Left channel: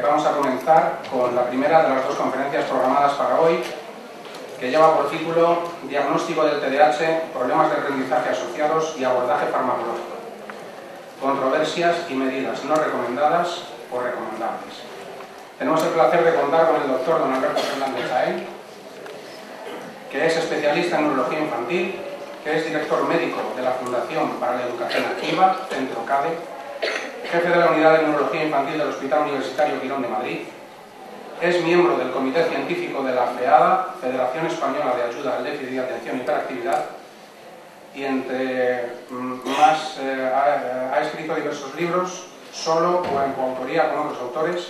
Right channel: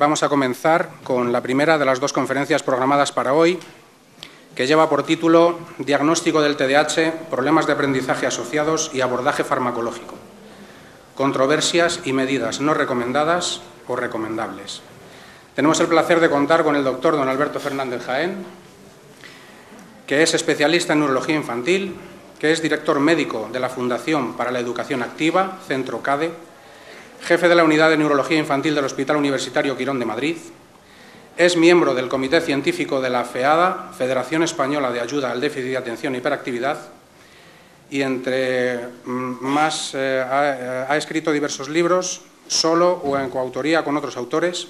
Vamos a comenzar con la primera de las dos conferencias programadas para hoy, que lleva por título Diagnóstico del TDAH, problemas de aprendizaje asociados y abordaje farmacológico. Controversias y medidas no recomendadas o recomendables. Tenemos el placer de contar con el doctor don Alberto Fernández Jaén, que es especialista en neurología infantil, que es director médico de la Fundación para la Educación Activa, Centro CADE, jefe de la Unidad de Neurología Infantil del Hospital Universitario Quirón de Madrid, es miembro del Comité Científico de la FEADA, Federación Española de Ayuda al Déficit de Atención y Hiperactividad, y entre más ha escrito diversos libros, solo o en coautoría con otros autores,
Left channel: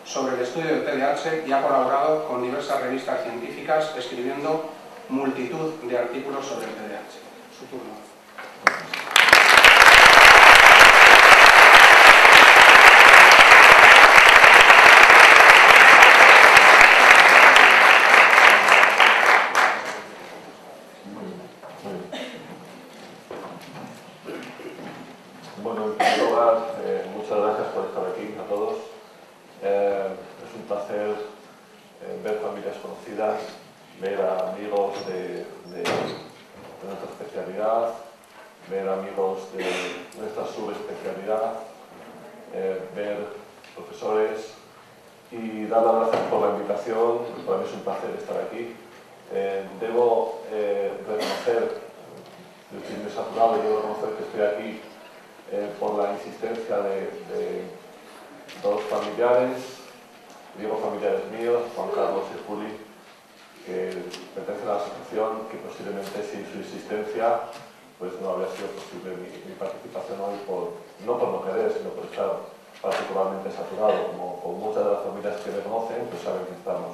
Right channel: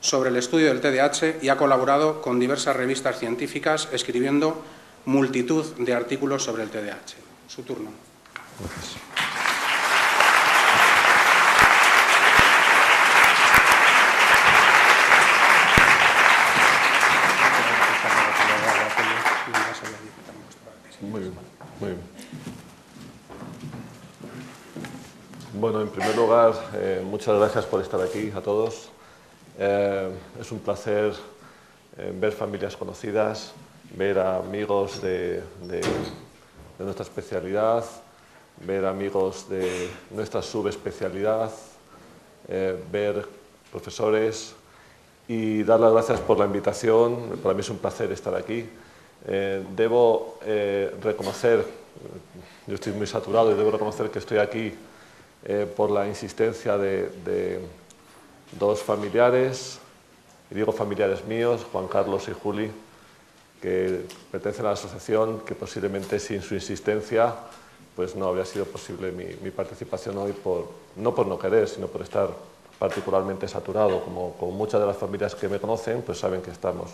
sobre el estudio del TDAH y ha colaborado con diversas revistas científicas escribiendo multitud de artículos sobre el TDAH. Su turno. Gracias. Muy bien. Bueno, en primer lugar, muchas gracias por estar aquí a todos. Es un placer ver familias conocidas, ver a amigos de nuestra especialidad, ver amigos de nuestra subespecialidad, ver profesores y dar las gracias por la invitación. Para mí es un placer estar aquí. Debo reconocer, yo estoy muy saturado y debo reconocer que estoy aquí por la insistencia de dos familiares, digo familiares míos, Juan Carlos y Juli, que pertenecen a la asociación, que posiblemente sin su insistencia pues no habría sido posible mi participación hoy, no por no querer, sino por estar particularmente saturado. Como muchas de las familias que me conocen, pues saben que estamos.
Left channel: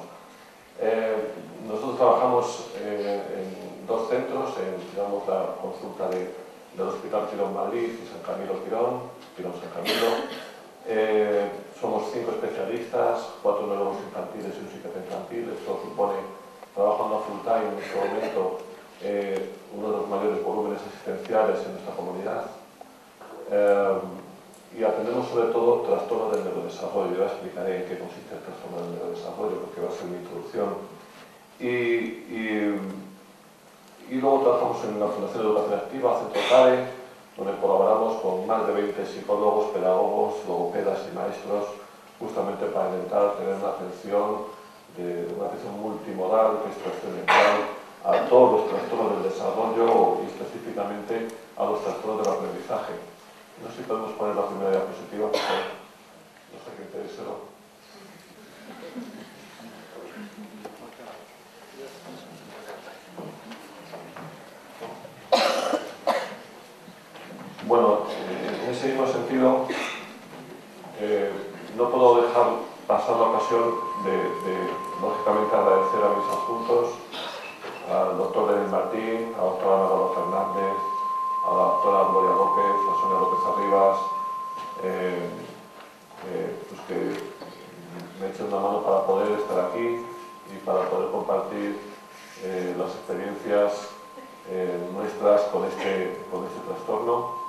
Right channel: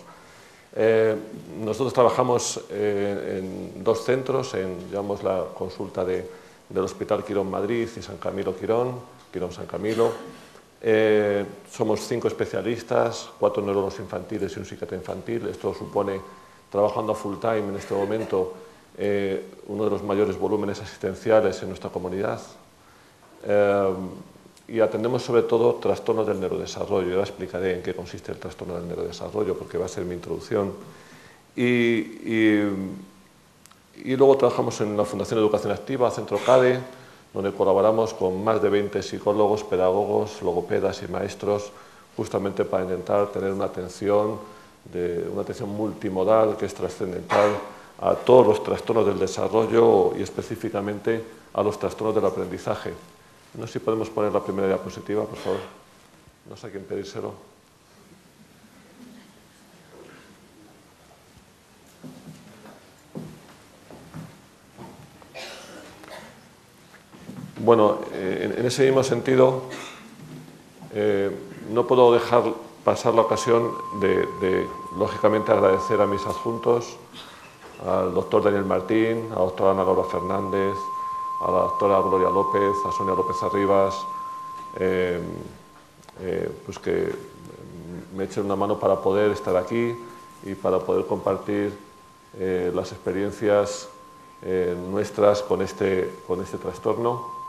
Nosotros trabajamos en dos centros, llevamos la consulta del Hospital Quirón Madrid y San Camilo Quirón San Camilo. Somos 5 especialistas, 4 neurólogos infantiles y un psiquiatra infantil. Esto supone, trabajando full time en este momento, uno de los mayores volúmenes asistenciales en nuestra comunidad. Y atendemos sobre todo trastornos del neurodesarrollo. Yo explicaré en qué consiste el trastorno del neurodesarrollo, porque va a ser mi introducción. Y luego trabajamos en la Fundación de Educación Activa, Centro CADE, donde colaboramos con más de 20 psicólogos, pedagogos, logopedas y maestros, justamente para intentar tener una atención multimodal que es trascendental a todos los trastornos del desarrollo y específicamente a los trastornos del aprendizaje. No sé si podemos poner la primera diapositiva, por favor. No sé a quién pedírselo. Bueno, en ese mismo sentido, no puedo dejar pasar la ocasión de lógicamente, agradecer a mis adjuntos, al doctor Daniel Martín, a la doctora Ana Laura Fernández, a la doctora Gloria López, a Sonia López Arribas, pues que me echen una mano para poder estar aquí y para poder compartir las experiencias nuestras con este trastorno.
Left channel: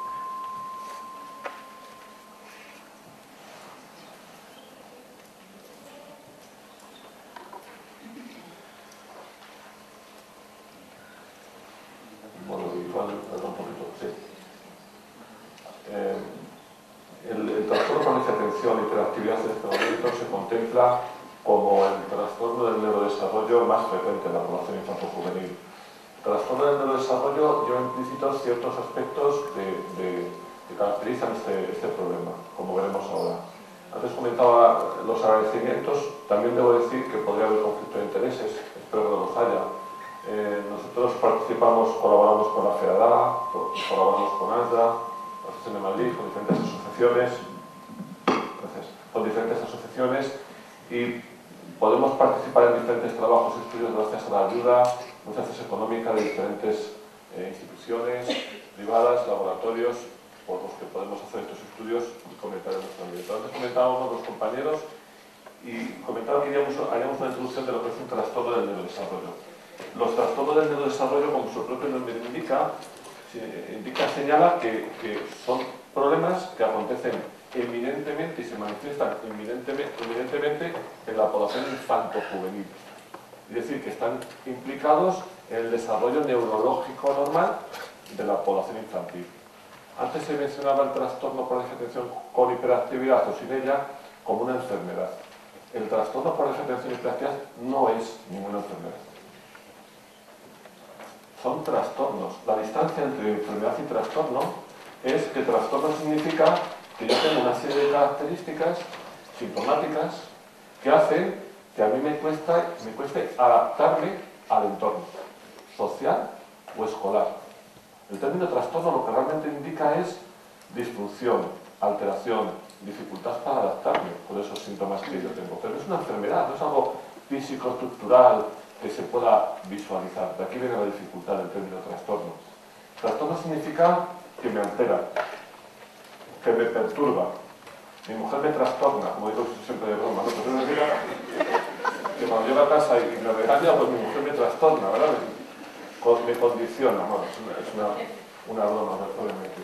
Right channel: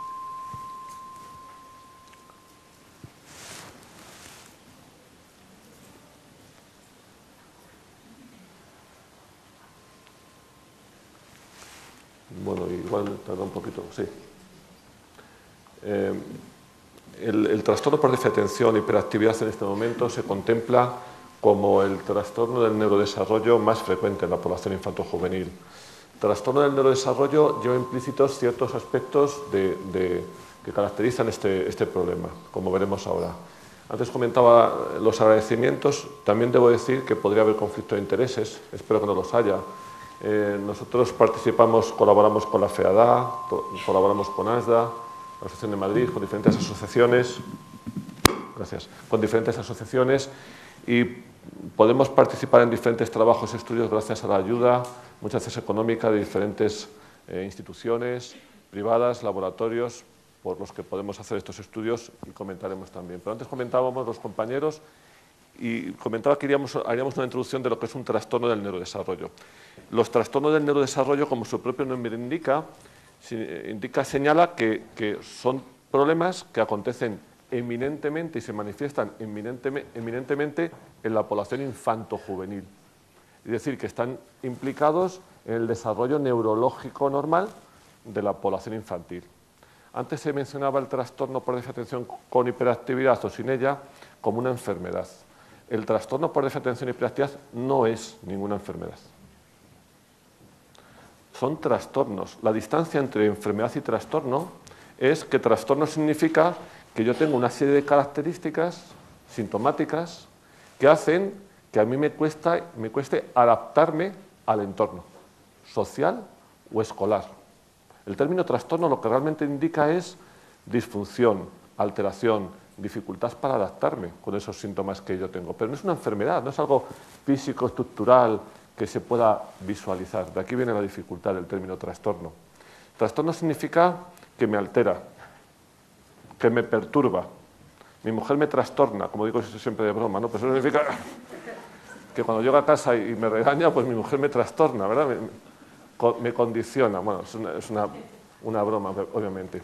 Bueno, igual tarda un poquito, sí. El trastorno por déficit de atención y hiperactividad en este momento se contempla como el trastorno del neurodesarrollo más frecuente en la población infanto-juvenil. El trastorno del neurodesarrollo lleva implícitos ciertos aspectos que caracterizan este problema, como veremos ahora. Antes comentaba los agradecimientos, también debo decir que podría haber conflicto de intereses, espero que no los haya. Nosotros colaboramos con la FEADA, colaboramos con ASDA, la Asociación de Madrid, con diferentes asociaciones, y podemos participar en diferentes trabajos y estudios gracias a la ayuda, muchas veces económica, de diferentes instituciones privadas, laboratorios, por los que podemos hacer estos estudios y comentaremos también. Pero antes comentábamos los compañeros y comentaba que haríamos una introducción de lo que es un trastorno del neurodesarrollo. Los trastornos del neurodesarrollo, como su propio nombre indica, señala que son problemas que acontecen eminentemente y se manifiestan eminentemente en la población infanto-juvenil. Es decir, que están implicados en el desarrollo neurológico normal de la población infantil. Antes se mencionaba el trastorno por déficit de atención con hiperactividad o sin ella como una enfermedad. El trastorno por déficit de atención y hiperactividad no es ninguna enfermedad. Son trastornos. La distancia entre enfermedad y trastorno es que trastorno significa que yo tengo una serie de características sintomáticas que hacen que a mí me cueste adaptarme al entorno social o escolar. El término trastorno lo que realmente indica es disfunción, alteración, dificultad para adaptarme con esos síntomas que yo tengo. Pero no es una enfermedad, no es algo físico, estructural, que se pueda visualizar. De aquí viene la dificultad del término trastorno. Trastorno significa que me altera, que me perturba. Mi mujer me trastorna, como digo siempre de broma, ¿no? Pues eso significa que cuando llego a casa y me regaña, pues mi mujer me trastorna, ¿verdad? Me condiciona. Bueno, es una broma, obviamente.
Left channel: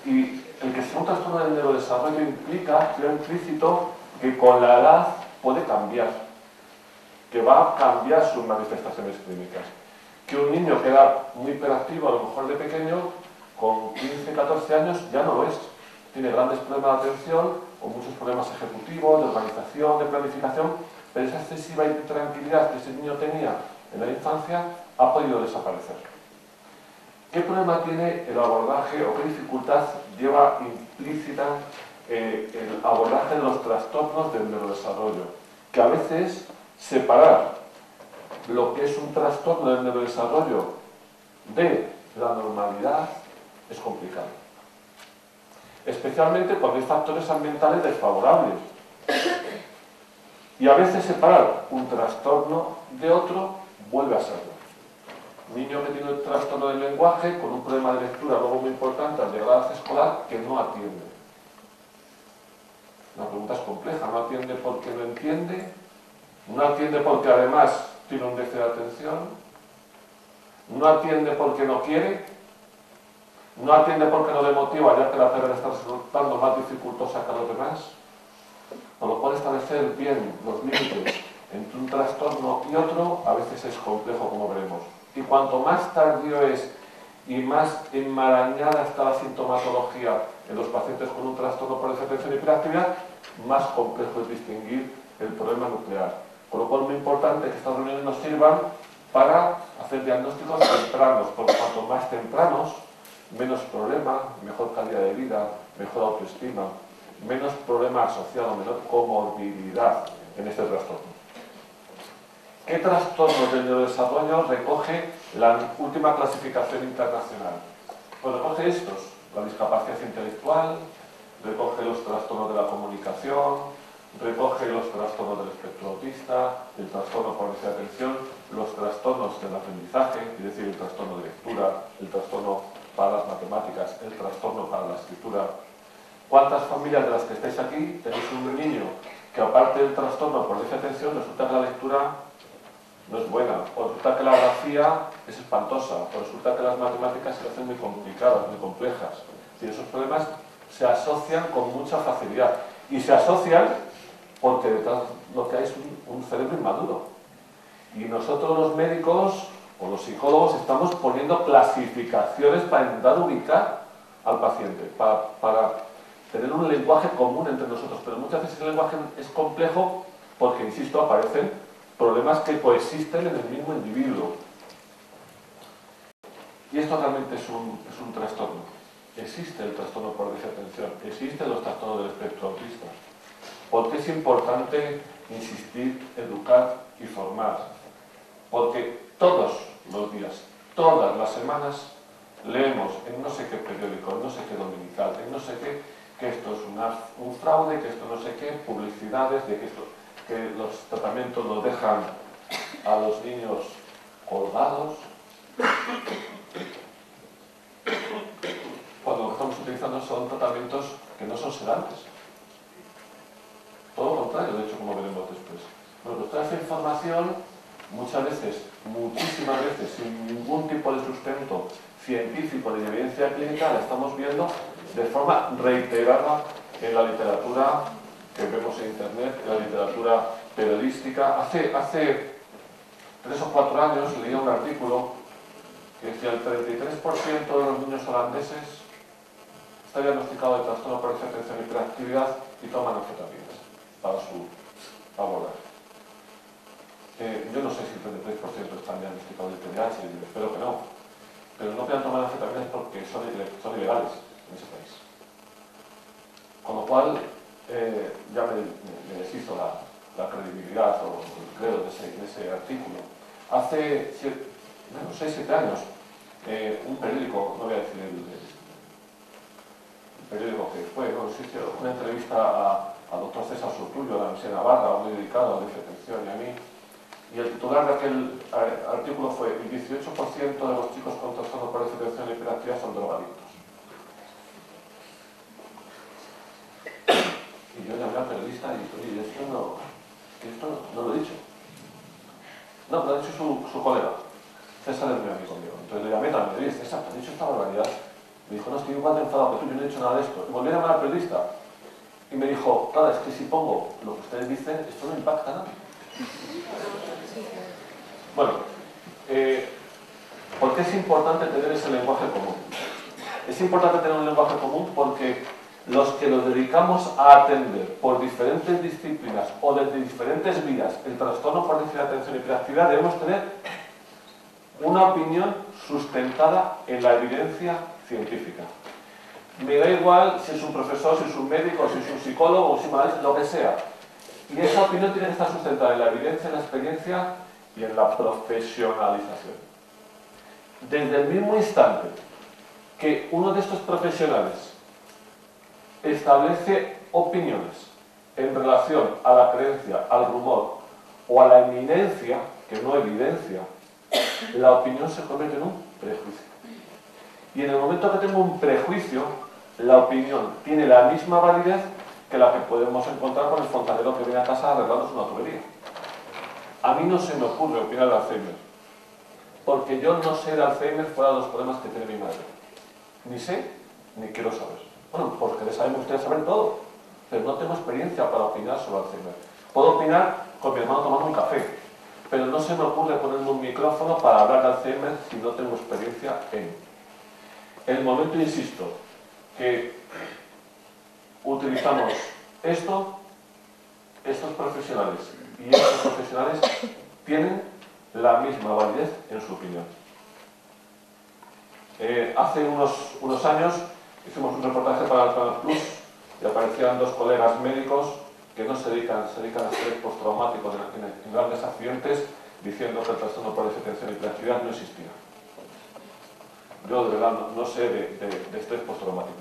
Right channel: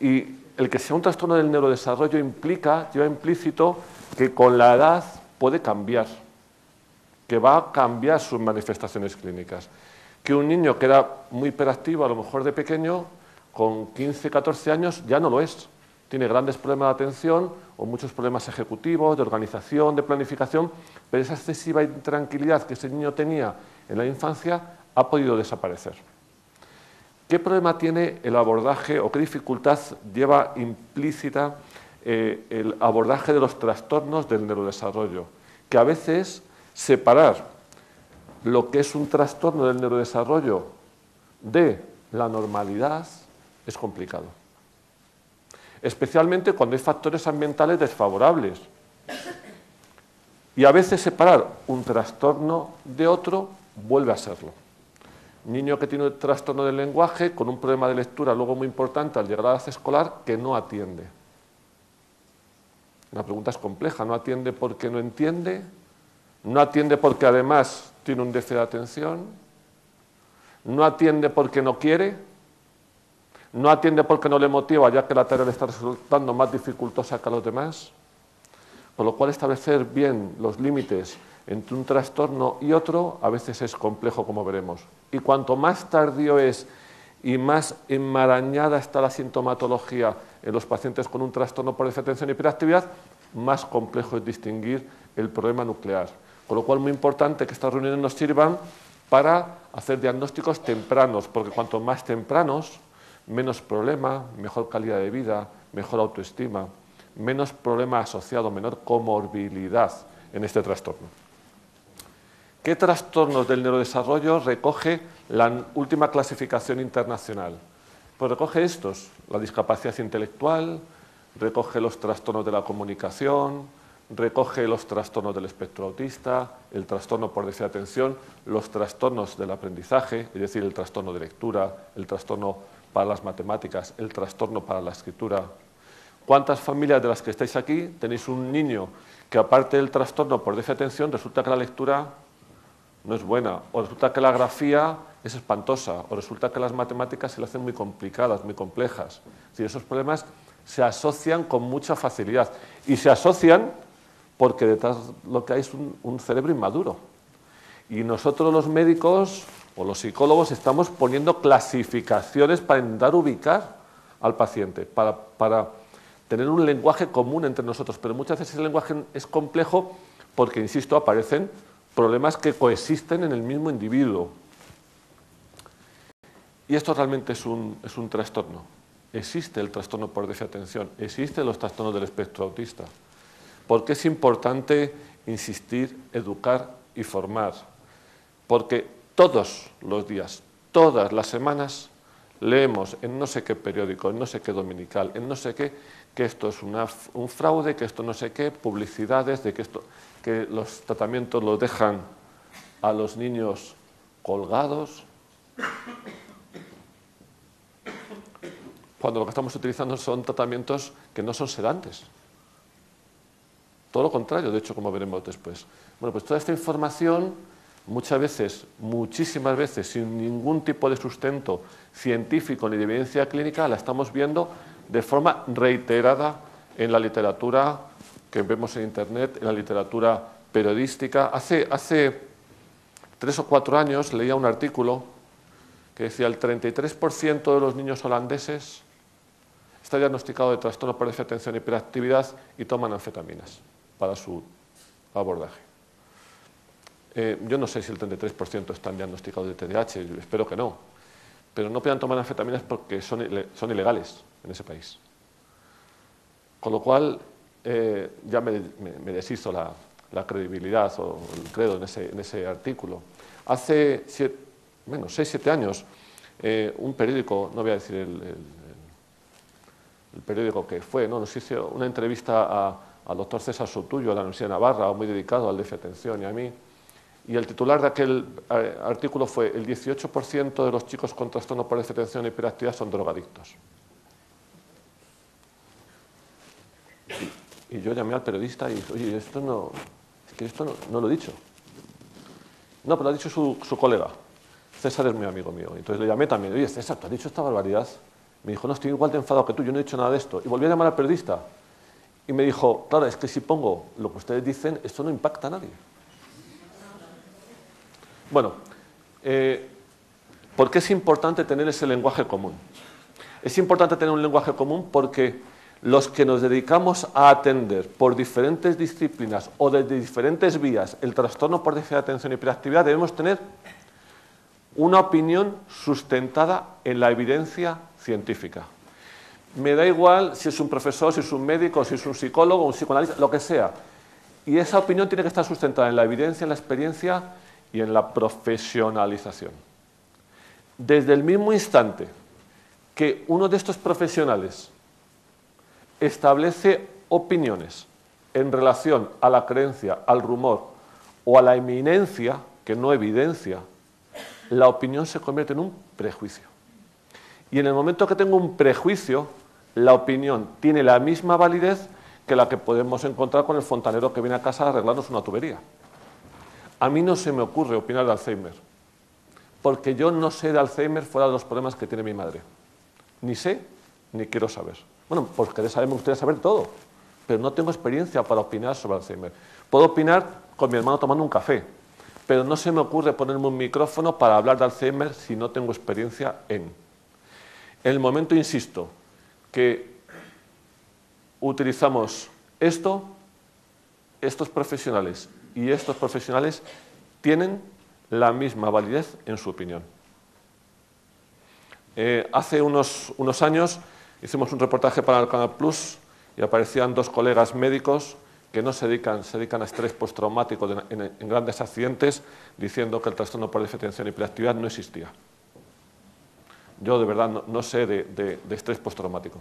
Y el que sea un trastorno del neurodesarrollo implica, lleva implícito, que con la edad puede cambiar, que va a cambiar sus manifestaciones clínicas. Que un niño que era muy hiperactivo, a lo mejor de pequeño, con 15, 14 años, ya no lo es. Tiene grandes problemas de atención o muchos problemas ejecutivos, de organización, de planificación, pero esa excesiva intranquilidad que ese niño tenía en la infancia ha podido desaparecer. ¿Qué problema tiene el abordaje o qué dificultad lleva implícita el abordaje de los trastornos del neurodesarrollo? Que a veces separar lo que es un trastorno del neurodesarrollo de la normalidad es complicado. Especialmente cuando hay factores ambientales desfavorables. Y a veces separar un trastorno de otro vuelve a serlo. Niño que tiene un trastorno del lenguaje con un problema de lectura luego muy importante al llegar a la edad escolar que no atiende. La pregunta es compleja, no atiende porque no entiende, no atiende porque además tiene un déficit de atención, no atiende porque no quiere, no atiende porque no le motiva ya que la tarea le está resultando más dificultosa que a los demás. Por lo cual establecer bien los límites entre un trastorno y otro a veces es complejo, como veremos. Y cuanto más tardío es y más enmarañada está la sintomatología en los pacientes con un trastorno por déficit de atención y hiperactividad, más complejo es distinguir el problema nuclear. Por lo cual es muy importante que estas reuniones nos sirvan para hacer diagnósticos tempranos, porque cuanto más tempranos, menos problema, mejor calidad de vida, mejor autoestima, menos problema asociado, menor comorbilidad en este trastorno. ¿Qué trastornos del neurodesarrollo recoge la última clasificación internacional? Pues recoge estos: la discapacidad intelectual, recoge los trastornos de la comunicación, recoge los trastornos del espectro autista, el trastorno por déficit de atención, los trastornos del aprendizaje, es decir, el trastorno de lectura, el trastorno para las matemáticas, el trastorno para la escritura. ¿Cuántas familias de las que estáis aquí tenéis un niño que, aparte del trastorno por déficit de atención, resulta que la lectura no es buena, o resulta que la grafía es espantosa, o resulta que las matemáticas se le hacen muy complicadas, muy complejas? Es decir, esos problemas se asocian con mucha facilidad, y se asocian porque detrás lo que hay es un cerebro inmaduro. Y nosotros los médicos o los psicólogos estamos poniendo clasificaciones para intentar ubicar al paciente, para tener un lenguaje común entre nosotros, pero muchas veces el lenguaje es complejo porque, insisto, aparecen problemas que coexisten en el mismo individuo. Y esto realmente es un trastorno. Existe el trastorno por déficit de atención, existen los trastornos del espectro autista. ¿Por qué es importante insistir, educar y formar? Porque todos los días, todas las semanas, leemos en no sé qué periódico, en no sé qué dominical, en no sé qué, que esto es un fraude, que esto no sé qué, publicidades, de que los tratamientos los dejan a los niños colgados, cuando lo que estamos utilizando son tratamientos que no son sedantes. Todo lo contrario, de hecho, como veremos después. Bueno, pues toda esta información, muchas veces, muchísimas veces, sin ningún tipo de sustento científico ni de evidencia clínica, la estamos viendo de forma reiterada en la literatura que vemos en Internet, en la literatura periodística. Hace 3 o 4 años leía un artículo que decía el 33% de los niños holandeses está diagnosticado de trastorno por déficit de atención y hiperactividad y toman anfetaminas para su abordaje. Yo no sé si el 33% están diagnosticados de TDAH, espero que no, pero no puedan tomar anfetaminas porque son ilegales en ese país. Con lo cual, ya me deshizo la credibilidad o el credo en ese artículo. Hace 6-7 años, un periódico, no voy a decir el periódico que fue, ¿no? Nos hizo una entrevista al doctor César Soutullo, a la Universidad de Navarra, muy dedicado al déficit de atención y a mí. Y el titular de aquel artículo fue: el 18% de los chicos con trastorno por déficit de atención y hiperactividad son drogadictos. Y yo llamé al periodista y dije: oye, esto no lo he dicho. No, lo ha dicho su colega. César es mi amigo mío. Entonces le llamé también: oye, César, ¿te has dicho esta barbaridad? Me dijo: no, estoy igual de enfadado que tú, yo no he hecho nada de esto. Y volví a llamar al periodista y me dijo: claro, es que si pongo lo que ustedes dicen, esto no impacta a nadie. Bueno, ¿por qué es importante tener ese lenguaje común? Es importante tener un lenguaje común porque los que nos dedicamos a atender por diferentes disciplinas o desde diferentes vías el trastorno por déficit de atención y hiperactividad debemos tener una opinión sustentada en la evidencia científica. Me da igual si es un profesor, si es un médico, si es un psicólogo, un psicoanalista, lo que sea. Y esa opinión tiene que estar sustentada en la evidencia, en la experiencia y en la profesionalización. Desde el mismo instante que uno de estos profesionales establece opiniones en relación a la creencia, al rumor o a la eminencia, que no evidencia, la opinión se convierte en un prejuicio. Y en el momento que tengo un prejuicio, la opinión tiene la misma validez que la que podemos encontrar con el fontanero que viene a casa a arreglarnos una tubería. A mí no se me ocurre opinar de Alzheimer, porque yo no sé de Alzheimer fuera de los problemas que tiene mi madre. Ni sé, ni quiero saber. Bueno, porque me gustaría saber todo, pero no tengo experiencia para opinar sobre Alzheimer. Puedo opinar con mi hermano tomando un café, pero no se me ocurre ponerme un micrófono para hablar de Alzheimer si no tengo experiencia en el momento, insisto, que utilizamos estos profesionales y estos profesionales tienen la misma validez en su opinión. Hace unos años hicimos un reportaje para el Canal Plus y aparecían 2 colegas médicos que no se dedican a estrés postraumático en grandes accidentes, diciendo que el trastorno por déficit de atención y hiperactividad no existía. Yo de verdad no sé de estrés postraumático.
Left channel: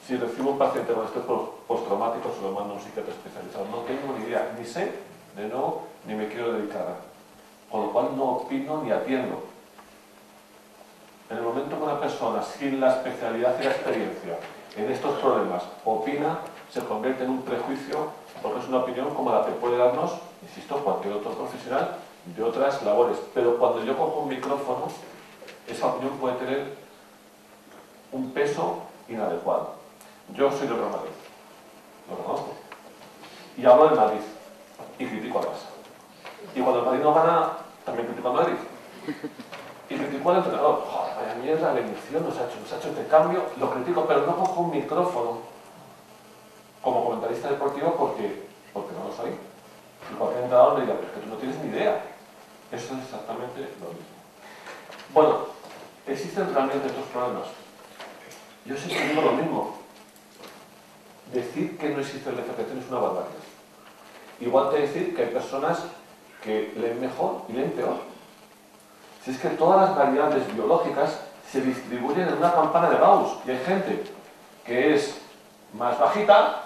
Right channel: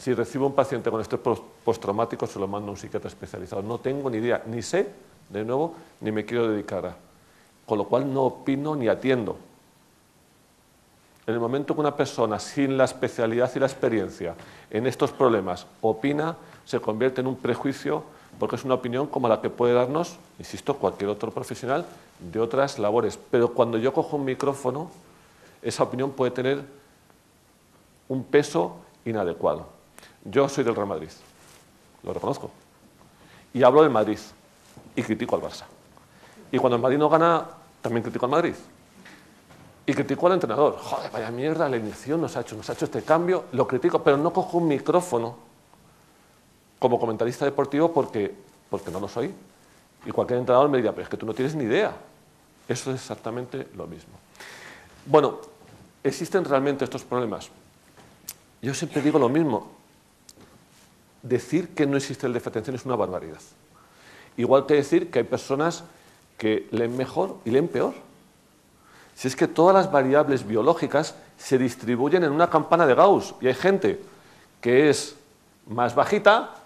Si recibo un paciente con estrés postraumático, se lo mando a un psiquiatra especializado. No tengo ni idea, ni sé, de nuevo, ni me quiero dedicar a. Con lo cual no opino ni atiendo. En el momento que una persona sin la especialidad y la experiencia en estos problemas opina, se convierte en un prejuicio, porque es una opinión como la que puede darnos, insisto, cualquier otro profesional de otras labores. Pero cuando yo cojo un micrófono, esa opinión puede tener un peso inadecuado. Yo soy del Real Madrid, lo reconozco, y hablo de Madrid, y critico al Barça. Y cuando el Madrid no gana, también critico al Madrid. Y critico al entrenador. Joder, vaya mierda, la elección nos ha hecho este cambio, lo critico, pero no cojo un micrófono como comentarista deportivo porque no lo soy. Y cualquier entrenador me diría: pero es que tú no tienes ni idea. Eso es exactamente lo mismo. Bueno, ¿existen realmente estos problemas? Yo siempre digo lo mismo. Decir que no existe el déficit de atención es una barbaridad. Igual que decir que hay personas que leen mejor y leen peor. Si es que todas las variables biológicas se distribuyen en una campana de Gauss, y hay gente que es más bajita,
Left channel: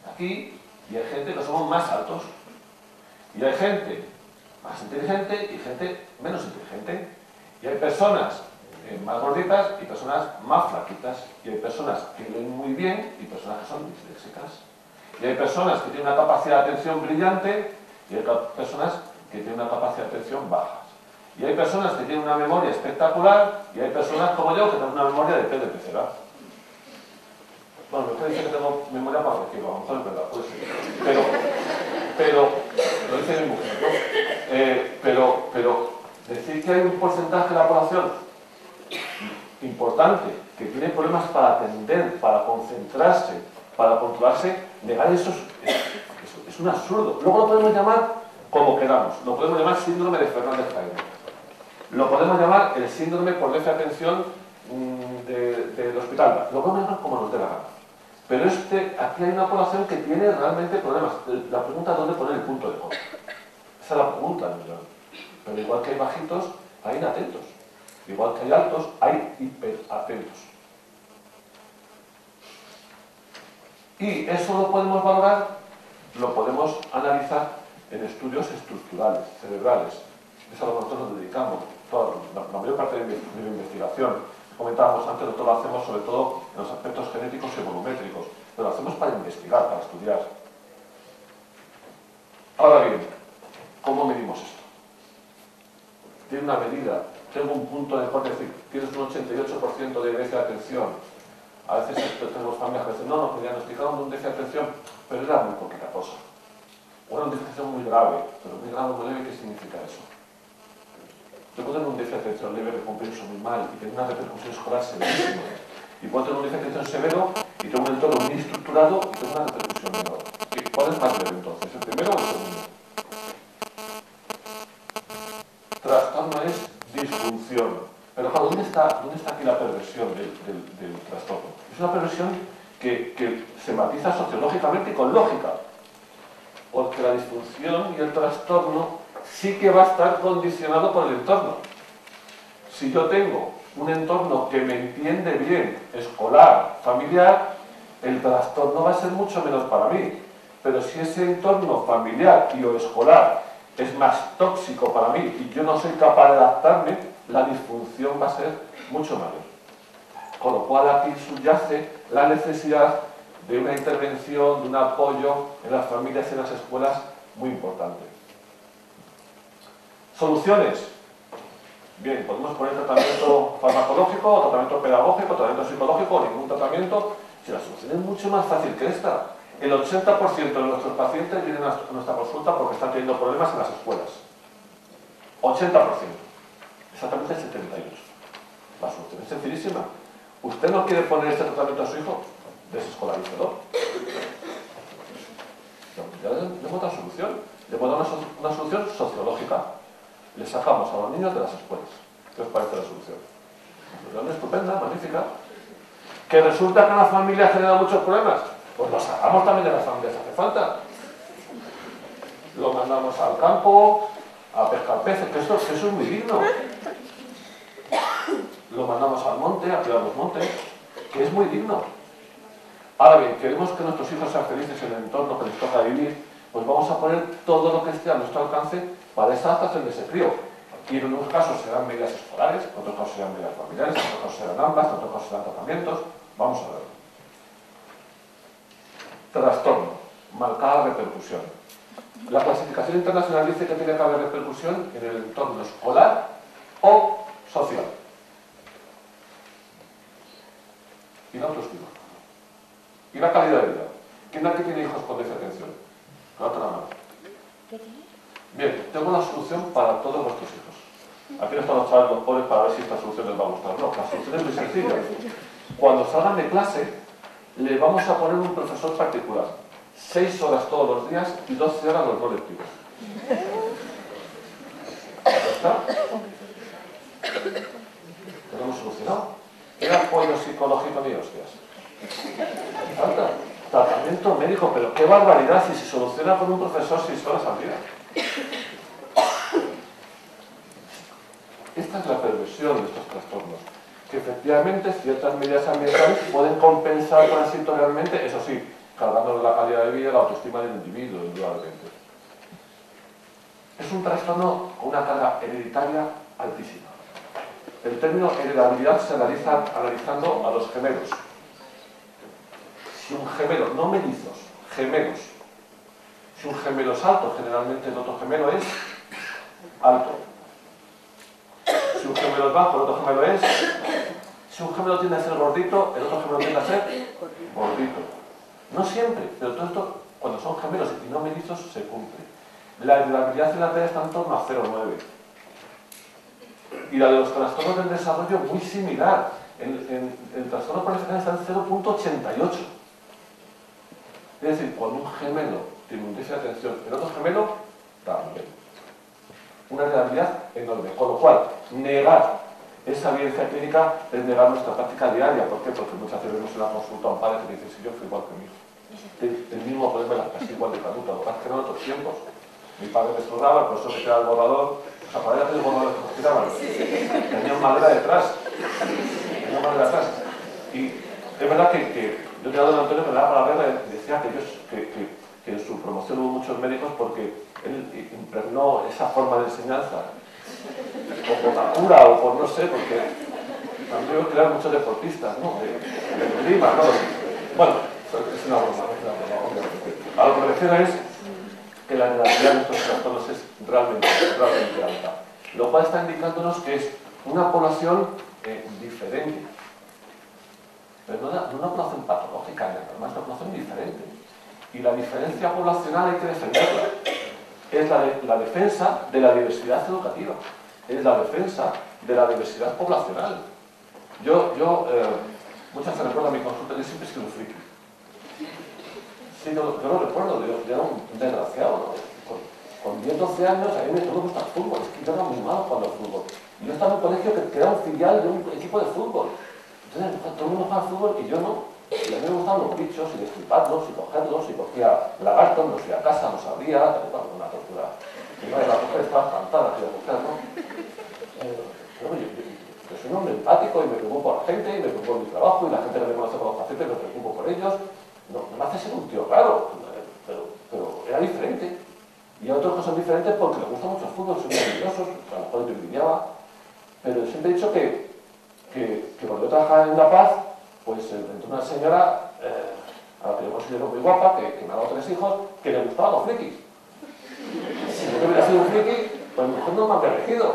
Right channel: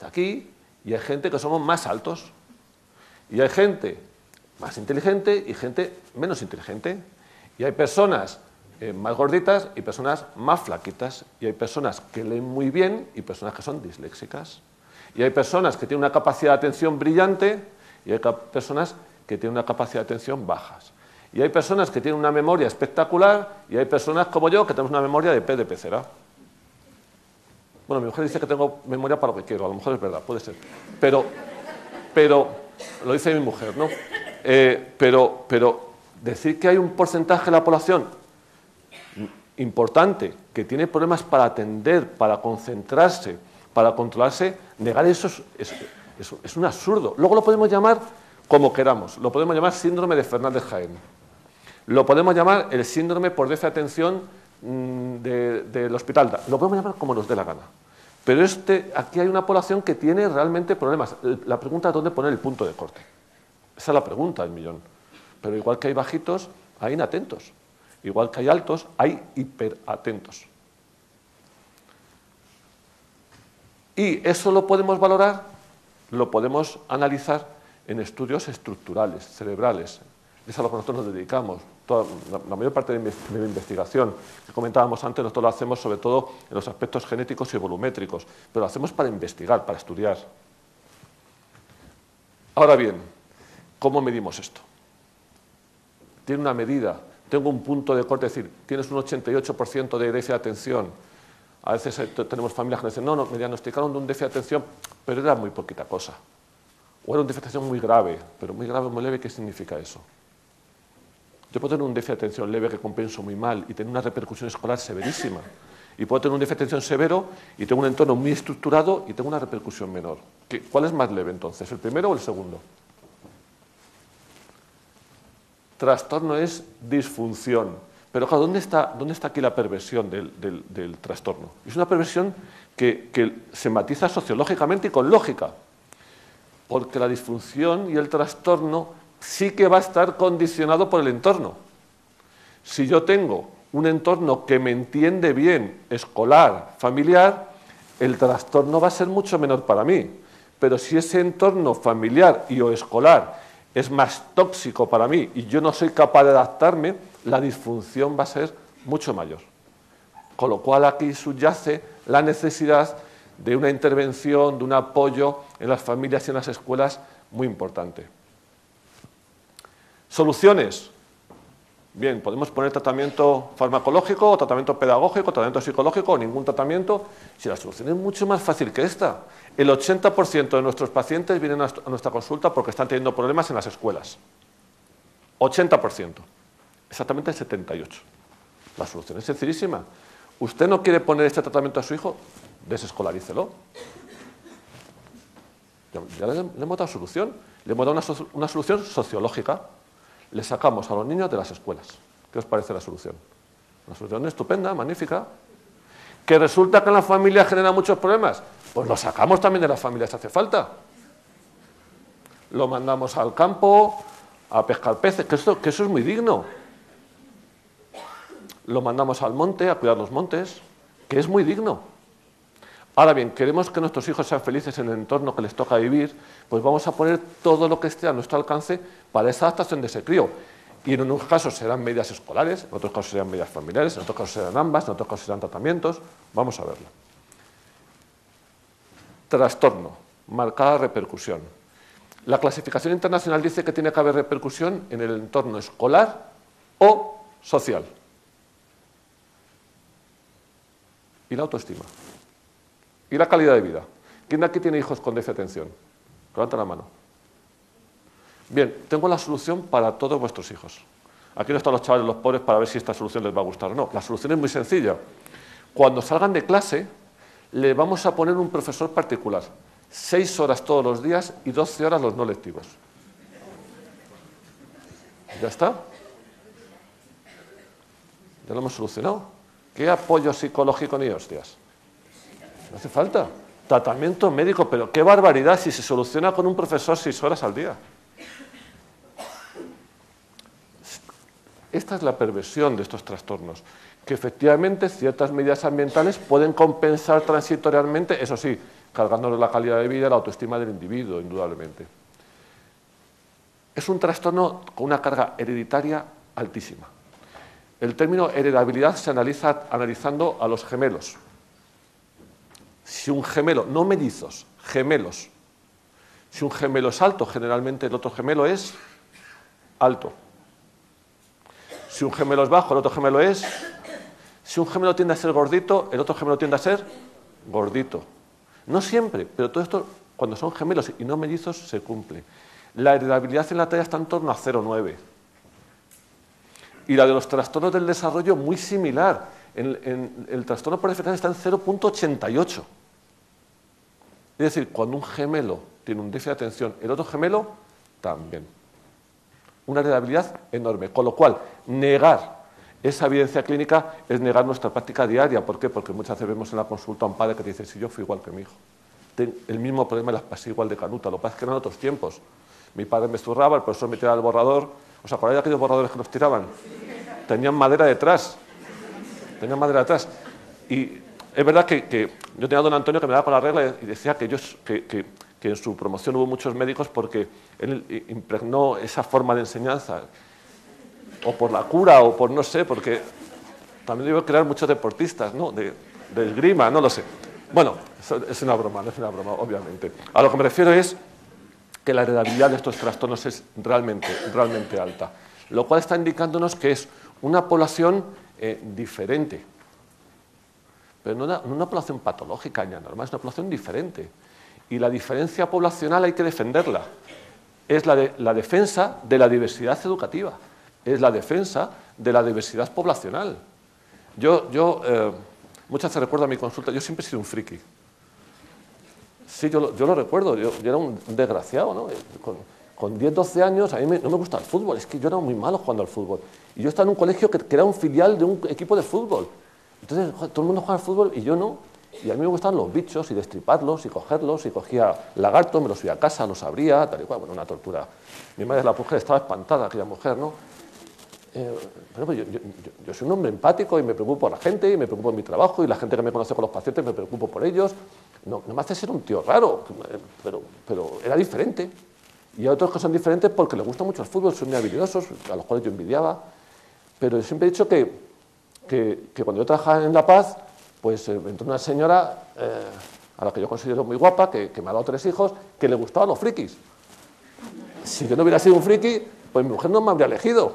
de aquí, y hay gente que somos más altos, y hay gente más inteligente y gente menos inteligente, y hay personas más gorditas y personas más flaquitas, y hay personas que leen muy bien y personas que son disléxicas, y hay personas que tienen una capacidad de atención brillante y hay personas que tienen una capacidad de atención bajas. Y hay personas que tienen una memoria espectacular y hay personas como yo que tenemos una memoria de pez de pecera. Bueno, mi mujer dice que tengo memoria para lo que quiero, a lo mejor es verdad, puede ser. Pero lo dice mi mujer, ¿no? Pero decir que hay un porcentaje de la población importante que tiene problemas para atender, para concentrarse, para controlarse, negar eso es un absurdo. Luego lo podemos llamar como queramos, lo podemos llamar síndrome de Fernández-Jaime, lo podemos llamar el síndrome por déficit de atención del hospital, lo podemos llamar como nos dé la gana. Pero aquí hay una población que tiene realmente problemas. La pregunta es dónde poner el punto de corte. Esa es la pregunta del millón. Pero igual que hay bajitos, hay inatentos. Igual que hay altos, hay hiperatentos. Y eso lo podemos valorar, lo podemos analizar en estudios estructurales, cerebrales. Es a lo que nosotros nos dedicamos. La mayor parte de mi investigación, que comentábamos antes, nosotros lo hacemos sobre todo en los aspectos genéticos y egonométricos, pero lo hacemos para investigar, para estudiar. Ahora bien, ¿cómo medimos esto? Tiene una medida, tengo un punto de corte, es decir, tienes un 88% de déficit de atención. A veces tenemos familias que dicen, no, me diagnosticaron un déficit de atención, pero era muy poquita cosa. O era un déficit de atención muy grave, pero muy grave, muy leve, ¿qué significa eso? Yo puedo tener un déficit de atención leve que compenso muy mal y tener una repercusión escolar severísima. Y puedo tener un déficit de atención severo y tengo un entorno muy estructurado y tengo una repercusión menor. ¿Cuál es más leve entonces? ¿El primero o el segundo? Trastorno es disfunción. Pero claro, ¿dónde está aquí la perversión del trastorno? Es una perversión que se matiza sociológicamente y con lógica. Porque la disfunción y el trastorno sí que va a estar condicionado por el entorno. Si yo tengo un entorno que me entiende bien, escolar, familiar, el trastorno va a ser mucho menor para mí. Pero si ese entorno familiar y o escolar es más tóxico para mí y yo no soy capaz de adaptarme, la disfunción va a ser mucho mayor. Con lo cual aquí subyace la necesidad de una intervención, de un apoyo en las familias y en las escuelas muy importante. Soluciones. Bien, podemos poner tratamiento farmacológico, tratamiento pedagógico, tratamiento psicológico o ningún tratamiento. Si la solución es mucho más fácil que esta. El 80% de nuestros pacientes vienen a nuestra consulta porque están teniendo problemas en las escuelas. 80%. Exactamente el 78%. La solución es sencillísima. ¿Usted no quiere poner este tratamiento a su hijo? Desescolarícelo. Ya le hemos dado solución. Le hemos dado una solución sociológica. Le sacamos a los niños de las escuelas. ¿Qué os parece la solución? Una solución estupenda, magnífica. ¿Que resulta que en la familia genera muchos problemas? Pues lo sacamos también de las familias si hace falta. Lo mandamos al campo a pescar peces, que eso es muy digno. Lo mandamos al monte a cuidar los montes, que es muy digno. Ahora bien, queremos que nuestros hijos sean felices en el entorno que les toca vivir, pues vamos a poner todo lo que esté a nuestro alcance para esa adaptación de ese crío. Y en unos casos serán medidas escolares, en otros casos serán medidas familiares, en otros casos serán ambas, en otros casos serán tratamientos. Vamos a verlo. Trastorno, marcada repercusión. La clasificación internacional dice que tiene que haber repercusión en el entorno escolar o social. Y la autoestima. Y la calidad de vida. ¿Quién de aquí tiene hijos con déficit de atención? Levanta la mano. Bien, tengo la solución para todos vuestros hijos. Aquí no están los chavales, los pobres, para ver si esta solución les va a gustar o no. La solución es muy sencilla. Cuando salgan de clase, le vamos a poner un profesor particular. 6 horas todos los días y 12 horas los no lectivos. ¿Ya está? Ya lo hemos solucionado. ¿Qué apoyo psicológico ni hostias? No hace falta. Tratamiento médico, pero qué barbaridad si se soluciona con un profesor 6 horas al día. Esta es la perversión de estos trastornos. Que efectivamente ciertas medidas ambientales pueden compensar transitoriamente, eso sí, cargando la calidad de vida y la autoestima del individuo, indudablemente. Es un trastorno con una carga hereditaria altísima. El término heredabilidad se analiza analizando a los gemelos. Si un gemelo, no mellizos, gemelos. Si un gemelo es alto, generalmente el otro gemelo es alto. Si un gemelo es bajo, el otro gemelo es... Si un gemelo tiende a ser gordito, el otro gemelo tiende a ser gordito. No siempre, pero todo esto, cuando son gemelos y no mellizos, se cumple. La heredabilidad en la talla está en torno a 0,9. Y la de los trastornos del desarrollo muy similar. El trastorno por defecto está en 0,88. Es decir, cuando un gemelo tiene un déficit de atención, el otro gemelo también. Una heredabilidad enorme. Con lo cual, negar esa evidencia clínica es negar nuestra práctica diaria. ¿Por qué? Porque muchas veces vemos en la consulta a un padre que dice: si yo fui igual que mi hijo. El mismo problema, así igual de canuta. Lo que pasa es que eran otros tiempos. Mi padre me zurraba, el profesor me tiraba el borrador. ¿Os acordáis de aquellos borradores que nos tiraban? Tenían madera detrás. Y es verdad que yo tenía a don Antonio que me daba para la regla y decía que en su promoción hubo muchos médicos porque él impregnó esa forma de enseñanza. O por la cura, o por no sé, porque también yo veo crear muchos deportistas, ¿no? De esgrima, no lo sé. Bueno, es una broma, obviamente. A lo que me refiero es que la heredabilidad de estos trastornos es realmente alta, lo cual está indicándonos que es una población diferente, pero no una población patológica ni anormal, es una población diferente. Y la diferencia poblacional hay que defenderla. Es la defensa de la diversidad educativa, es la defensa de la diversidad poblacional. Yo muchas veces recuerdo a mi consulta, yo siempre he sido un friki. Sí, yo lo recuerdo, yo era un desgraciado, ¿no? Con 10, 12 años a mí no me gustaba el fútbol, es que yo era muy malo jugando al fútbol. Y yo estaba en un colegio que era un filial de un equipo de fútbol. Entonces todo el mundo jugaba al fútbol y yo no. Y a mí me gustaban los bichos y destriparlos y cogerlos, y cogía lagartos, me los fui a casa, los abría, tal y cual, una tortura. Mi madre, la mujer, estaba espantada, aquella mujer, ¿no? Yo soy un hombre empático y me preocupo a la gente y me preocupo de mi trabajo y la gente que me conoce por los pacientes me preocupo por ellos. No me hace ser un tío raro, pero era diferente. Y otros que son diferentes porque les gusta mucho el fútbol, son muy habilidosos, a los cuales yo envidiaba. Pero yo siempre he dicho que cuando yo trabajaba en La Paz, pues entró una señora a la que yo considero muy guapa, que me ha dado 3 hijos, que le gustaban los frikis. Si yo no hubiera sido un friki, pues mi mujer no me habría elegido.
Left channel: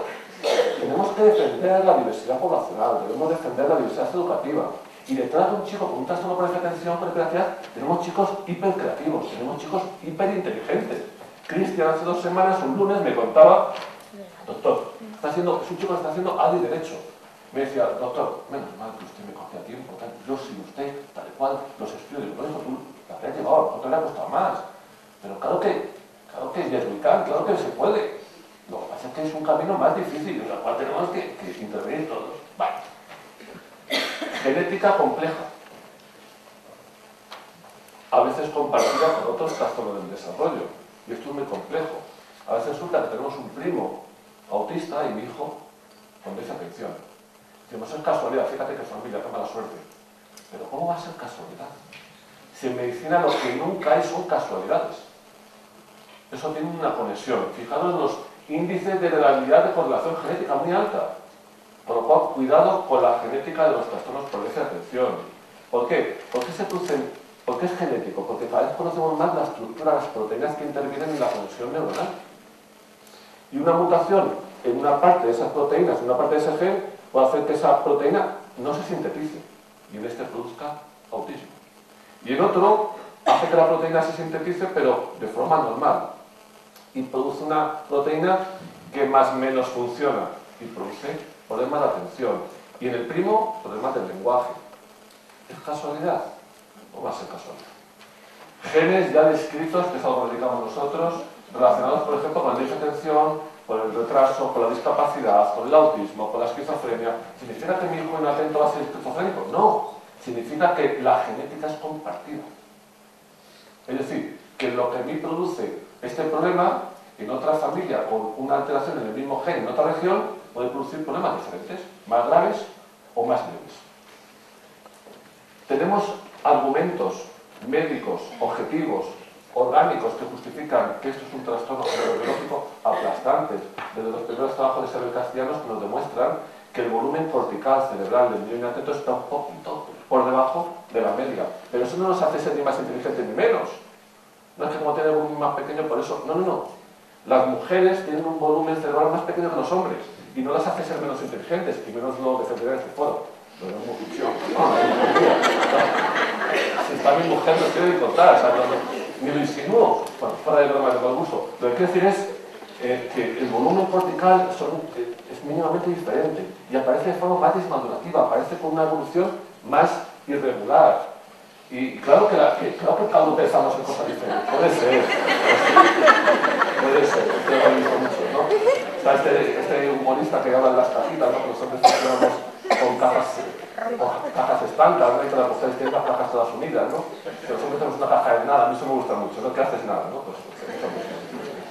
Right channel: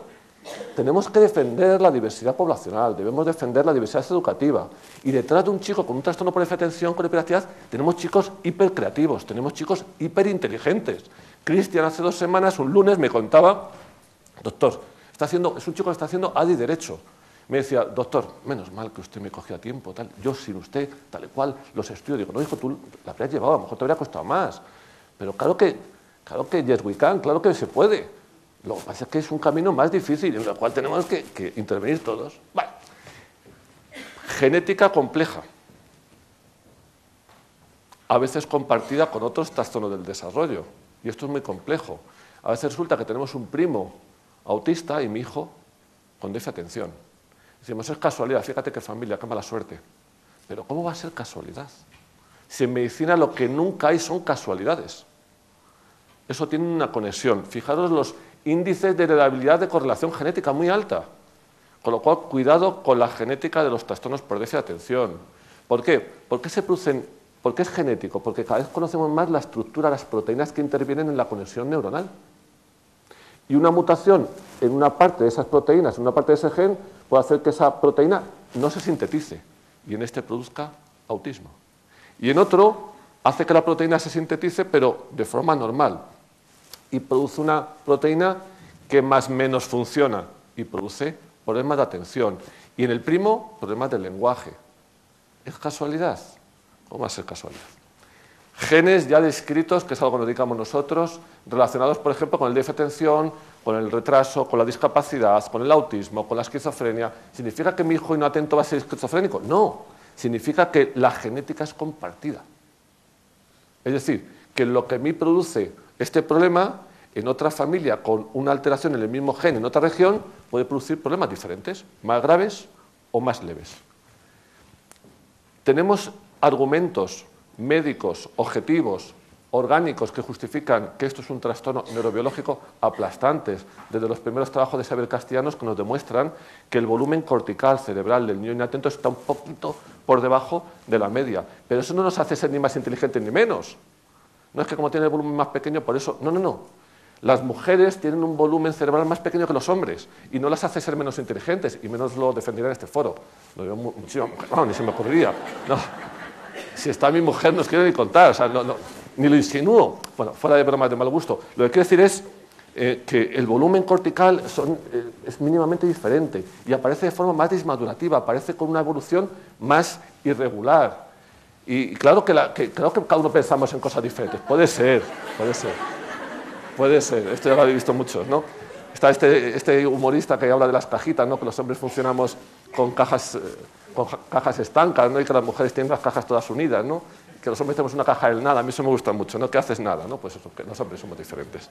Tenemos que defender la diversidad poblacional, debemos defender la diversidad educativa. Y detrás de un chico con un trastorno por déficit de atención, con hiperactividad, tenemos chicos hipercreativos, tenemos chicos hiperinteligentes. Cristian hace 2 semanas, un lunes, me contaba: doctor, es un chico que está haciendo ADI Derecho. Me decía: doctor, menos mal que usted me cogió a tiempo, tal. Yo sin usted, tal cual, los estudios. Digo: no, hijo, tú la habrías llevado, a lo mejor te habría costado más. Pero claro que yes we can, claro que se puede. Lo que pasa es que es un camino más difícil, en el cual tenemos que intervenir todos. Vale. Genética compleja, a veces compartida con otros trastornos del desarrollo, y esto es muy complejo. A veces resulta que tenemos un primo autista y mi hijo con déficit de atención. Decimos: es casualidad, fíjate qué familia, qué mala suerte. Pero ¿cómo va a ser casualidad? Si en medicina lo que nunca hay son casualidades. Eso tiene una conexión. Fijaros los índices de heredabilidad de correlación genética muy alta. Con lo cual, cuidado con la genética de los trastornos por déficit de atención. ¿Por qué? ¿Por qué es genético? Porque cada vez conocemos más la estructura, las proteínas que intervienen en la conexión neuronal. Y una mutación en una parte de esas proteínas, en una parte de ese gen, puede hacer que esa proteína no se sintetice y en este produzca autismo. Y en otro hace que la proteína se sintetice, pero de forma normal, y produce una proteína que más o menos funciona y produce problemas de atención. Y en el primo, problemas de lenguaje. ¿Es casualidad o va a ser casualidad? Genes ya descritos, que es algo que nos dedicamos nosotros, relacionados, por ejemplo, con el déficit de atención, con el retraso, con la discapacidad, con el autismo, con la esquizofrenia. ¿Significa que mi hijo inatento va a ser esquizofrénico? No. Significa que la genética es compartida. Es decir, que lo que a mí produce este problema, en otra familia con una alteración en el mismo gen en otra región, puede producir problemas diferentes, más graves o más leves. Tenemos argumentos médicos, objetivos, orgánicos que justifican que esto es un trastorno neurobiológico aplastantes, desde los primeros trabajos de Isabel Castellanos, que nos demuestran que el volumen cortical cerebral del niño inatento está un poquito por debajo de la media. Pero eso no nos hace ser ni más inteligentes ni menos. No es que como tiene el volumen más pequeño, por eso... No. Las mujeres tienen un volumen cerebral más pequeño que los hombres y no las hace ser menos inteligentes, y menos lo defenderé en este foro. Lo veo mucho. No se me ocurría. Si está mi mujer, no os quiero ni contar, o sea, ni lo insinúo. Bueno, fuera de bromas de mal gusto. Lo que quiero decir es que el volumen cortical es mínimamente diferente y aparece de forma más dismadurativa, aparece con una evolución más irregular. Y claro que cada uno pensamos en cosas diferentes. Puede ser. Esto ya lo habéis visto mucho, ¿no? Está este humorista que habla de las cajitas, ¿no? Que los hombres funcionamos con cajas estancas, ¿no? Y que las mujeres tienen las cajas todas unidas, ¿no? Que los hombres tenemos una caja del nada. A mí eso me gusta mucho, ¿no? Que haces nada, ¿no? Pues porque los hombres somos diferentes.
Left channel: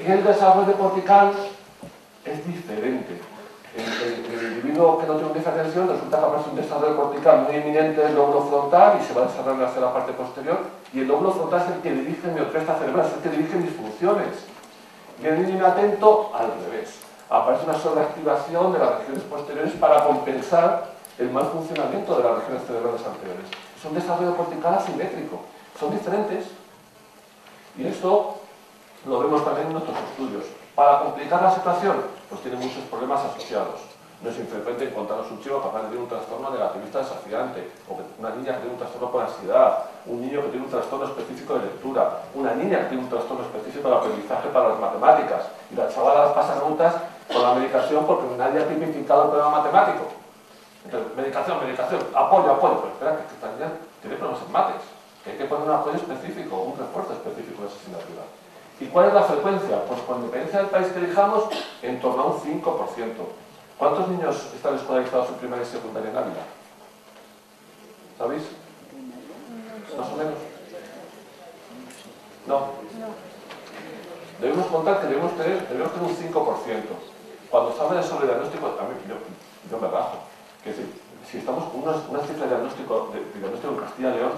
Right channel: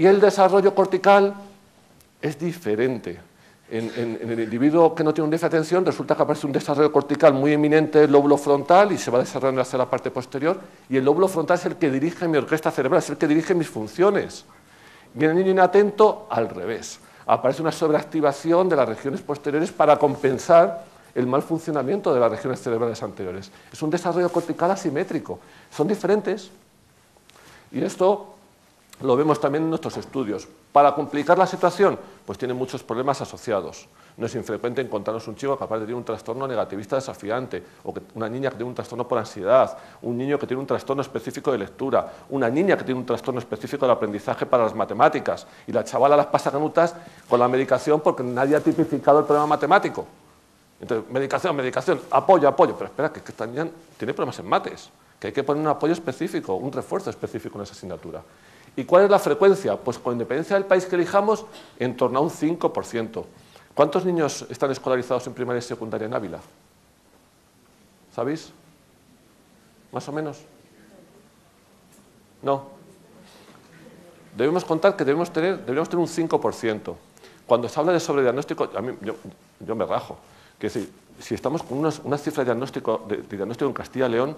Y el desarrollo cortical es diferente. En el individuo que no tiene un déficit de atención resulta que aparece un desarrollo cortical muy eminente del lóbulo frontal y se va desarrollando hacia la parte posterior, y el lóbulo frontal es el que dirige mi orquesta cerebral, es el que dirige mis funciones. Y en el inatento, al revés. Aparece una sobreactivación de las regiones posteriores para compensar el mal funcionamiento de las regiones cerebrales anteriores. Es un desarrollo cortical asimétrico. Son diferentes. Y esto lo vemos también en nuestros estudios. Para complicar la situación, pues tiene muchos problemas asociados. No es infrecuente encontrarnos un chico capaz de tener un trastorno negativista desafiante, o una niña que tiene un trastorno por ansiedad, un niño que tiene un trastorno específico de lectura, una niña que tiene un trastorno específico de aprendizaje para las matemáticas, y la chavala las pasa canutas con la medicación porque nadie ha tipificado el problema matemático. Entonces, medicación, apoyo, pero espera, que esta niña tiene problemas en mates, que hay que poner un apoyo específico, un refuerzo específico en esa asignatura. ¿Y cuál es la frecuencia? Pues por independencia del país que elijamos, en torno a un 5%. ¿Cuántos niños están escolarizados en primaria y secundaria en Ávila? ¿Sabéis? ¿Más o menos? No. Debemos contar que debemos tener un 5%. Cuando se habla de sobrediagnóstico, a mí, yo me rajo. Que si estamos con una cifra de diagnóstico en Castilla y León,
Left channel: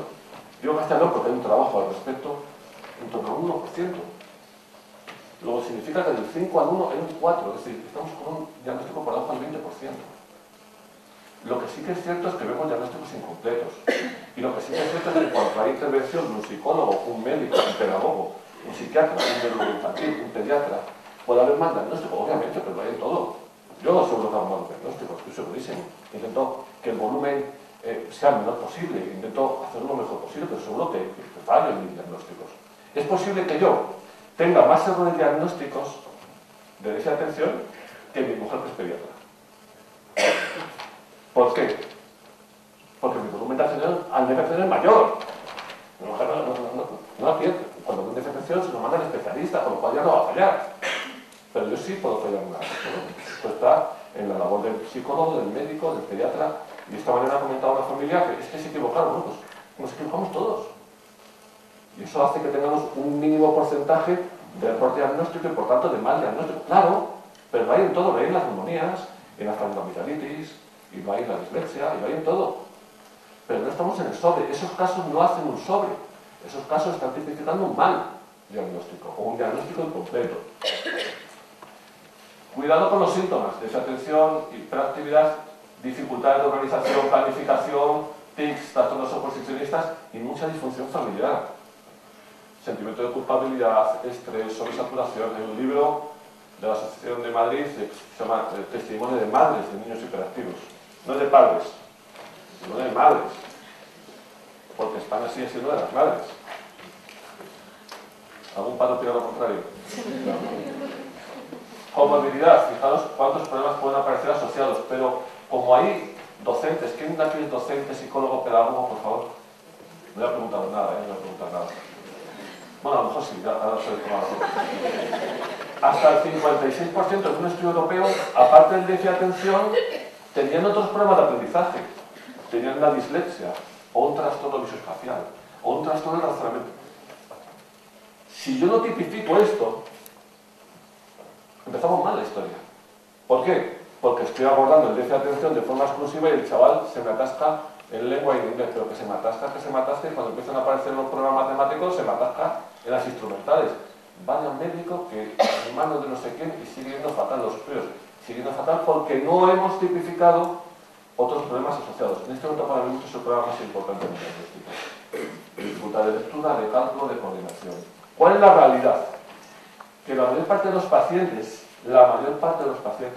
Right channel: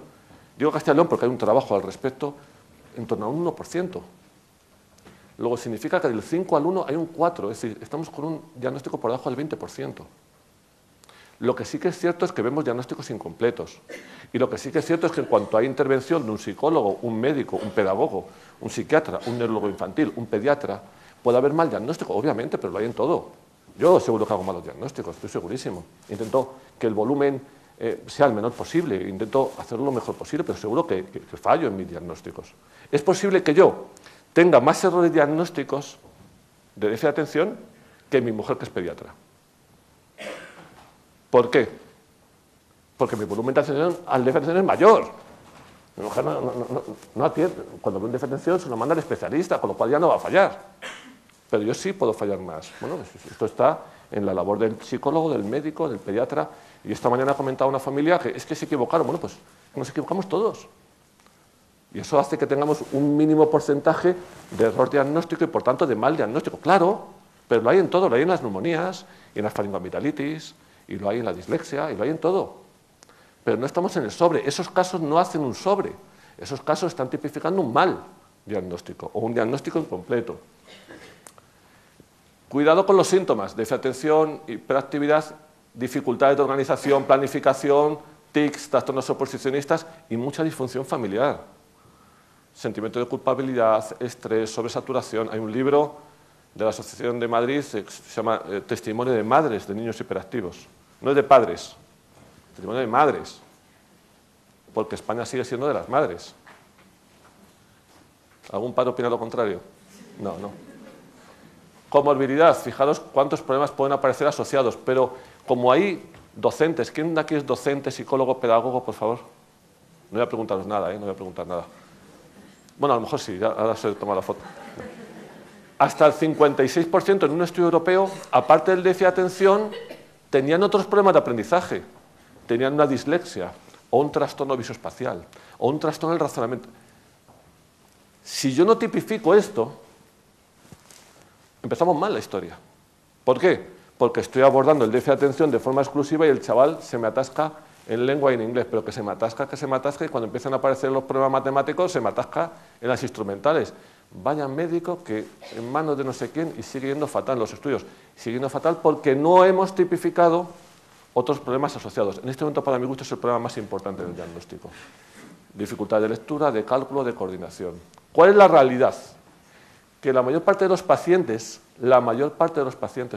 digo Castilla y León porque hay un trabajo al respecto, en torno a un 1%. Luego significa que del 5 al 1 hay un 4, es decir, estamos con un diagnóstico por debajo del 20%. Lo que sí que es cierto es que vemos diagnósticos incompletos. Y lo que sí que es cierto es que en cuanto hay intervención de un psicólogo, un médico, un pedagogo, un psiquiatra, un neurólogo infantil, un pediatra, puede haber mal diagnóstico, obviamente, pero vaya en todo. Yo seguro que hago mal diagnóstico, estoy segurísimo. Intento que el volumen sea el menor posible, intento hacerlo lo mejor posible, pero seguro que fallo en mis diagnósticos. Es posible que yo tenga más errores diagnósticos de déficit de atención que mi mujer, que es pediatra. ¿Por qué? Porque mi volumen de atención al déficit de atención es mayor. Mi mujer no atiende. Cuando hay un déficit de atención se lo manda al especialista, con lo cual ya no va a fallar. Pero yo sí puedo fallar más, ¿no? Esto está en la labor del psicólogo, del médico, del pediatra. Y esta mañana ha comentado una familia que es que se equivocaron. Bueno, pues nos equivocamos todos. Y eso hace que tengamos un mínimo porcentaje de error diagnóstico y por tanto de mal diagnóstico. Claro, pero lo hay en todo, lo hay en las neumonías, y en la faringoamigdalitis, y lo hay en la dislexia, y lo hay en todo. Pero no estamos en el sobre. Esos casos no hacen un sobre. Esos casos están tipificando un mal diagnóstico o un diagnóstico incompleto. Cuidado con los síntomas: desatención, hiperactividad, dificultades de organización, planificación, tics, trastornos oposicionistas y mucha disfunción familiar. Sentimiento de culpabilidad, estrés, sobresaturación. Hay un libro de la Asociación de Madrid que se llama Testimonio de madres de niños hiperactivos. No es de padres, sino de madres. Porque España sigue siendo de las madres. ¿Algún padre opina lo contrario? No. Comorbilidad. Fijaros cuántos problemas pueden aparecer asociados. Pero como hay docentes, ¿quién de aquí es docente, psicólogo, pedagogo, por favor? No voy a preguntar nada, no voy a preguntar nada. Bueno, a lo mejor sí, ya ahora se toma la foto. Hasta el 56% en un estudio europeo, aparte del déficit de atención, tenían otros problemas de aprendizaje. Tenían una dislexia, o un trastorno visoespacial, o un trastorno del razonamiento. Si yo no tipifico esto, empezamos mal la historia. ¿Por qué? Porque estoy abordando el déficit de atención de forma exclusiva y el chaval se me atasca en lengua y en inglés, pero que se me atasca, y cuando empiezan a aparecer los problemas matemáticos se me atasca en las instrumentales. Vaya médico que en manos de no sé quién y sigue yendo fatal los estudios. Sigue yendo fatal porque no hemos tipificado otros problemas asociados. En este momento para mí es el problema más importante del diagnóstico. Dificultad de lectura, de cálculo, de coordinación. ¿Cuál es la realidad? Que la mayor parte de los pacientes,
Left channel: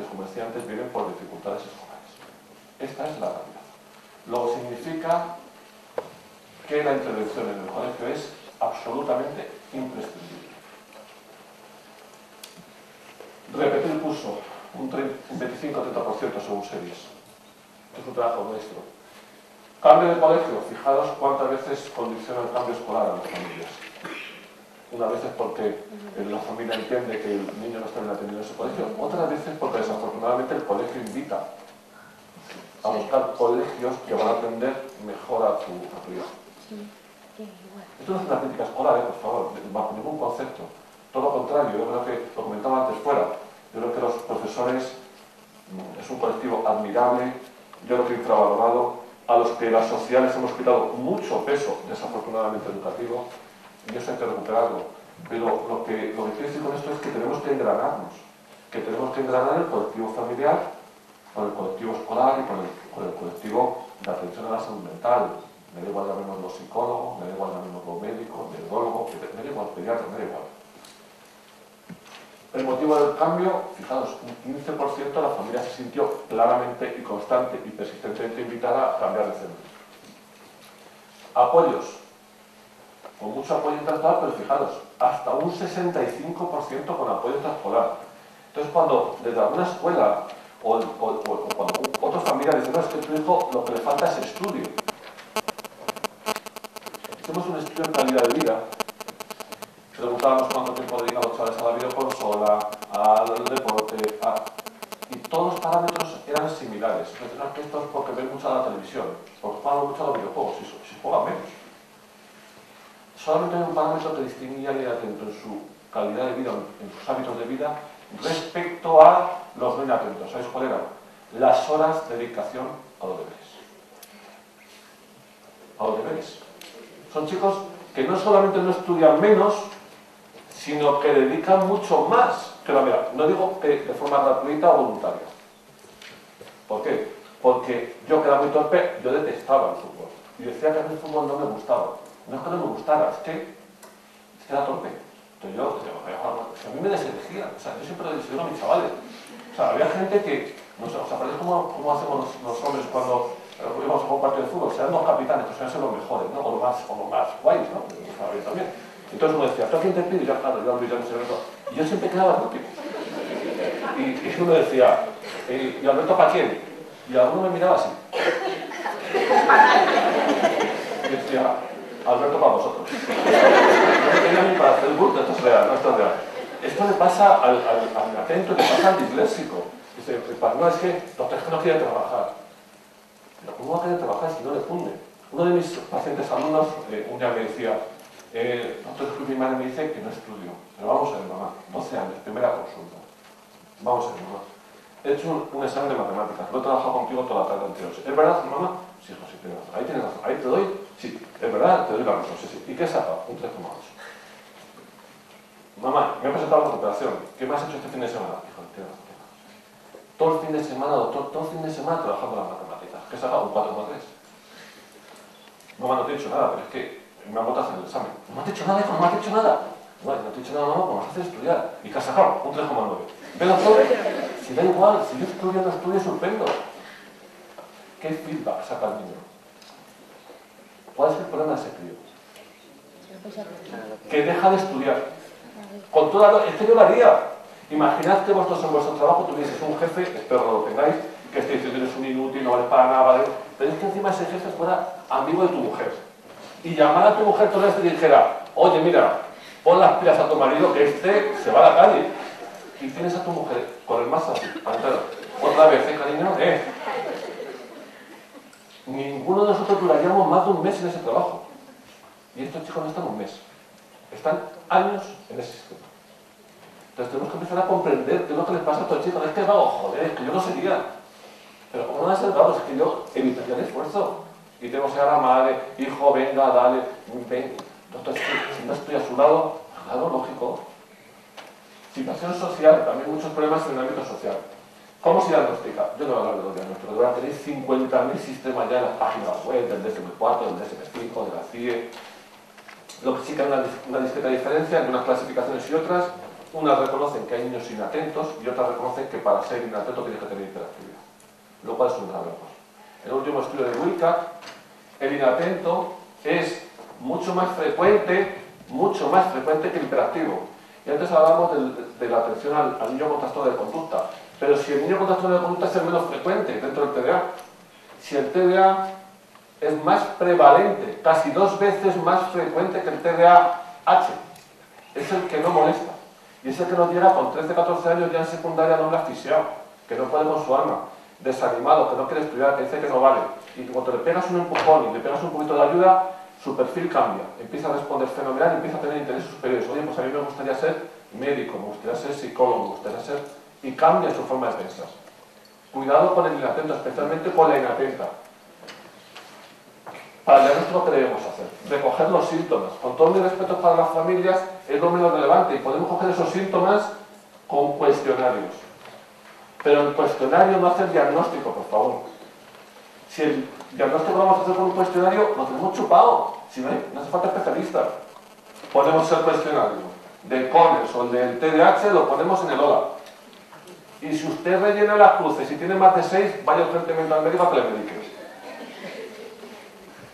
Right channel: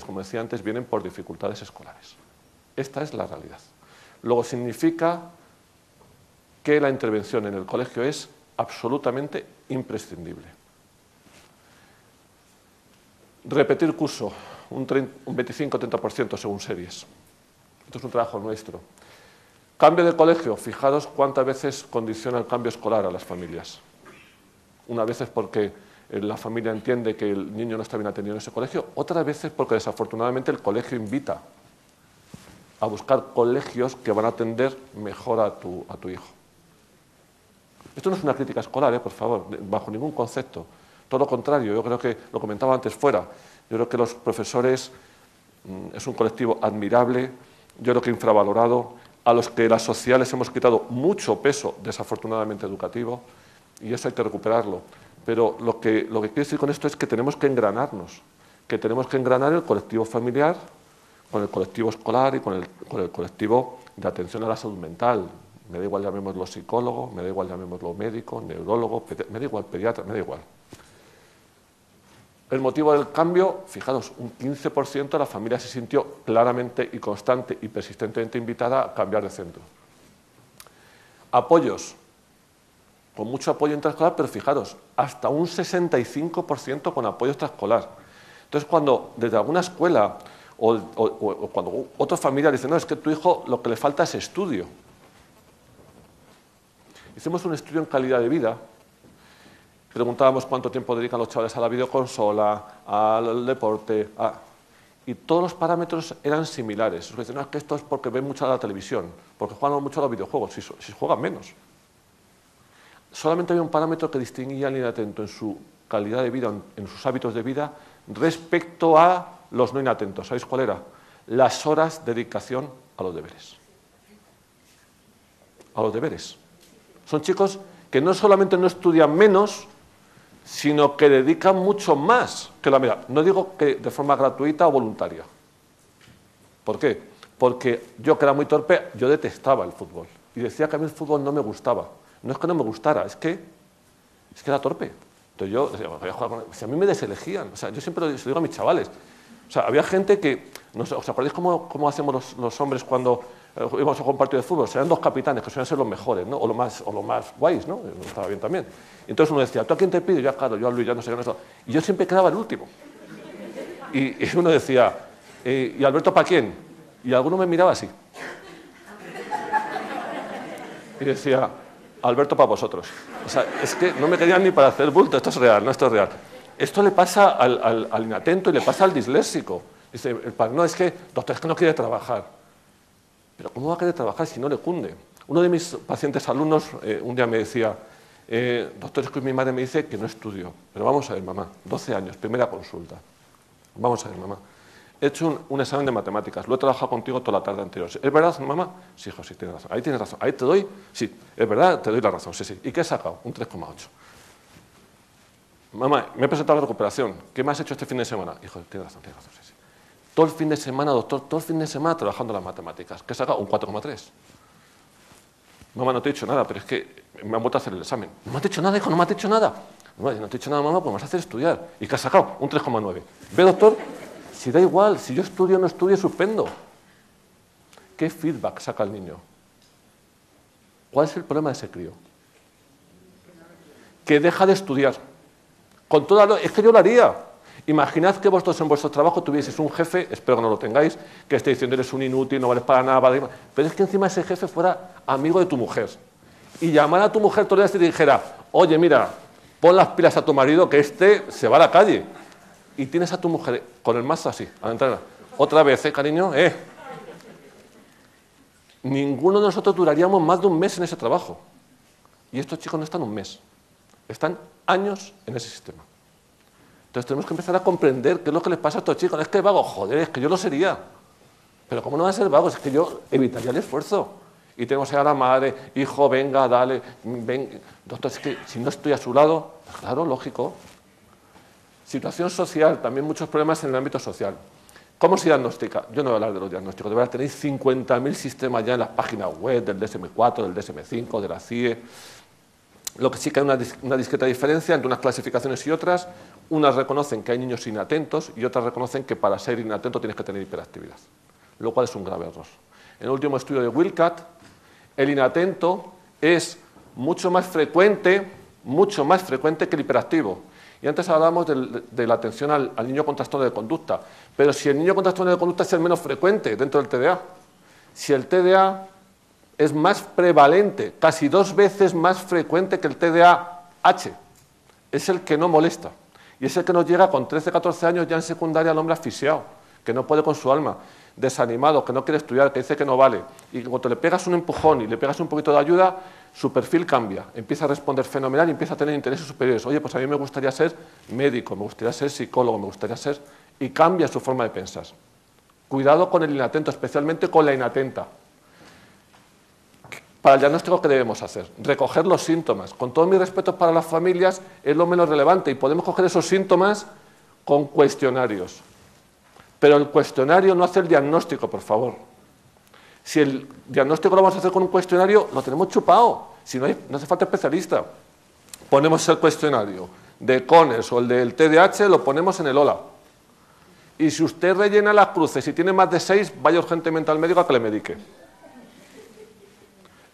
como decía antes, vienen por dificultades escolares. Esta es la realidad. Luego significa que la intervención en el colegio es absolutamente imprescindible. Repetir curso, un 25-30% según series. Esto es un trabajo doméstico. Cambio de colegio, fijaros cuántas veces condiciona el cambio escolar a las familias. Una vez es porque la familia entiende que el niño no está bien atendido en ese colegio, otras veces porque desafortunadamente el colegio invita a buscar colegios que van a atender mejor a tu hijo. Esto no es una crítica escolar, por favor, bajo ningún concepto. Todo lo contrario, yo creo que, lo comentaba antes fuera, yo creo que los profesores es un colectivo admirable, yo creo que infravalorado, a los que las sociedades hemos quitado mucho peso, desafortunadamente, educativo, y eso hay que recuperarlo. Pero lo que quiero decir con esto es que tenemos que engranarnos, que tenemos que engranar el colectivo familiar con el colectivo escolar y con el colectivo de atención a la salud mental. Me da igual llamémoslo psicólogo, me da igual llamémoslo médico, neurólogo, me da igual pediatra, me da igual. El motivo del cambio, fijaros, un 15% de la familia se sintió claramente y constante y persistentemente invitada a cambiar de centro. Apoyos, con mucho apoyo intraescolar, pero fijaros, hasta un 65% con apoyo extraescolar. Entonces, cuando desde alguna escuela o cuando otra familia dice, no, es que tu hijo lo que le falta es estudio. Hicimos un estudio en calidad de vida. Preguntábamos cuánto tiempo dedican los chavales a la videoconsola, al deporte, y todos los parámetros eran similares. Entonces, no, que esto es porque ven mucho la televisión, porque juegan mucho a los videojuegos, si juegan menos. Solamente había un parámetro que distinguía a alguien atento en su calidad de vida, en sus hábitos de vida, respecto a los no inatentos. ¿Sabéis cuál era? Las horas de dedicación a los deberes. A los deberes. Son chicos que no solamente no estudian menos, sino que dedican mucho más que la media. No digo que de forma gratuita o voluntaria. ¿Por qué? Porque yo, que era muy torpe, yo detestaba el fútbol. Y decía que a mí el fútbol no me gustaba. No es que no me gustara, es que era torpe. Entonces yo decía, si a mí me deselegían. O sea, yo siempre lo digo a mis chavales. O sea, había gente que, no sé, ¿os acordáis cómo hacemos los hombres cuando íbamos a jugar un partido de fútbol? Serán dos capitanes, que suelen ser los mejores, ¿no? O los más guays, ¿no? Estaba bien también. Entonces uno decía, ¿tú a quién te pido? Y yo, claro, yo a Luis, yo no sé qué. Y yo siempre quedaba el último. Y uno decía, ¿y Alberto para quién? Y alguno me miraba así. Y decía, Alberto para vosotros. O sea, es que no me querían ni para hacer el bulto, esto es real, no, esto es real. Esto le pasa al inatento y le pasa al disléxico. Dice, no, es que, doctor, es que no quiere trabajar. Pero ¿cómo va a querer trabajar si no le cunde? Uno de mis pacientes alumnos un día me decía, doctor, es que mi madre me dice que no estudio. Pero vamos a ver, mamá, 12 años, primera consulta. Vamos a ver, mamá. He hecho un examen de matemáticas, lo he trabajado contigo toda la tarde anterior. ¿Es verdad, mamá? Sí, hijo, sí, tienes razón. Ahí tienes razón. Ahí te doy, sí, es verdad, te doy la razón, sí, sí. ¿Y qué he sacado? Un 3,8. Mamá, me he presentado a la recuperación. ¿Qué me has hecho este fin de semana? Hijo, tienes razón, sí, sí. Todo el fin de semana, doctor, todo el fin de semana trabajando las matemáticas. ¿Qué he sacado? Un 4,3. Mamá, no te he dicho nada, pero es que me han vuelto a hacer el examen. ¿No me has dicho nada, hijo? ¿No me has dicho nada? No te he dicho nada, mamá, pues me vas a hacer estudiar. ¿Y qué has sacado? Un 3,9. ¿Ve, doctor? Si da igual, si yo estudio o no estudio, suspendo. ¿Qué feedback saca el niño? ¿Cuál es el problema de ese crío? Que deja de estudiar. Con toda es que yo lo haría. Imaginad que vosotros en vuestro trabajo tuvieseis un jefe, espero que no lo tengáis, que esté diciendo eres un inútil, no vales para nada, vale. Pero es que encima ese jefe fuera amigo de tu mujer. Y llamara a tu mujer todos los días y dijera, oye, mira, pon las pilas a tu marido que este se va a la calle. Y tienes a tu mujer con el mazo así, a entrar. Otra vez, cariño, Ninguno de nosotros duraríamos más de un mes en ese trabajo. Y estos chicos no están un mes. Están años en ese sistema. Entonces tenemos que empezar a comprender qué es lo que les pasa a estos chicos. Es que es vago, joder, es que yo lo sería. Pero ¿cómo no va a ser vago? Es que yo evitaría el esfuerzo. Y tenemos que ir a la madre, hijo, venga, dale, ven. Doctor, si no estoy a su lado, claro, lógico. Situación social, también muchos problemas en el ámbito social. ¿Cómo se diagnostica? Yo no voy a hablar de los diagnósticos, de verdad tenéis 50.000 sistemas ya en las páginas web, del DSM-4, del DSM-5, de la CIE. Lo que sí que hay una discreta diferencia entre unas clasificaciones y otras. Unas reconocen que hay niños inatentos y otras reconocen que para ser inatento tienes que tener hiperactividad, lo cual es un grave error. En el último estudio de Wilcock, el inatento es mucho más frecuente que el hiperactivo. Y antes hablamos de la atención al niño con trastorno de conducta. Pero si el niño con trastorno de conducta es el menos frecuente dentro del TDA, si el TDA es más prevalente, casi 2 veces más frecuente que el TDAH, es el que no molesta. Y es el que nos llega con 13, 14 años ya en secundaria al hombre asfixiado, que no puede con su alma, desanimado, que no quiere estudiar, que dice que no vale. Y cuando le pegas un empujón y le pegas un poquito de ayuda, su perfil cambia, empieza a responder fenomenal y empieza a tener intereses superiores. Oye, pues a mí me gustaría ser médico, me gustaría ser psicólogo, me gustaría ser... y cambia su forma de pensar. Cuidado con el inatento, especialmente con la inatenta. Para el diagnóstico, ¿qué debemos hacer? Recoger los síntomas. Con todo mi respeto para las familias, es lo menos relevante y podemos coger esos síntomas con cuestionarios. Pero el cuestionario no hace el diagnóstico, por favor. Si el diagnóstico lo vamos a hacer con un cuestionario, lo tenemos chupado. Si no hace falta especialista. Ponemos el cuestionario de Conners o el del TDAH, lo ponemos en el OLA. Y si usted rellena las cruces y tiene más de 6, vaya urgentemente al médico a que le medique.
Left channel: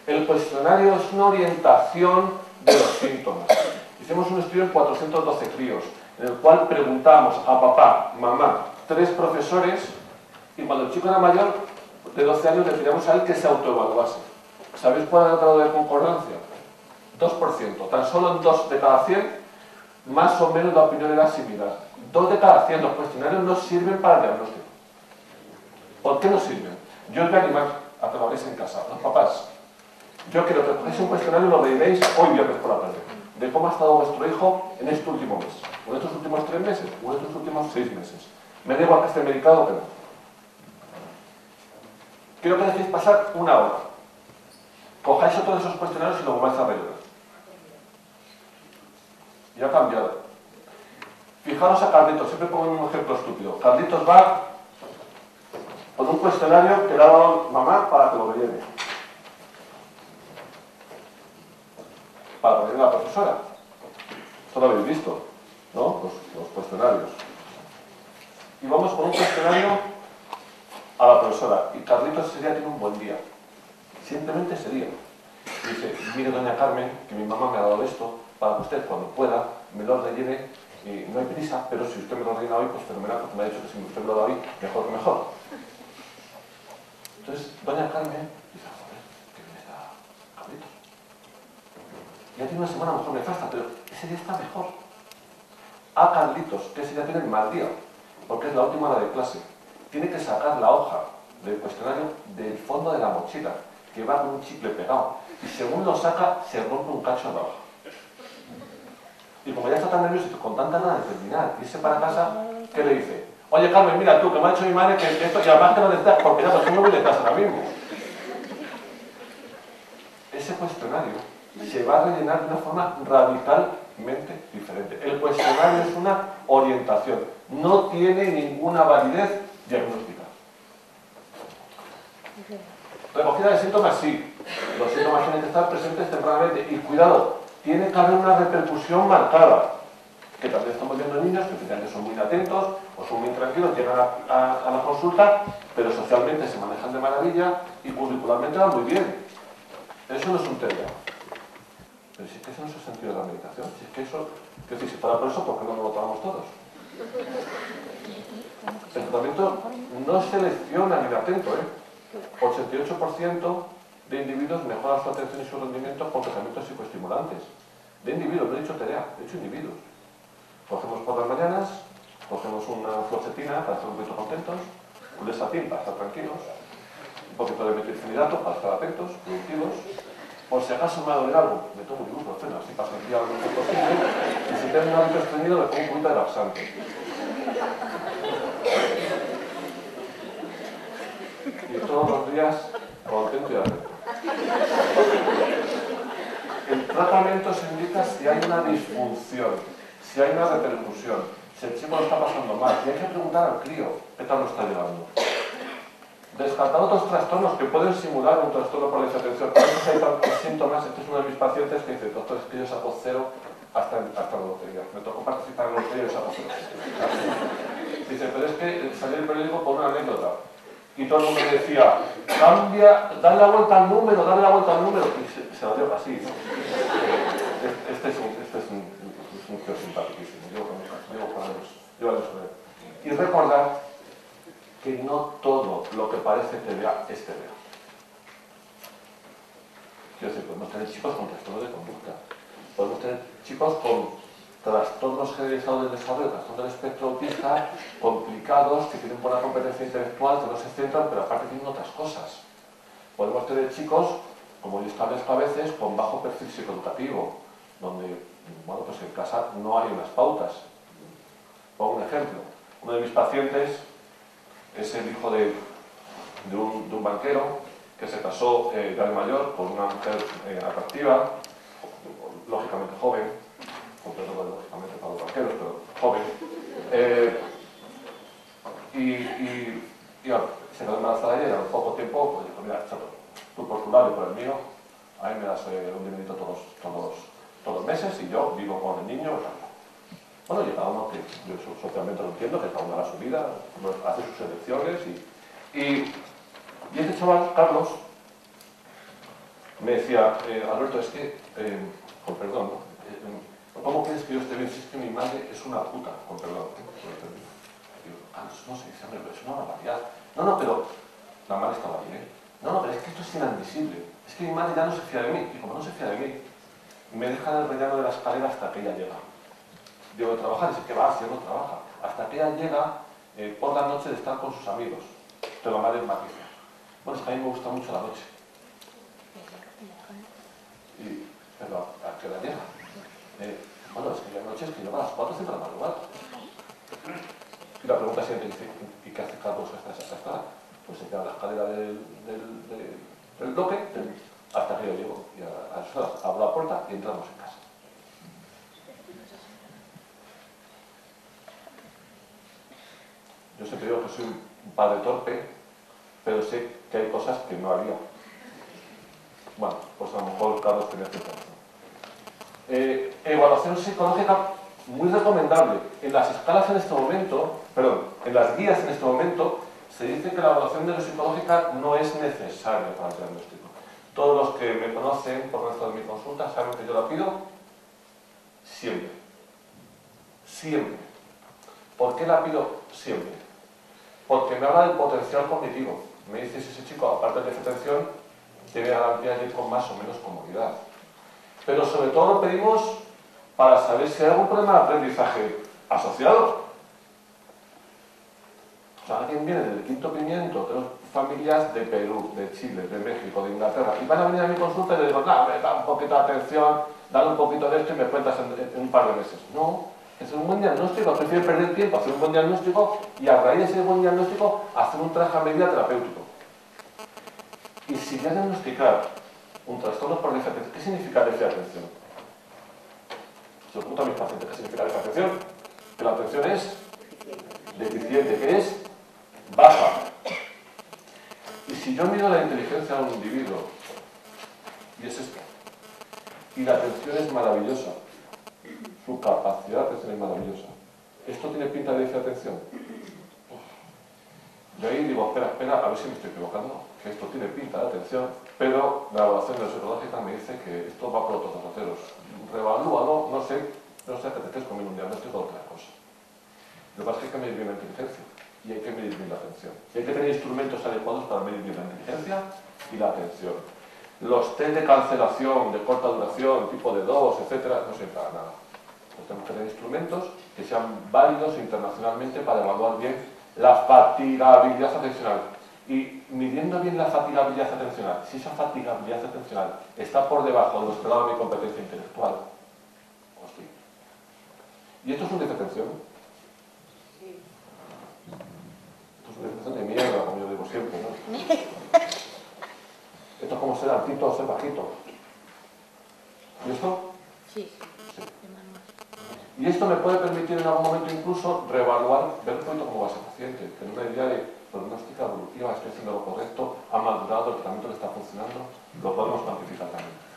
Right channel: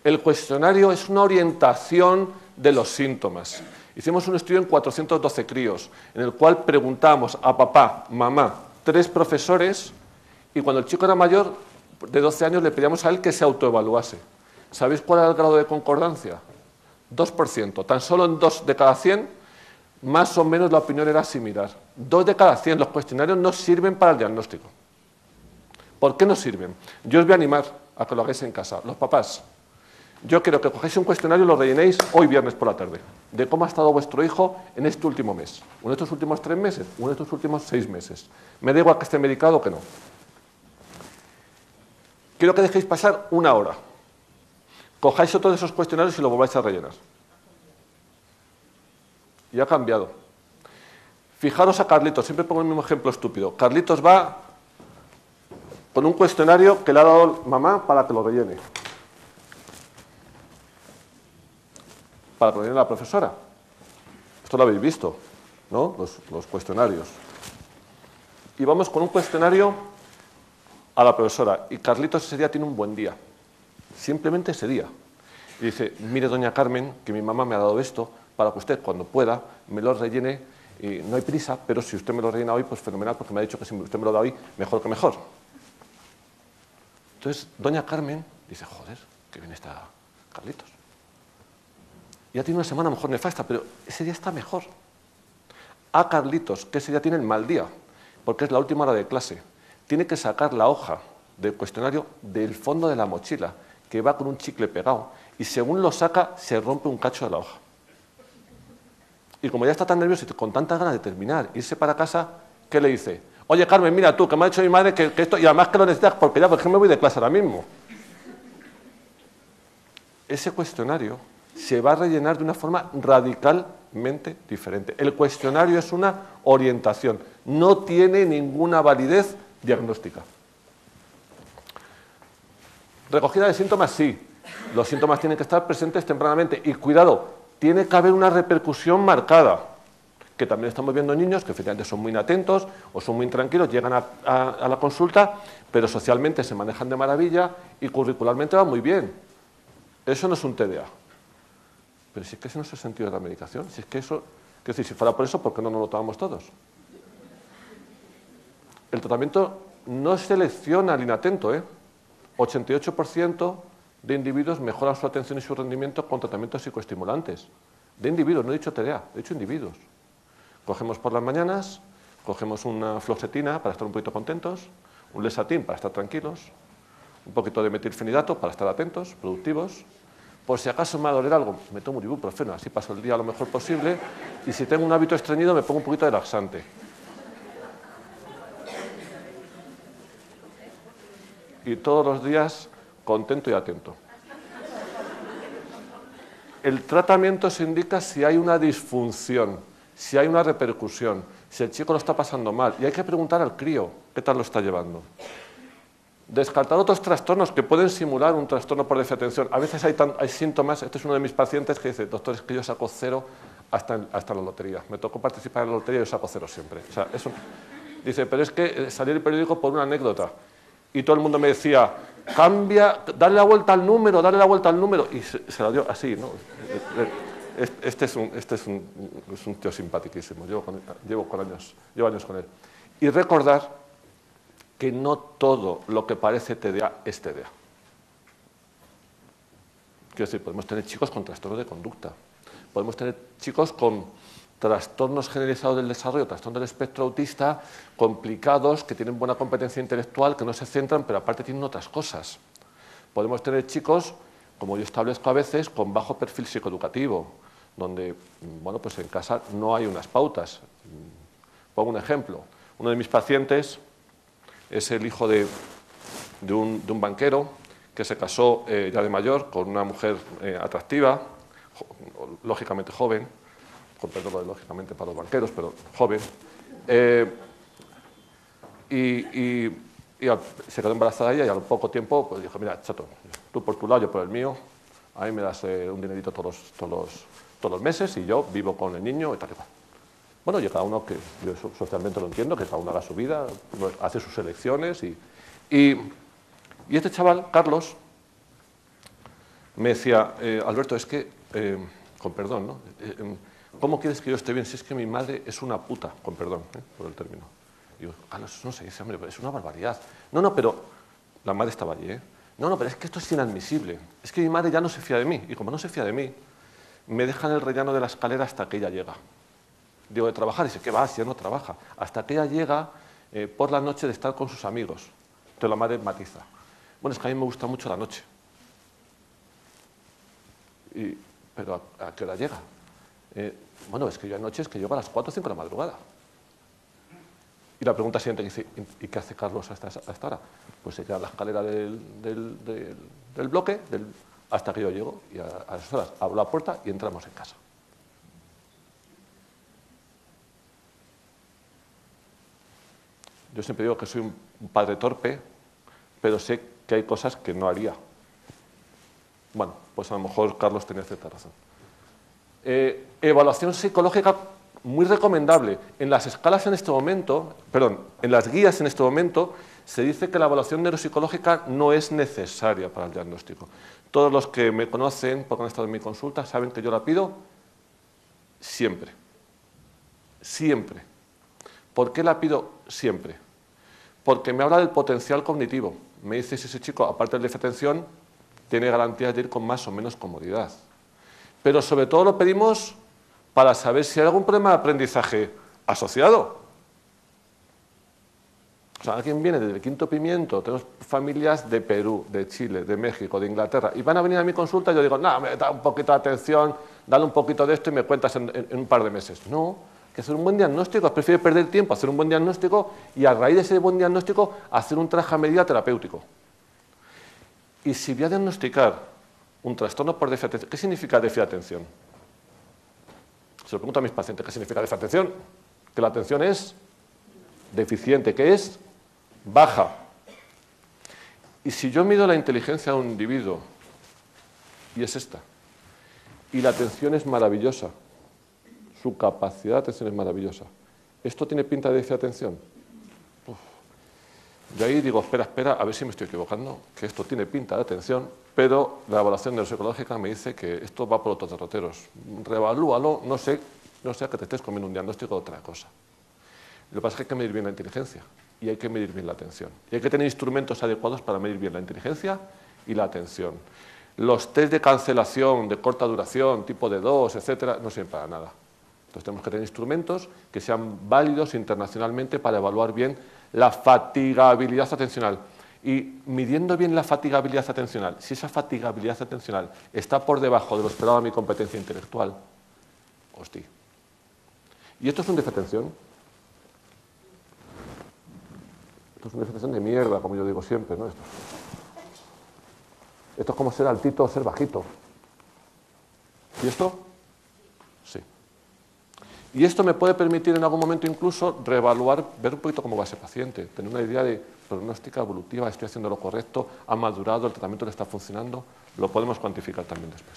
El cuestionario es una orientación de los síntomas. Hicimos un estudio en 412 críos, en el cual preguntamos a papá, mamá, 3 profesores, y cuando el chico era mayor, de 12 años, le pedíamos a él que se autoevaluase. ¿Sabéis cuál era el grado de concordancia? 2%. Tan solo en 2 de cada 100, más o menos la opinión era similar. 2 de cada 100. Los cuestionarios no sirven para el diagnóstico. ¿Por qué no sirven? Yo os voy a animar a que lo hagáis en casa. Los papás, yo quiero que cogéis un cuestionario y lo rellenéis hoy viernes por la tarde, de cómo ha estado vuestro hijo en este último mes, o en estos últimos 3 meses, o en estos últimos 6 meses. Me da igual que esté medicado o que no. Quiero que dejéis pasar 1 hora. Cojáis todos esos cuestionarios y los volváis a rellenar. Y ha cambiado. Fijaros a Carlitos, siempre pongo un ejemplo estúpido. Carlitos va con un cuestionario que le ha dado mamá para que lo rellene. Para rellenar a la profesora. Esto lo habéis visto, ¿no? Los cuestionarios. Y vamos con un cuestionario a la profesora. Y Carlitos ese día tiene un buen día. Simplemente ese día. Y dice, mire doña Carmen, que mi mamá me ha dado esto, para que usted cuando pueda me lo rellene. Y no hay prisa, pero si usted me lo rellena hoy, pues fenomenal, porque me ha dicho que si usted me lo da hoy, mejor que mejor. Entonces, doña Carmen dice, joder, que bien está Carlitos. Ya tiene una semana mejor nefasta, pero ese día está mejor. A Carlitos, que ese día tiene el mal día, porque es la última hora de clase, tiene que sacar la hoja del cuestionario del fondo de la mochila, que va con un chicle pegado, y según lo saca, se rompe un cacho de la hoja. Y como ya está tan nervioso y con tanta ganas de terminar, irse para casa, ¿qué le dice? Oye, Carmen, mira tú, que me ha dicho mi madre que esto, y además que lo necesitas porque ya, porque me voy de clase ahora mismo. Ese cuestionario se va a rellenar de una forma radicalmente diferente. El cuestionario es una orientación, no tiene ninguna validez diagnóstica. Recogida de síntomas, sí. Los síntomas tienen que estar presentes tempranamente. Y cuidado, tiene que haber una repercusión marcada. Que también estamos viendo niños que efectivamente son muy inatentos o son muy intranquilos, llegan a la consulta, pero socialmente se manejan de maravilla y curricularmente van muy bien. Eso no es un TDA. Pero si es que ese no es el sentido de la medicación, si es que eso, quiero decir, si fuera por eso, ¿por qué no nos lo tomamos todos? El tratamiento no selecciona al inatento, 88% de individuos mejoran su atención y su rendimiento con tratamientos psicoestimulantes. De individuos, no he dicho TDA, he dicho individuos. Cogemos por las mañanas, cogemos una fluoxetina para estar un poquito contentos, un lesatin para estar tranquilos, un poquito de metilfenidato para estar atentos, productivos. Por si acaso me va a doler algo, me tomo un ibuprofeno, así paso el día lo mejor posible, y si tengo un hábito estreñido le pongo un poquito de laxante. Y todos los días contento y atento. El tratamiento se indica si hay una disfunción, si hay una repercusión, si el chico lo está pasando mal. Y hay que preguntar al crío qué tal lo está llevando. Descartar otros trastornos que pueden simular un trastorno por desatención. A veces hay síntomas. Este es uno de mis pacientes que dice, doctor, es que yo saco 0 hasta la lotería. Me tocó participar en la lotería y yo saco 0 siempre. O sea, dice, pero es que salí del periódico por una anécdota. Y todo el mundo me decía, cambia, dale la vuelta al número, dale la vuelta al número. Y se lo dio así, ¿no? Este es un tío simpaticísimo, llevo años con él. Y recordar que no todo lo que parece TDA es TDA. Quiero decir, podemos tener chicos con trastorno de conducta, podemos tener chicos con trastornos generalizados del desarrollo, trastorno del espectro autista, complicados, que tienen buena competencia intelectual, que no se centran, pero aparte tienen otras cosas. Podemos tener chicos, como yo establezco a veces, con bajo perfil psicoeducativo, donde, bueno, pues en casa no hay unas pautas. Pongo un ejemplo. Uno de mis pacientes es el hijo de un banquero que se casó ya de mayor con una mujer atractiva, lógicamente joven, con perdón, lógicamente para los banqueros, pero joven, y se quedó embarazada ella y al poco tiempo pues dijo, mira, chato, tú por tu lado, yo por el mío, a mí me das un dinerito todos los meses y yo vivo con el niño y tal. Bueno, y cada uno, que yo socialmente lo entiendo, que cada uno haga su vida, hace sus elecciones y este chaval, Carlos, me decía, Alberto, es que, con perdón, ¿no? ¿Cómo quieres que yo esté bien si es que mi madre es una puta? Con perdón, por el término. Y yo, Carlos, no sé, dice, hombre, pero es una barbaridad. No, pero la madre estaba allí, ¿eh? No, pero es que esto es inadmisible. Es que mi madre ya no se fía de mí. Y como no se fía de mí, me deja en el rellano de la escalera hasta que ella llega. Digo, de trabajar, y dice, ¿qué va a hacer? No trabaja. Hasta que ella llega por la noche de estar con sus amigos. Entonces la madre matiza. Bueno, es que a mí me gusta mucho la noche. Pero ¿a qué hora llega? Bueno, es que hay noches que llego a las 4 o 5 de la madrugada. Y la pregunta siguiente dice, ¿y qué hace Carlos hasta esta hora? Pues se queda en la escalera del bloque hasta que yo llego. Y a esas horas abro la puerta y entramos en casa. Yo siempre digo que soy un padre torpe, pero sé que hay cosas que no haría. Bueno, pues a lo mejor Carlos tenía cierta razón. Evaluación psicológica muy recomendable. En las escalas en este momento, perdón, en las guías en este momento, se dice que la evaluación neuropsicológica no es necesaria para el diagnóstico. Todos los que me conocen, porque han estado en mi consulta, saben que yo la pido siempre. Siempre. ¿Por qué la pido siempre? Porque me habla del potencial cognitivo. Me dice si ese chico, aparte de déficit de atención, tiene garantía de ir con más o menos comodidad. Pero sobre todo lo pedimos para saber si hay algún problema de aprendizaje asociado. O sea, alguien viene del Quinto Pimiento, tenemos familias de Perú, de Chile, de México, de Inglaterra, y van a venir a mi consulta y yo digo, no, me da un poquito de atención, dale un poquito de esto y me cuentas en un par de meses. No, que hacer un buen diagnóstico, prefieres perder tiempo, hacer un buen diagnóstico y a raíz de ese buen diagnóstico hacer un traje a medida terapéutico. Y si voy a diagnosticar un trastorno por déficit de atención, ¿qué significa déficit de atención? Se lo pregunto a mis pacientes, ¿qué significa déficit de atención? Que la atención es deficiente, que es baja. Y si yo mido la inteligencia de un individuo, y es esta, y la atención es maravillosa, su capacidad de atención es maravillosa, ¿esto tiene pinta de déficit de atención? Yo ahí digo, espera, a ver si me estoy equivocando, que esto tiene pinta de atención, pero la evaluación neuropsicológica me dice que esto va por otros derroteros. Revalúalo, no sé que te estés comiendo un diagnóstico de otra cosa. Lo que pasa es que hay que medir bien la inteligencia y hay que medir bien la atención. Y hay que tener instrumentos adecuados para medir bien la inteligencia y la atención. Los test de cancelación de corta duración, tipo de 2, etcétera, no sirven para nada. Entonces tenemos que tener instrumentos que sean válidos internacionalmente para evaluar bien la fatigabilidad atencional. Y midiendo bien la fatigabilidad atencional, si esa fatigabilidad atencional está por debajo de lo esperado de mi competencia intelectual, hostia. ¿Y esto es un déficit de atención? Sí. Esto es una déficit de mierda, como yo digo siempre, ¿no? Esto es como ser altito o ser bajito. ¿Y esto? Sí. Sí. Y esto me puede permitir en algún momento incluso reevaluar, ver un poquito cómo va ese paciente, tener una idea de prognóstica evolutiva, estoy haciendo lo correcto, ha madurado, el tratamiento le está funcionando, lo podemos cuantificar también después.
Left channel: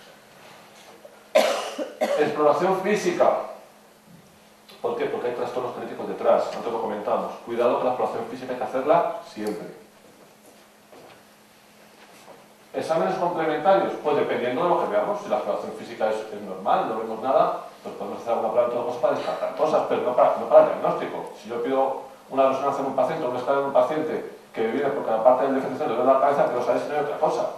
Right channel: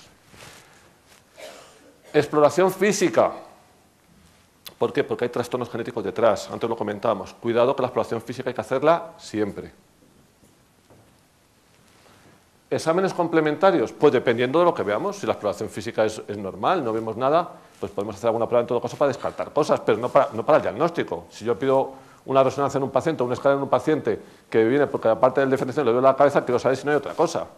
Exploración física. ¿Por qué? Porque hay trastornos genéticos detrás, antes lo comentábamos. Cuidado que la exploración física hay que hacerla siempre. ¿Exámenes complementarios? Pues dependiendo de lo que veamos. Si la exploración física es normal, no vemos nada, pues podemos hacer alguna prueba en todo caso para descartar cosas, pero no para el diagnóstico. Si yo pido una resonancia en un paciente o una escala en un paciente que viene porque aparte del diferenciación le duele la cabeza, quiero saber si no hay otra cosa.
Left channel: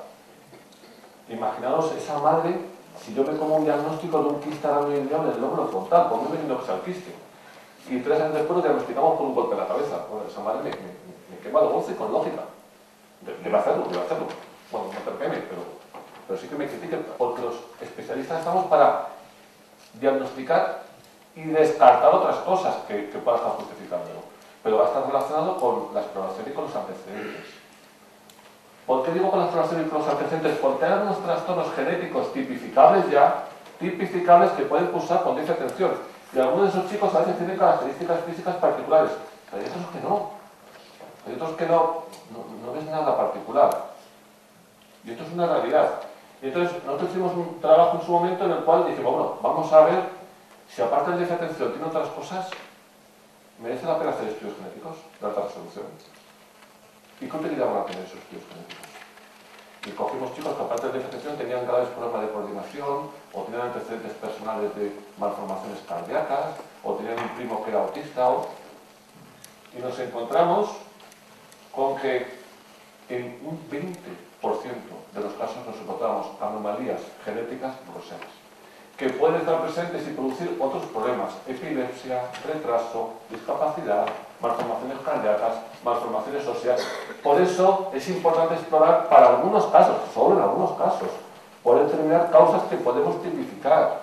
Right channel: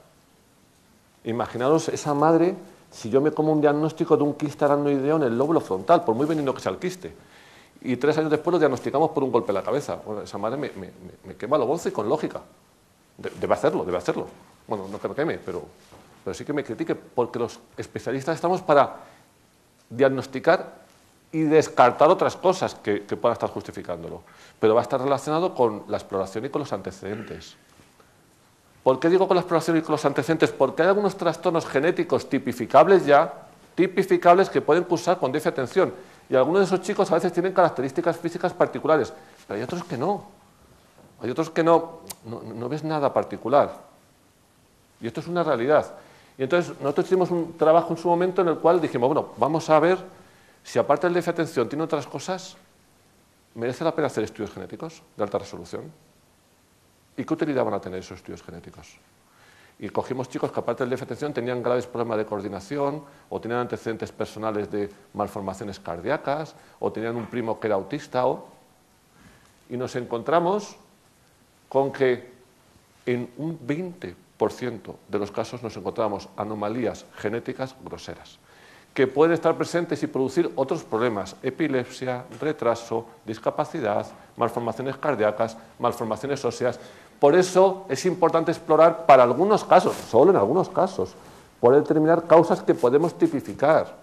Imaginaos esa madre, si yo me como un diagnóstico de un quiste aracnoideo en el lóbulo frontal, por muy benigno que sea el quiste, y 3 años después lo diagnosticamos por un golpe en la cabeza. Bueno, esa madre me quema lo once y con lógica. Debe hacerlo. Bueno, no creo que pero sí que me critique, porque los especialistas estamos para diagnosticar y descartar otras cosas que puedan estar justificándolo. Pero va a estar relacionado con la exploración y con los antecedentes. ¿Por qué digo con la exploración y con los antecedentes? Porque hay algunos trastornos genéticos tipificables que pueden cursar con déficit de atención. Y algunos de esos chicos a veces tienen características físicas particulares, pero hay otros que no. Hay otros que no ves nada particular. Y esto es una realidad. Y entonces nosotros hicimos un trabajo en su momento en el cual dijimos, bueno, vamos a ver si aparte del déficit de atención tiene otras cosas, ¿merece la pena hacer estudios genéticos de alta resolución? ¿Y qué utilidad van a tener esos estudios genéticos? Y cogimos chicos que aparte del déficit de atención tenían graves problemas de coordinación, o tenían antecedentes personales de malformaciones cardíacas, o tenían un primo que era autista, y nos encontramos con que en un 20% de los casos nos encontramos anomalías genéticas groseras, que pueden estar presentes y producir otros problemas: epilepsia, retraso, discapacidad, malformaciones cardíacas, malformaciones óseas. Por eso es importante explorar para algunos casos, solo en algunos casos, poder determinar causas que podemos tipificar.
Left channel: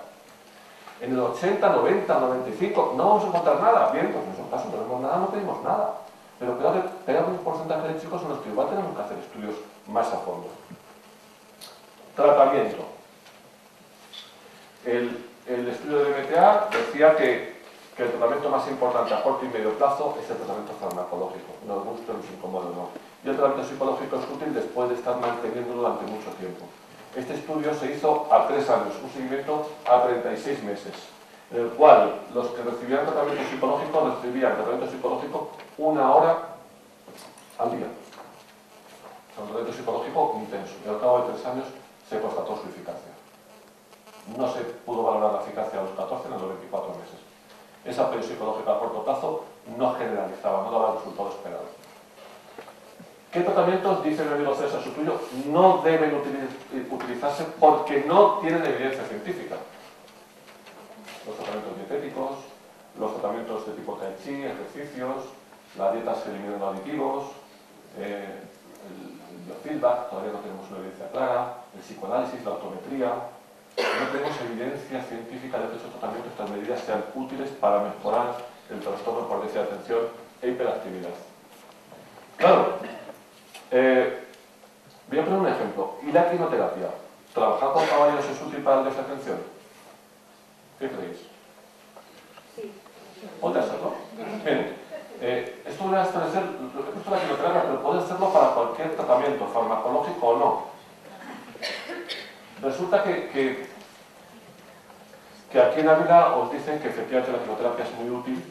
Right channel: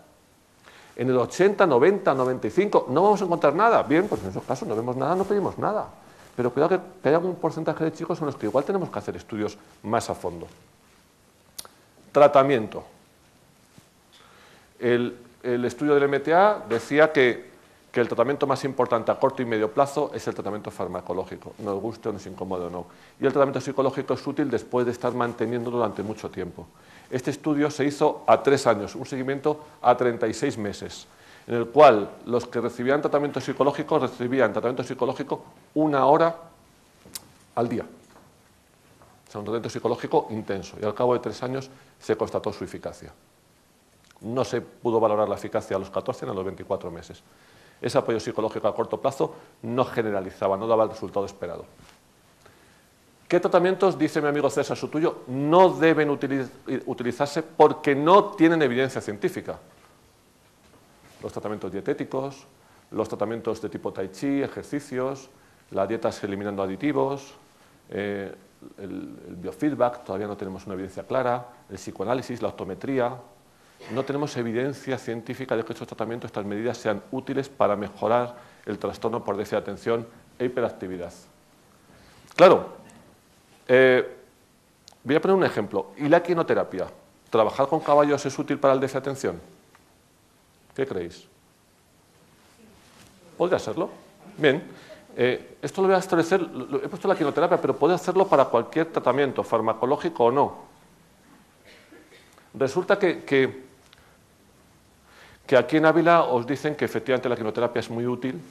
En el 80, 90, 95 no vamos a encontrar nada. Bien, pues en esos casos no vemos nada, no pedimos nada. Pero cuidado que hay un porcentaje de chicos en los que igual tenemos que hacer estudios más a fondo. Tratamiento. El estudio de MTA decía que el tratamiento más importante a corto y medio plazo es el tratamiento farmacológico, nos guste o nos incomode o no. Y el tratamiento psicológico es útil después de estar manteniendo durante mucho tiempo. Este estudio se hizo a 3 años, un seguimiento a 36 meses, en el cual los que recibían tratamiento psicológico recibían tratamiento psicológico 1 hora al día. O sea, un tratamiento psicológico intenso, y al cabo de 3 años se constató su eficacia. No se pudo valorar la eficacia a los 14 ni a los 24 meses. Ese apoyo psicológico a corto plazo no generalizaba, no daba el resultado esperado. ¿Qué tratamientos, dice mi amigo César Sutuyo, no deben utilizarse porque no tienen evidencia científica? Los tratamientos dietéticos, los tratamientos de tipo tai chi, ejercicios, las dietas eliminando aditivos, el biofeedback, todavía no tenemos una evidencia clara, el psicoanálisis, la optometría. No tenemos evidencia científica de que estos tratamientos, estas medidas, sean útiles para mejorar el trastorno por déficit de atención e hiperactividad. Claro, voy a poner un ejemplo. ¿Y la equinoterapia? ¿Trabajar con caballos es útil para el déficit de atención? ¿Qué creéis? ¿Podría serlo? Bien. Esto lo voy a establecer, he puesto la equinoterapia, pero puede hacerlo para cualquier tratamiento, farmacológico o no. Resulta que aquí en Ávila os dicen que efectivamente la quimioterapia es muy útil,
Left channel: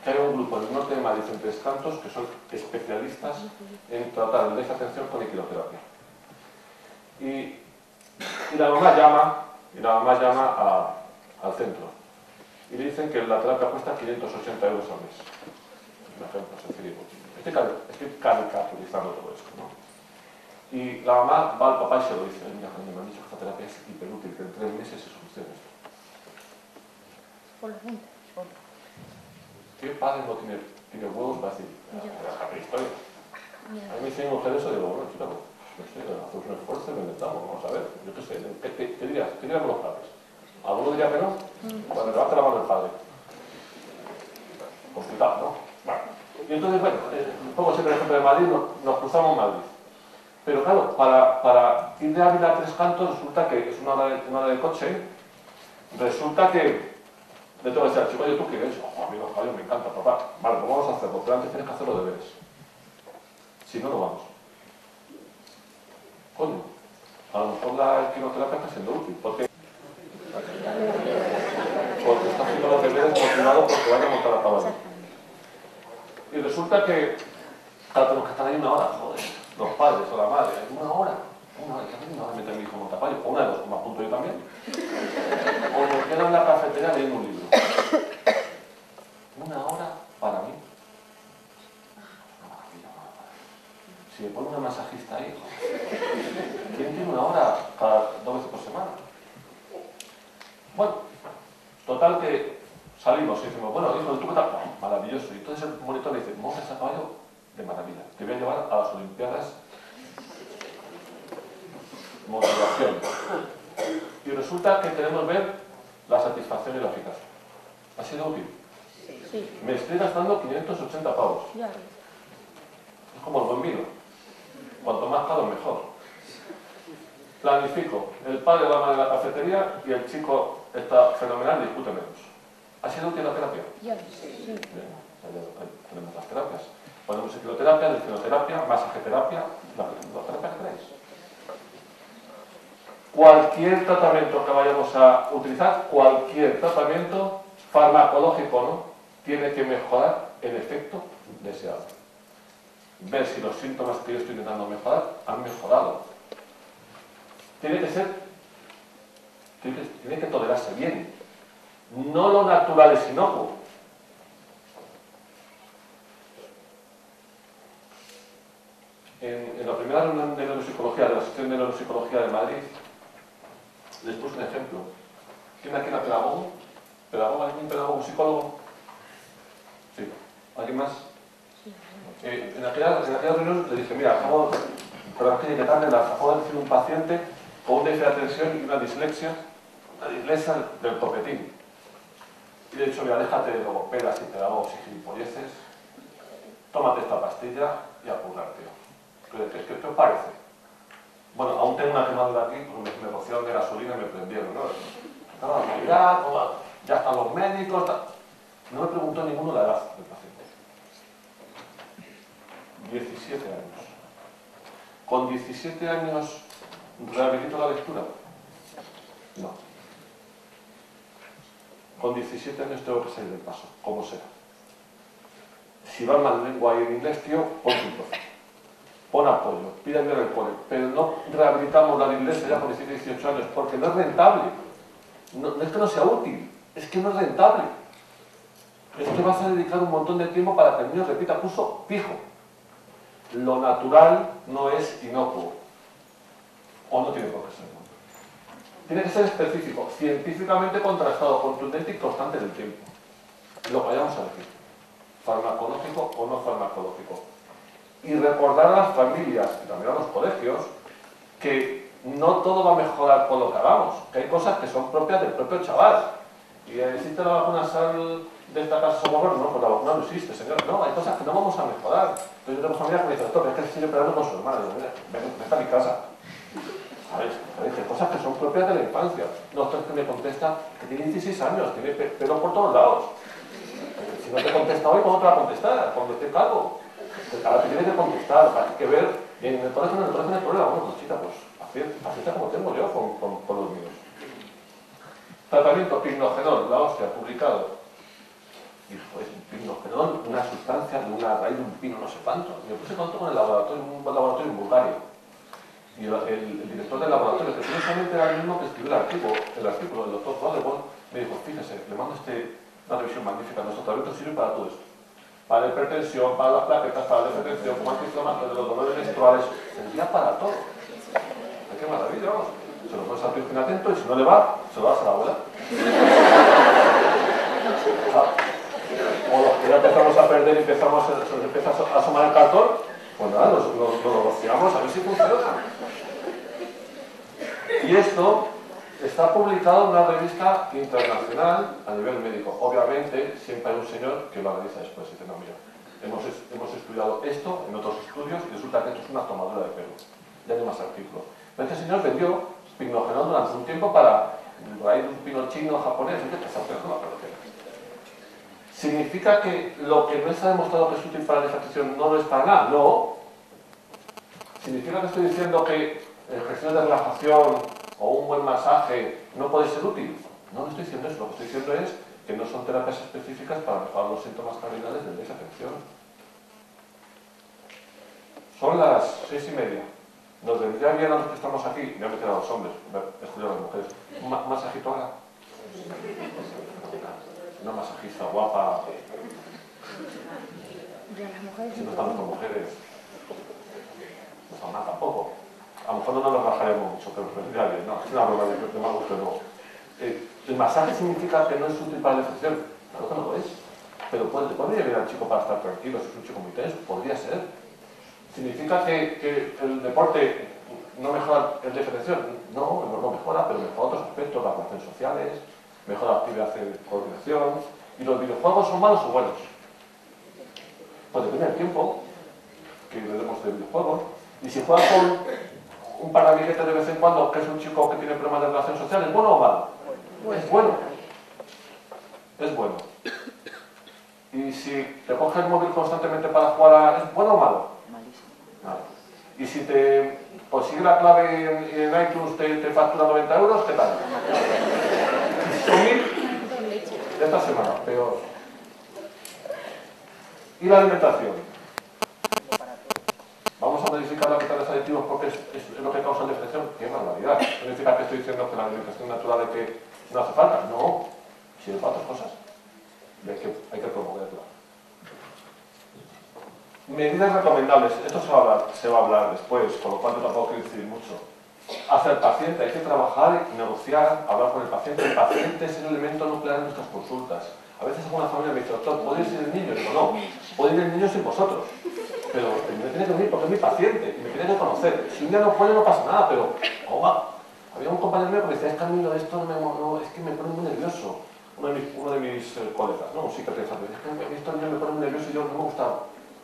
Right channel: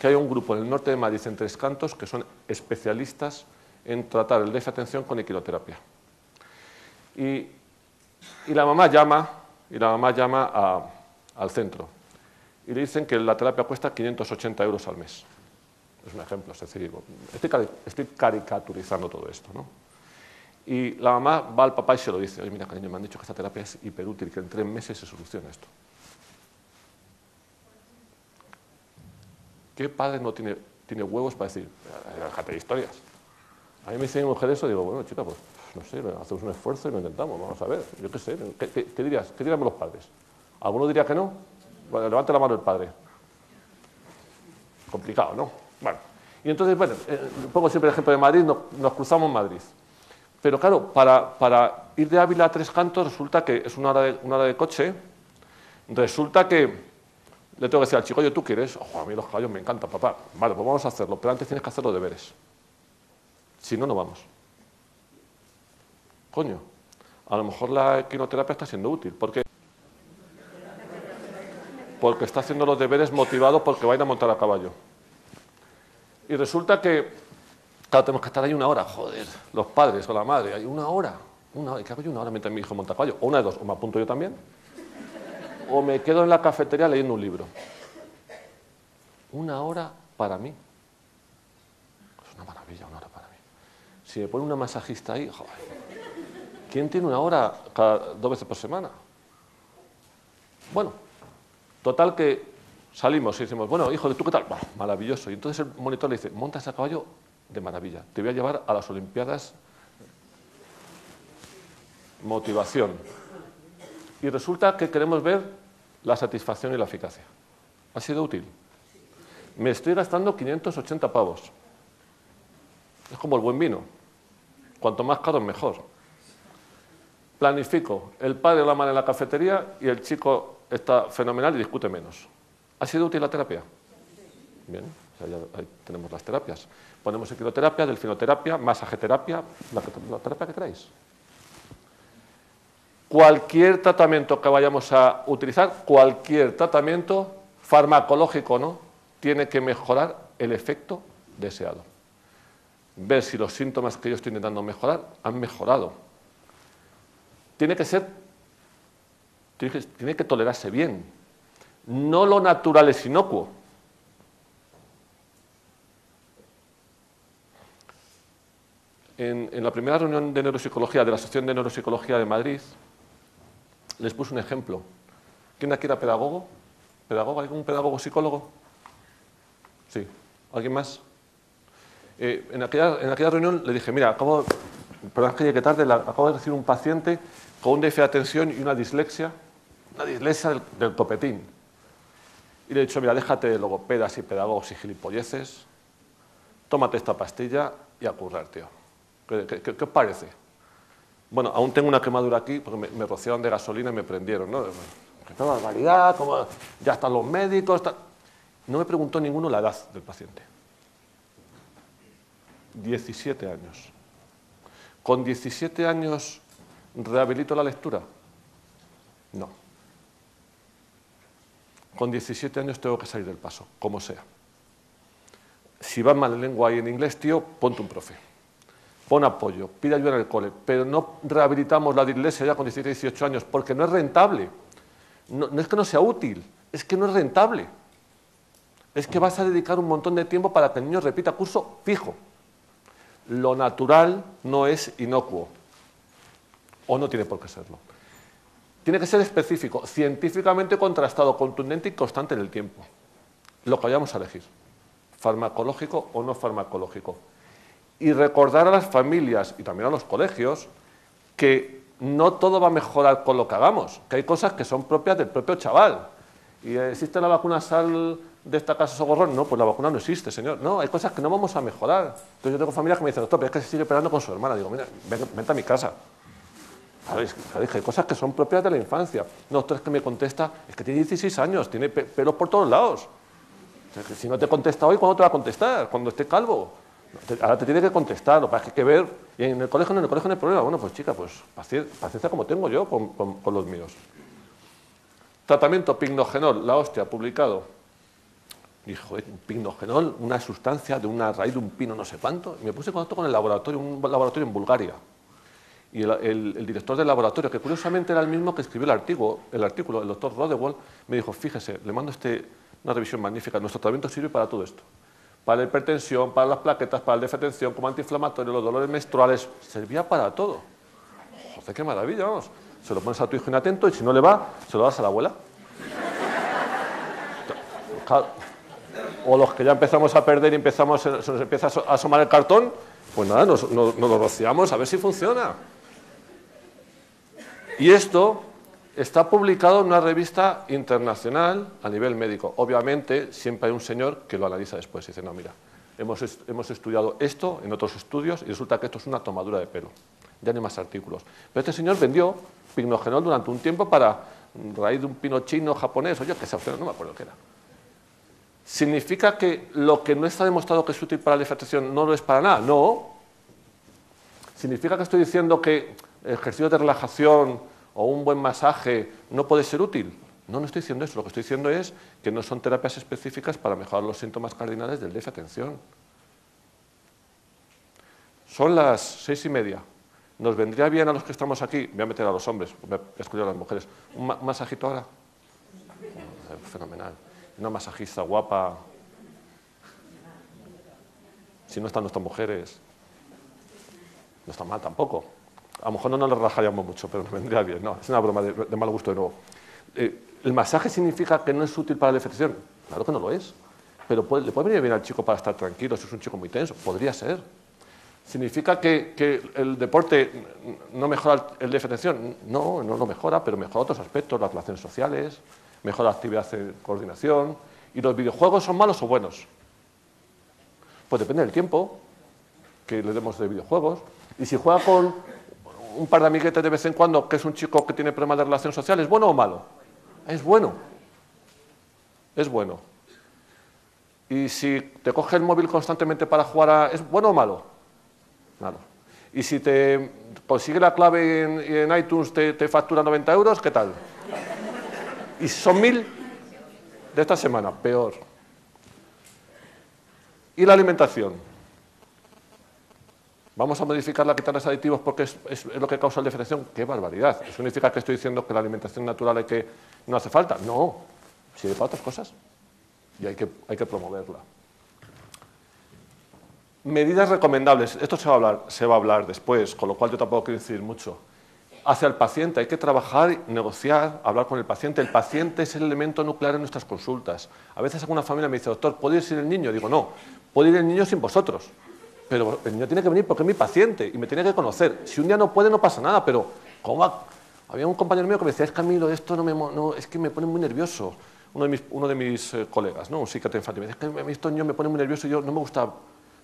que hay un grupo en el norte de Madrid, en Tres Cantos, que son especialistas en tratar el déficit de atención con equinoterapia. Y la mamá llama al centro y le dicen que la terapia cuesta 580 euros al mes. Es un ejemplo, es decir, estoy caricaturizando todo esto, ¿no? Y la mamá va al papá y se lo dice: mira, coño, me han dicho que esta terapia es hiperútil, que en 3 meses se soluciona esto. ¿Qué padre no tiene huevos para decir, déjate de historias? A mí me dice mi mujer eso y digo, bueno, chica, pues no sé, hacemos un esfuerzo y lo intentamos, vamos a ver, yo qué sé, ¿qué dirías? ¿Qué dirían los padres? ¿Alguno diría que no? Bueno, levante la mano el padre. Complicado, ¿no? Bueno, y entonces, bueno, pongo siempre el ejemplo de Madrid, nos cruzamos en Madrid. Pero claro, para ir de Ávila a Tres Cantos resulta que es una hora de coche, resulta que le tengo que decir al chico: oye, ¿tú quieres? A mí los caballos me encantan, papá. Vale, pues vamos a hacerlo, pero antes tienes que hacer los deberes. Si no, no vamos. Coño, a lo mejor la quimioterapia está siendo útil. Porque está haciendo los deberes motivado porque va a ir a montar a caballo. Y resulta que, claro, tenemos que estar ahí 1 hora, joder, los padres o la madre, hay 1 hora. Una hora, ¿qué hago yo una hora mientras mi hijo monta a caballo? O una de dos, o me apunto yo también, o me quedo en la cafetería leyendo un libro. Una hora para mí. Es una maravilla, una hora para mí. Si me pone una masajista ahí, joder. ¿Quién tiene una hora cada 2 veces por semana? Bueno, total que salimos y decimos, bueno, hijo, ¿tú qué tal? Oh, maravilloso. Y entonces el monitor le dice, montas a caballo de maravilla. Te voy a llevar a las Olimpiadas. Motivación. Y resulta que queremos ver la satisfacción y la eficacia. ¿Ha sido útil? Sí. Me estoy gastando 580 pavos. Es como el buen vino. Cuanto más caro, mejor. Planifico. El padre va mal en la cafetería y el chico está fenomenal y discute menos. ¿Ha sido útil la terapia? Sí. Bien, ya tenemos las terapias. Ponemos equiloterapia, delfinoterapia, masajeterapia, la terapia que queráis. Cualquier tratamiento que vayamos a utilizar, cualquier tratamiento farmacológico, ¿no?, tiene que mejorar el efecto deseado. Ver si los síntomas que yo estoy intentando mejorar han mejorado. Tiene que tolerarse bien. No lo natural es inocuo. En la primera reunión de neuropsicología, de la sección de neuropsicología de Madrid, les puse un ejemplo. ¿Quién aquí era pedagogo? ¿Pedagogo? ¿Algún pedagogo psicólogo? Sí. ¿Alguien más? En aquella reunión le dije, mira, perdón que llegué tarde, acabo de recibir un paciente con un déficit de atención y una dislexia del copetín. Y le he dicho, mira, déjate de logopedas y pedagogos y gilipolleces, tómate esta pastilla y a currar, tío. ¿Qué os parece? Bueno, aún tengo una quemadura aquí porque me rociaron de gasolina y me prendieron, ¿no? Toda la realidad, ya están los médicos. No me preguntó ninguno la edad del paciente. 17 años. ¿Con 17 años rehabilito la lectura? No. Con 17 años tengo que salir del paso, como sea. Si vas mal en lengua y en inglés, tío, ponte un profe. Pon apoyo, pide ayuda en el cole, pero no rehabilitamos la dislexia ya con 17, 18 años, porque no es rentable. No es que no sea útil, es que no es rentable. Es que vas a dedicar un montón de tiempo para que el niño repita curso fijo. Lo natural no es inocuo, o no tiene por qué serlo. Tiene que ser específico, científicamente contrastado, contundente y constante en el tiempo. Lo que vayamos a elegir, farmacológico o no farmacológico. Y recordar a las familias y también a los colegios que no todo va a mejorar con lo que hagamos, que hay cosas que son propias del propio chaval. ¿Y existe la vacuna sal de esta casa soborrón? No, pues la vacuna no existe, señor. No, hay cosas que no vamos a mejorar. Entonces yo tengo familia que me dice, doctor, es que se sigue peleando con su hermana. Digo, mira, vete a mi casa. ¿Sabéis? Hay cosas que son propias de la infancia. No, doctor, es que me contesta, es que tiene 16 años, tiene pelos por todos lados. O sea, que si no te contesta hoy, ¿cuándo te va a contestar? Cuando esté calvo. Ahora te tiene que contestar, hay que ver. Y en el colegio no hay problema. Bueno, pues chica, pues paciencia como tengo yo con los míos. Tratamiento pignogenol, la hostia, publicado. Y joder, un pignogenol, una sustancia de una raíz de un pino no sé cuánto. Me puse en contacto con un laboratorio en Bulgaria. Y el director del laboratorio, que curiosamente era el mismo que escribió el artículo, el doctor Roderwald, me dijo, fíjese, le mando una revisión magnífica, nuestro tratamiento sirve para todo esto. Para la hipertensión, para las plaquetas, para la defetención, como antiinflamatorio, los dolores menstruales, servía para todo. O sea, qué maravilla, vamos. Se lo pones a tu hijo inatento y si no le va, se lo das a la abuela. O los que ya empezamos a perder y se nos empieza a asomar el cartón, pues nada, nos lo rociamos a ver si funciona. Y esto está publicado en una revista internacional a nivel médico. Obviamente, siempre hay un señor que lo analiza después y dice, no, mira, hemos estudiado esto en otros estudios y resulta que esto es una tomadura de pelo. Ya no hay más artículos. Pero este señor vendió pignogenol durante un tiempo para raíz de un pino chino, japonés, oye, que se hace, no, pero ¿qué? ¿Significa que lo que no está demostrado que es útil para la defecación no lo es para nada? No. ¿Significa que estoy diciendo que ejercicios de relajación o un buen masaje no puede ser útil? No estoy diciendo eso. Lo que estoy diciendo es que no son terapias específicas para mejorar los síntomas cardinales del déficit de atención. Son las 6:30. Nos vendría bien a los que estamos aquí, me voy a meter a los hombres, me voy a excluir a las mujeres, un masajito ahora. Fenomenal. Una masajista guapa. Si no están nuestras mujeres, no están mal tampoco. A lo mejor no nos bajaríamos mucho, pero nos vendría bien. No, es una broma de mal gusto de nuevo. ¿El masaje significa que no es útil para la defección? Claro que no lo es. Pero le puede venir bien al chico para estar tranquilo si es un chico muy tenso. Podría ser. ¿Significa que el deporte no mejora el defección? No, no lo mejora, pero mejora otros aspectos, las relaciones sociales, mejora la actividad de coordinación. ¿Y los videojuegos son malos o buenos? Pues depende del tiempo que le demos de videojuegos. Y si juega con un par de amiguetes de vez en cuando, que es un chico que tiene problemas de relaciones sociales, ¿es bueno o malo? Es bueno. Es bueno. Y si te coge el móvil constantemente para jugar, ¿es bueno o malo? Malo. Y si te consigue la clave en iTunes, te factura 90 euros, ¿qué tal? Y si son 1000 de esta semana, peor. ¿Y la alimentación? ¿Vamos a modificar la quitarles aditivos porque es lo que causa la defección? ¡Qué barbaridad! ¿Eso significa que estoy diciendo que la alimentación natural no hace falta? No, sirve para otras cosas. Y hay que promoverla. Medidas recomendables. Esto se va a hablar después, con lo cual yo tampoco quiero incidir mucho. Hacia el paciente hay que trabajar, negociar, hablar con el paciente. El paciente es el elemento nuclear en nuestras consultas. A veces alguna familia me dice, doctor, ¿puede ir sin el niño? Digo, no, puede ir el niño sin vosotros. Pero el niño tiene que venir porque es mi paciente y me tiene que conocer. Si un día no puede, no pasa nada, pero ¿cómo va? Había un compañero mío que me decía, es que a mí lo de esto es que me pone muy nervioso. Uno de mis colegas, ¿no? Un psiquiatra infantil, es que a mí estos niños me ponen muy nervioso y yo no me gusta.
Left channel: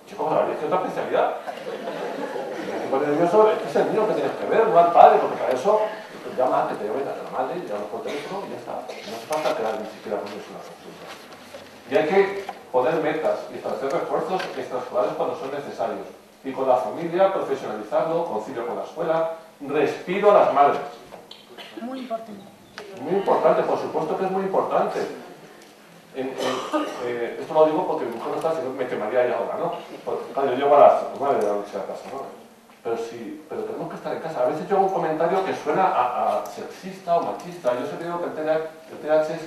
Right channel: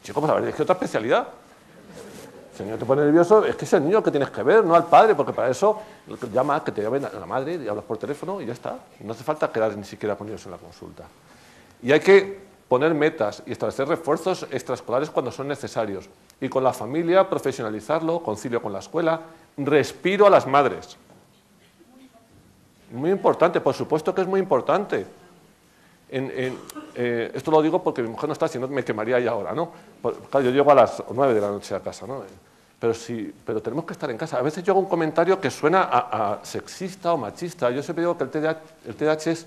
Chico, pues a ver, es que otra especialidad. Si te pone nervioso, es que es el niño que tienes que ver, no al padre, porque para eso llama, que te llamen a la madre, llamas por teléfono y ya está. No hace falta quedar ni siquiera con ellos en la consulta. Y hay que poner metas y establecer refuerzos extraescolares cuando son necesarios. Y con la familia, profesionalizarlo, concilio con la escuela, respiro a las madres. Muy importante. Muy importante, por supuesto que es muy importante. Esto lo digo porque mi mujer no está, si no me quemaría ya ahora, ¿no? Claro, yo llego a las 9 de la noche a casa, ¿no? Pero tenemos que estar en casa. A veces yo hago un comentario que suena a sexista o machista. Yo siempre digo que el TDAH es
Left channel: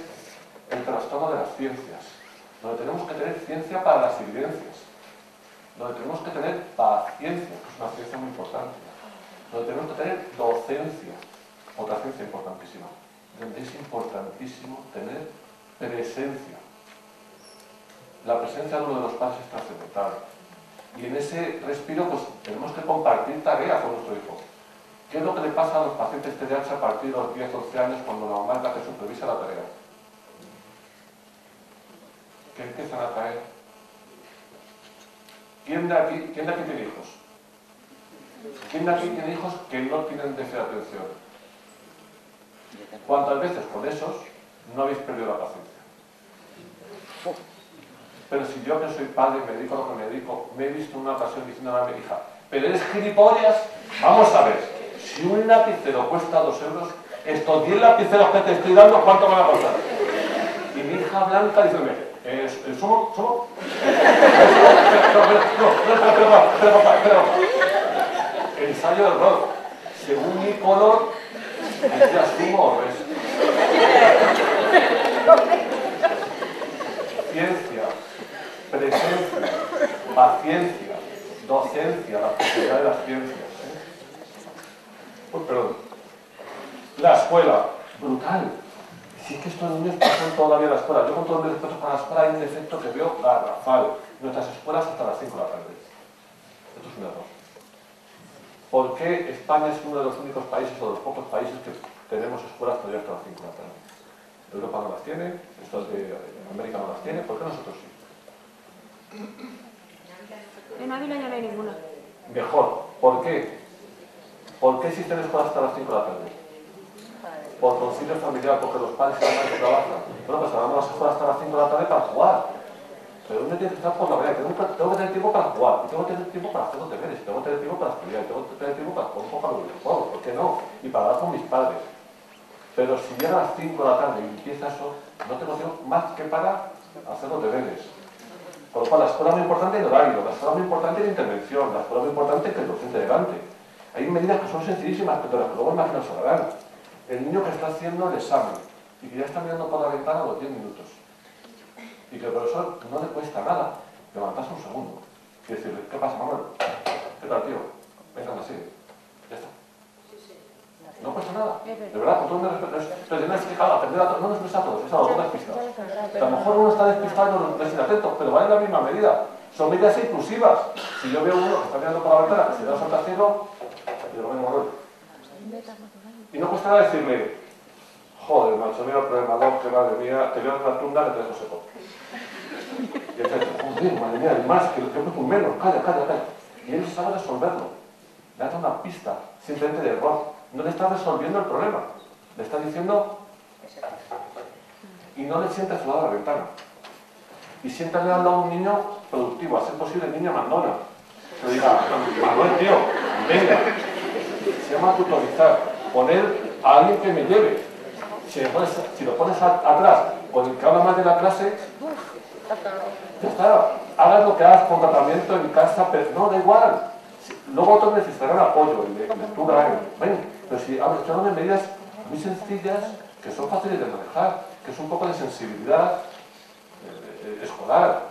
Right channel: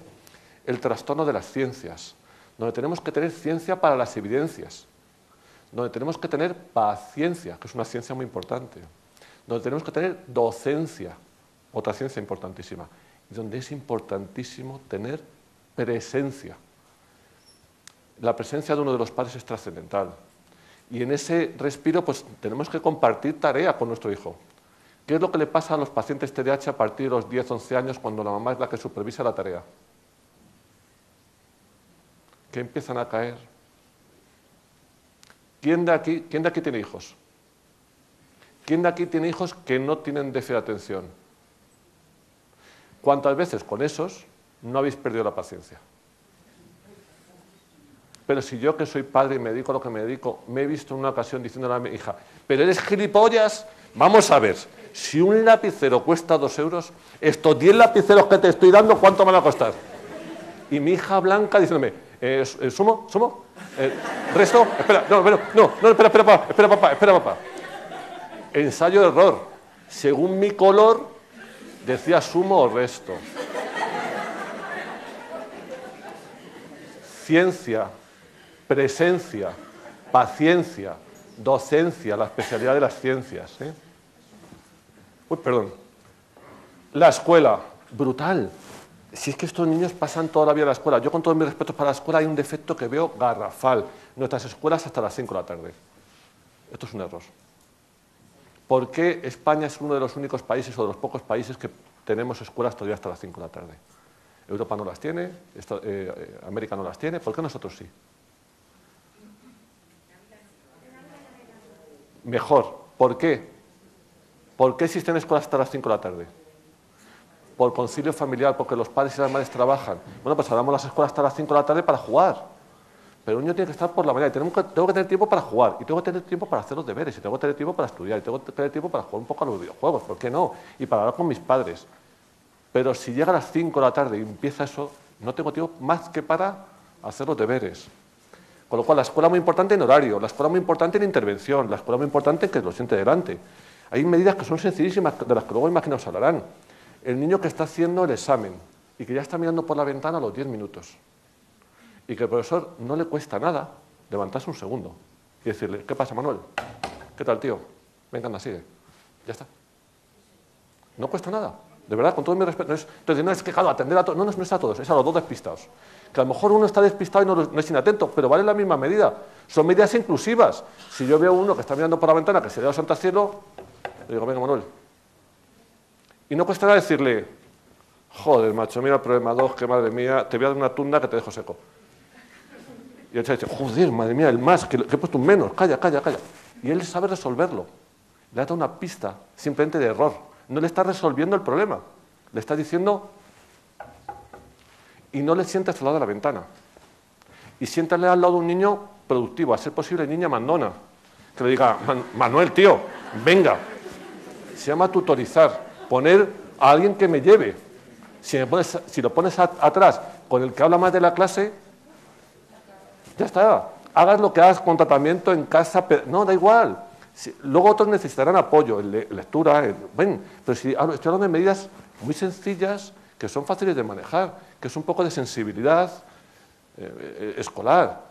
el trastorno de las ciencias, donde tenemos que tener ciencia para las evidencias, donde tenemos que tener paciencia, que es una ciencia muy importante, donde tenemos que tener docencia, otra ciencia importantísima, donde es importantísimo tener presencia. La presencia de uno de los padres es trascendental. Y en ese respiro, pues tenemos que compartir tarea con nuestro hijo. ¿Qué es lo que le pasa a los pacientes TDAH a partir de los 10-11 años cuando la mamá es la que supervisa la tarea? Que empiezan a caer. ¿Quién de aquí tiene hijos? ¿Quién de aquí tiene hijos que no tienen déficit de atención? ¿Cuántas veces con esos no habéis perdido la paciencia? Pero si yo, que soy padre y me dedico a lo que me dedico, me he visto en una ocasión diciendo a mi hija, pero eres gilipollas, vamos a ver, si un lapicero cuesta 2 euros, estos 10 lapiceros que te estoy dando, ¿cuánto van a costar? Y mi hija Blanca diciéndome, ¿sumo? Espera, papá. Ensayo de error. Según mi color, decía sumo o resto. Ciencia, presencia, paciencia, docencia, la especialidad de las ciencias. Perdón. La escuela, brutal. Si es que estos niños pasan toda la vida en la escuela. Yo, con todos mis respetos para la escuela, hay un defecto que veo garrafal. Nuestras escuelas hasta las 5 de la tarde. Esto es un error. ¿Por qué España es uno de los únicos países o de los pocos países que tenemos escuelas todavía hasta las 5 de la tarde? Europa no las tiene, América no las tiene, ¿por qué nosotros sí? En Ávila ya no hay ninguna. Mejor. ¿Por qué? ¿Por qué existen escuelas hasta las 5 de la tarde? Por concilio familiar, porque los padres y las madres trabajan. Bueno, pues ahora las escuelas hasta las 5 de la tarde para jugar. Pero el niño tiene que estar por la mañana. Tengo que tener tiempo para jugar, y tengo que tener tiempo para hacer los deberes, y tengo que tener tiempo para estudiar, y tengo que tener tiempo para jugar un poco a los videojuegos, ¿por qué no? Y para hablar con mis padres. Pero si llega a las 5 de la tarde y empieza eso, no tengo tiempo más que para hacer los deberes. Con lo cual, la escuela es muy importante en horario, la escuela es muy importante en intervención, la escuela es muy importante que el docente delante. Hay medidas que son sencillísimas, de las que luego imagino os hablarán. El niño que está haciendo el examen y que ya está mirando por la ventana a los 10 minutos. Y que al profesor no le cuesta nada levantarse un segundo y decirle, ¿qué pasa, Manuel? ¿Qué tal, tío? Venga, más, sigue. Ya está. No cuesta nada. De verdad, con todo mi respeto. Entonces, no es que cada atender a todos. No es a todos, es a los dos despistados. Que a lo mejor uno está despistado y no es inatento, pero vale la misma medida. Son medidas inclusivas. Si yo veo a uno que está mirando por la ventana, que se ve a Santa Cielo, le digo, venga, Manuel. Y no cuesta nada decirle, joder, macho, mira el problema 2, que madre mía, te voy a dar una tunda que te dejo seco. Y él dice, joder, madre mía, el más, que he puesto un menos, calla. Y él sabe resolverlo. Le ha dado una pista simplemente de error. No le está resolviendo el problema. Le está diciendo... Y no le sientes al lado de la ventana. Y siéntale al lado de un niño productivo, a ser posible niña mandona. Que le diga, Manuel, tío, venga. Se llama tutorizar. Poner a alguien que me lleve. Si lo pones atrás con el que habla más de la clase, ya está. Hagas lo que hagas con tratamiento en casa, pero no, da igual. Luego otros necesitarán apoyo, lectura, bueno, pero si estoy hablando de medidas muy sencillas que son fáciles de manejar, que es un poco de sensibilidad escolar.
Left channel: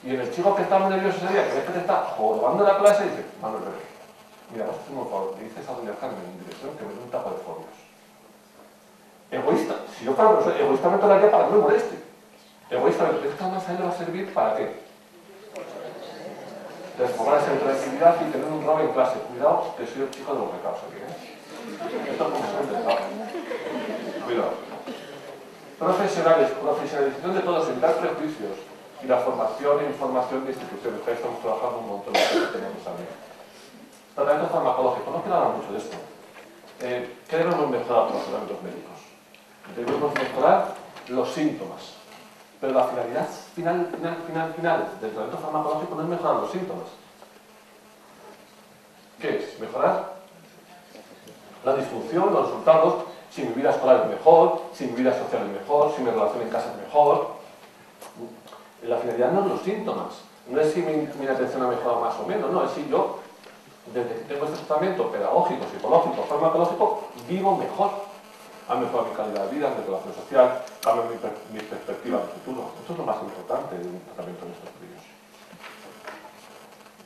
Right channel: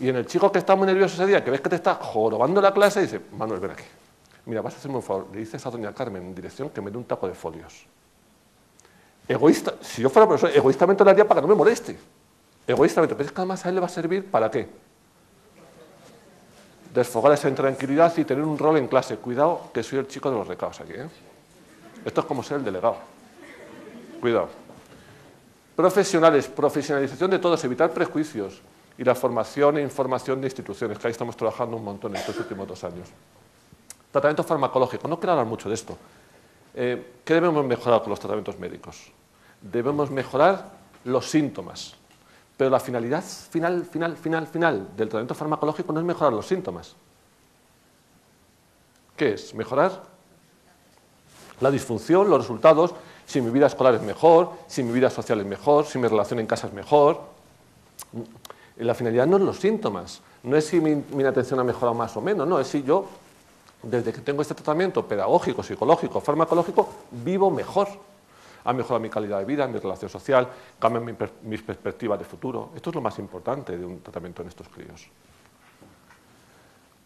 Y en el chico que está muy nervioso ese día, que ves que te está jorobando la clase, dice, Manuel, ven aquí. Mira, vas a hacerme un favor, le dices a doña Carmen en dirección que me dé un tapo de folios. Egoísta, si yo fuera profesor, egoístamente lo haría para que no me moleste. Egoístamente, pero es que además a él le va a servir ¿para qué? Desfogarse en tranquilidad y tener un rol en clase. Cuidado, que soy el chico de los recados aquí, ¿eh? Esto es como ser el delegado. Cuidado. Profesionales, profesionalización de todos, evitar prejuicios y la formación e información de instituciones, que ahí estamos trabajando un montón en estos últimos años. Tratamiento farmacológico, no quiero hablar mucho de esto. ¿Qué debemos mejorar con los tratamientos médicos? Debemos mejorar los síntomas. Pero la finalidad final del tratamiento farmacológico no es mejorar los síntomas. ¿Qué es? Mejorar la disfunción, los resultados, si mi vida escolar es mejor, si mi vida social es mejor, si mi relación en casa es mejor. La finalidad no es los síntomas, no es si mi atención ha mejorado más o menos, no, es si yo, desde que tengo este tratamiento pedagógico, psicológico, farmacológico, vivo mejor. Ha mejorado mi calidad de vida, mi relación social, cambia mis perspectivas de futuro. Esto es lo más importante de un tratamiento en estos críos.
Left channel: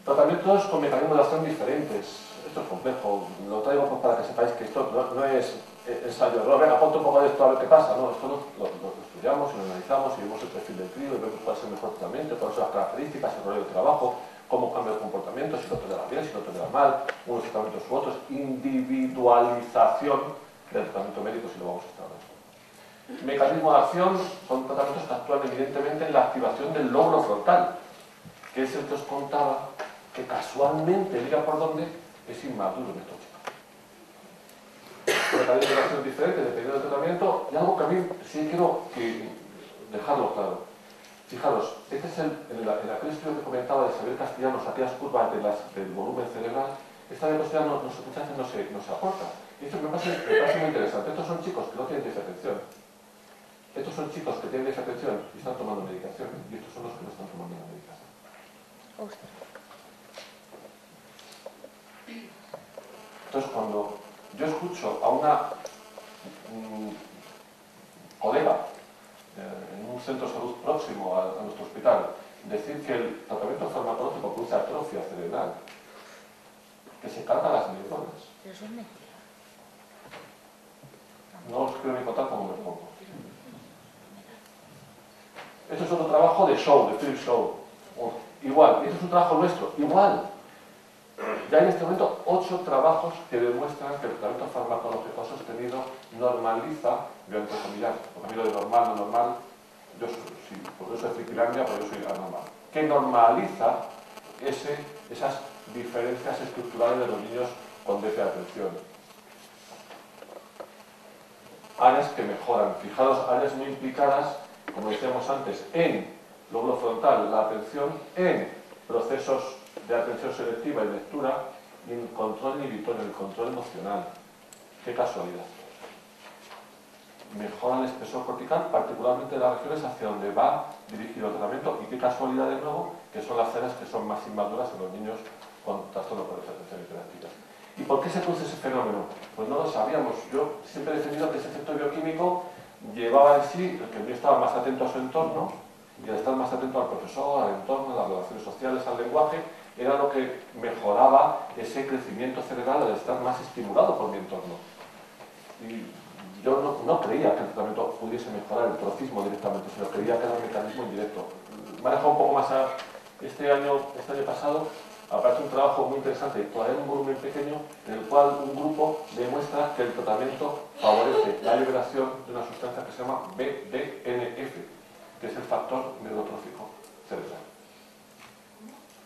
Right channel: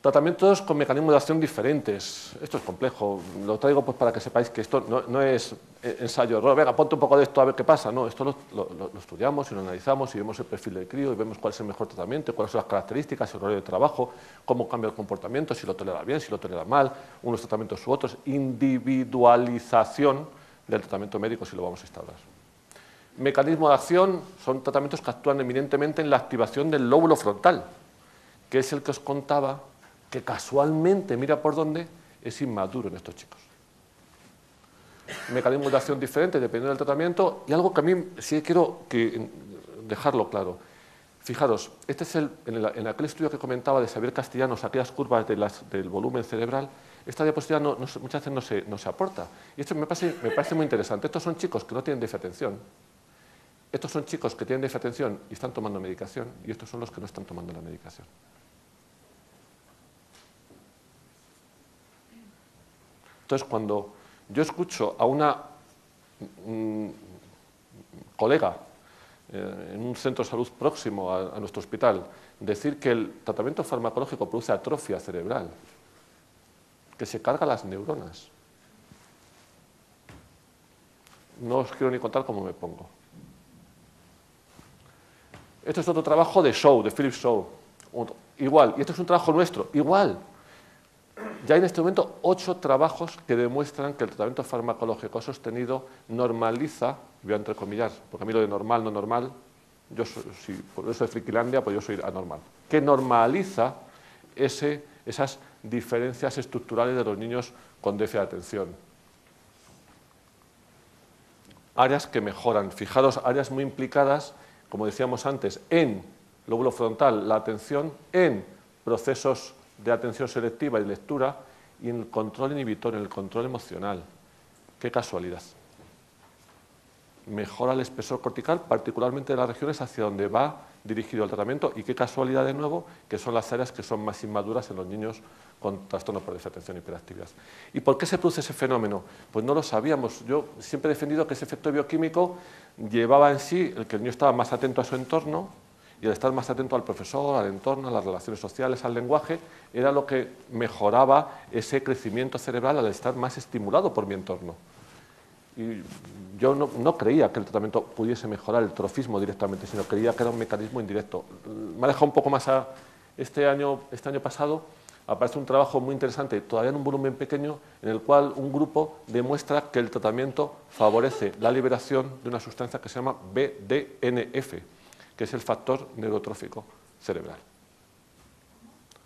Tratamientos con mecanismos de acción diferentes. Esto es complejo. Lo traigo pues para que sepáis que esto no es ensayo-error. Venga, ponte un poco de esto a ver qué pasa. No, esto lo estudiamos y lo analizamos y vemos el perfil del crío y vemos cuál es el mejor tratamiento, cuáles son las características, el horario de trabajo, cómo cambia el comportamiento, si lo tolera bien, si lo tolera mal, unos tratamientos u otros. Individualización del tratamiento médico, si lo vamos a establecer. Mecanismo de acción son tratamientos que actúan eminentemente en la activación del lóbulo frontal, que es el que os contaba, que casualmente, mira por dónde, es inmaduro en estos chicos. Mecanismos de acción diferentes dependiendo del tratamiento, y algo que a mí sí quiero dejarlo claro. Fijaros, este es en aquel estudio que comentaba de Xavier Castellanos, aquellas curvas del volumen cerebral. Esta diapositiva muchas veces no se aporta. Y esto me parece muy interesante. Estos son chicos que no tienen déficit de atención. Estos son chicos que tienen déficit de atención y están tomando medicación. Y estos son los que no están tomando la medicación. Entonces, cuando yo escucho a una colega en un centro de salud próximo a nuestro hospital decir que el tratamiento farmacológico produce atrofia cerebral, que se carga las neuronas. No os quiero ni contar cómo me pongo. Esto es otro trabajo de Shaw, de Philip Shaw. Igual, y esto es un trabajo nuestro, igual. Ya hay en este momento 8 trabajos que demuestran que el tratamiento farmacológico sostenido normaliza, voy a entrecomillar, porque a mí lo de normal, no normal, yo soy, por eso es Friquilandia, pues yo soy anormal, que normaliza esas diferencias estructurales de los niños con déficit de atención. Áreas que mejoran, fijaros, áreas muy implicadas, como decíamos antes, en lóbulo frontal, la atención, en procesos de atención selectiva y lectura, y en control inhibitorio, en el control emocional. ¡Qué casualidad! Mejora el espesor cortical, particularmente en las regiones hacia donde va dirigido el tratamiento, y qué casualidad de nuevo, que son las áreas que son más inmaduras en los niños con trastornos por déficit de atención y hiperactividad. ¿Y por qué se produce ese fenómeno? Pues no lo sabíamos. Yo siempre he defendido que ese efecto bioquímico llevaba en sí el que el niño estaba más atento a su entorno, y al estar más atento al profesor, al entorno, a las relaciones sociales, al lenguaje, era lo que mejoraba ese crecimiento cerebral al estar más estimulado por mi entorno. Y yo no creía que el tratamiento pudiese mejorar el trofismo directamente, sino creía que era un mecanismo indirecto. Me ha dejado un poco más a... Este año pasado aparece un trabajo muy interesante, todavía en un volumen pequeño, en el cual un grupo demuestra que el tratamiento favorece la liberación de una sustancia que se llama BDNF, que es el factor neurotrófico cerebral.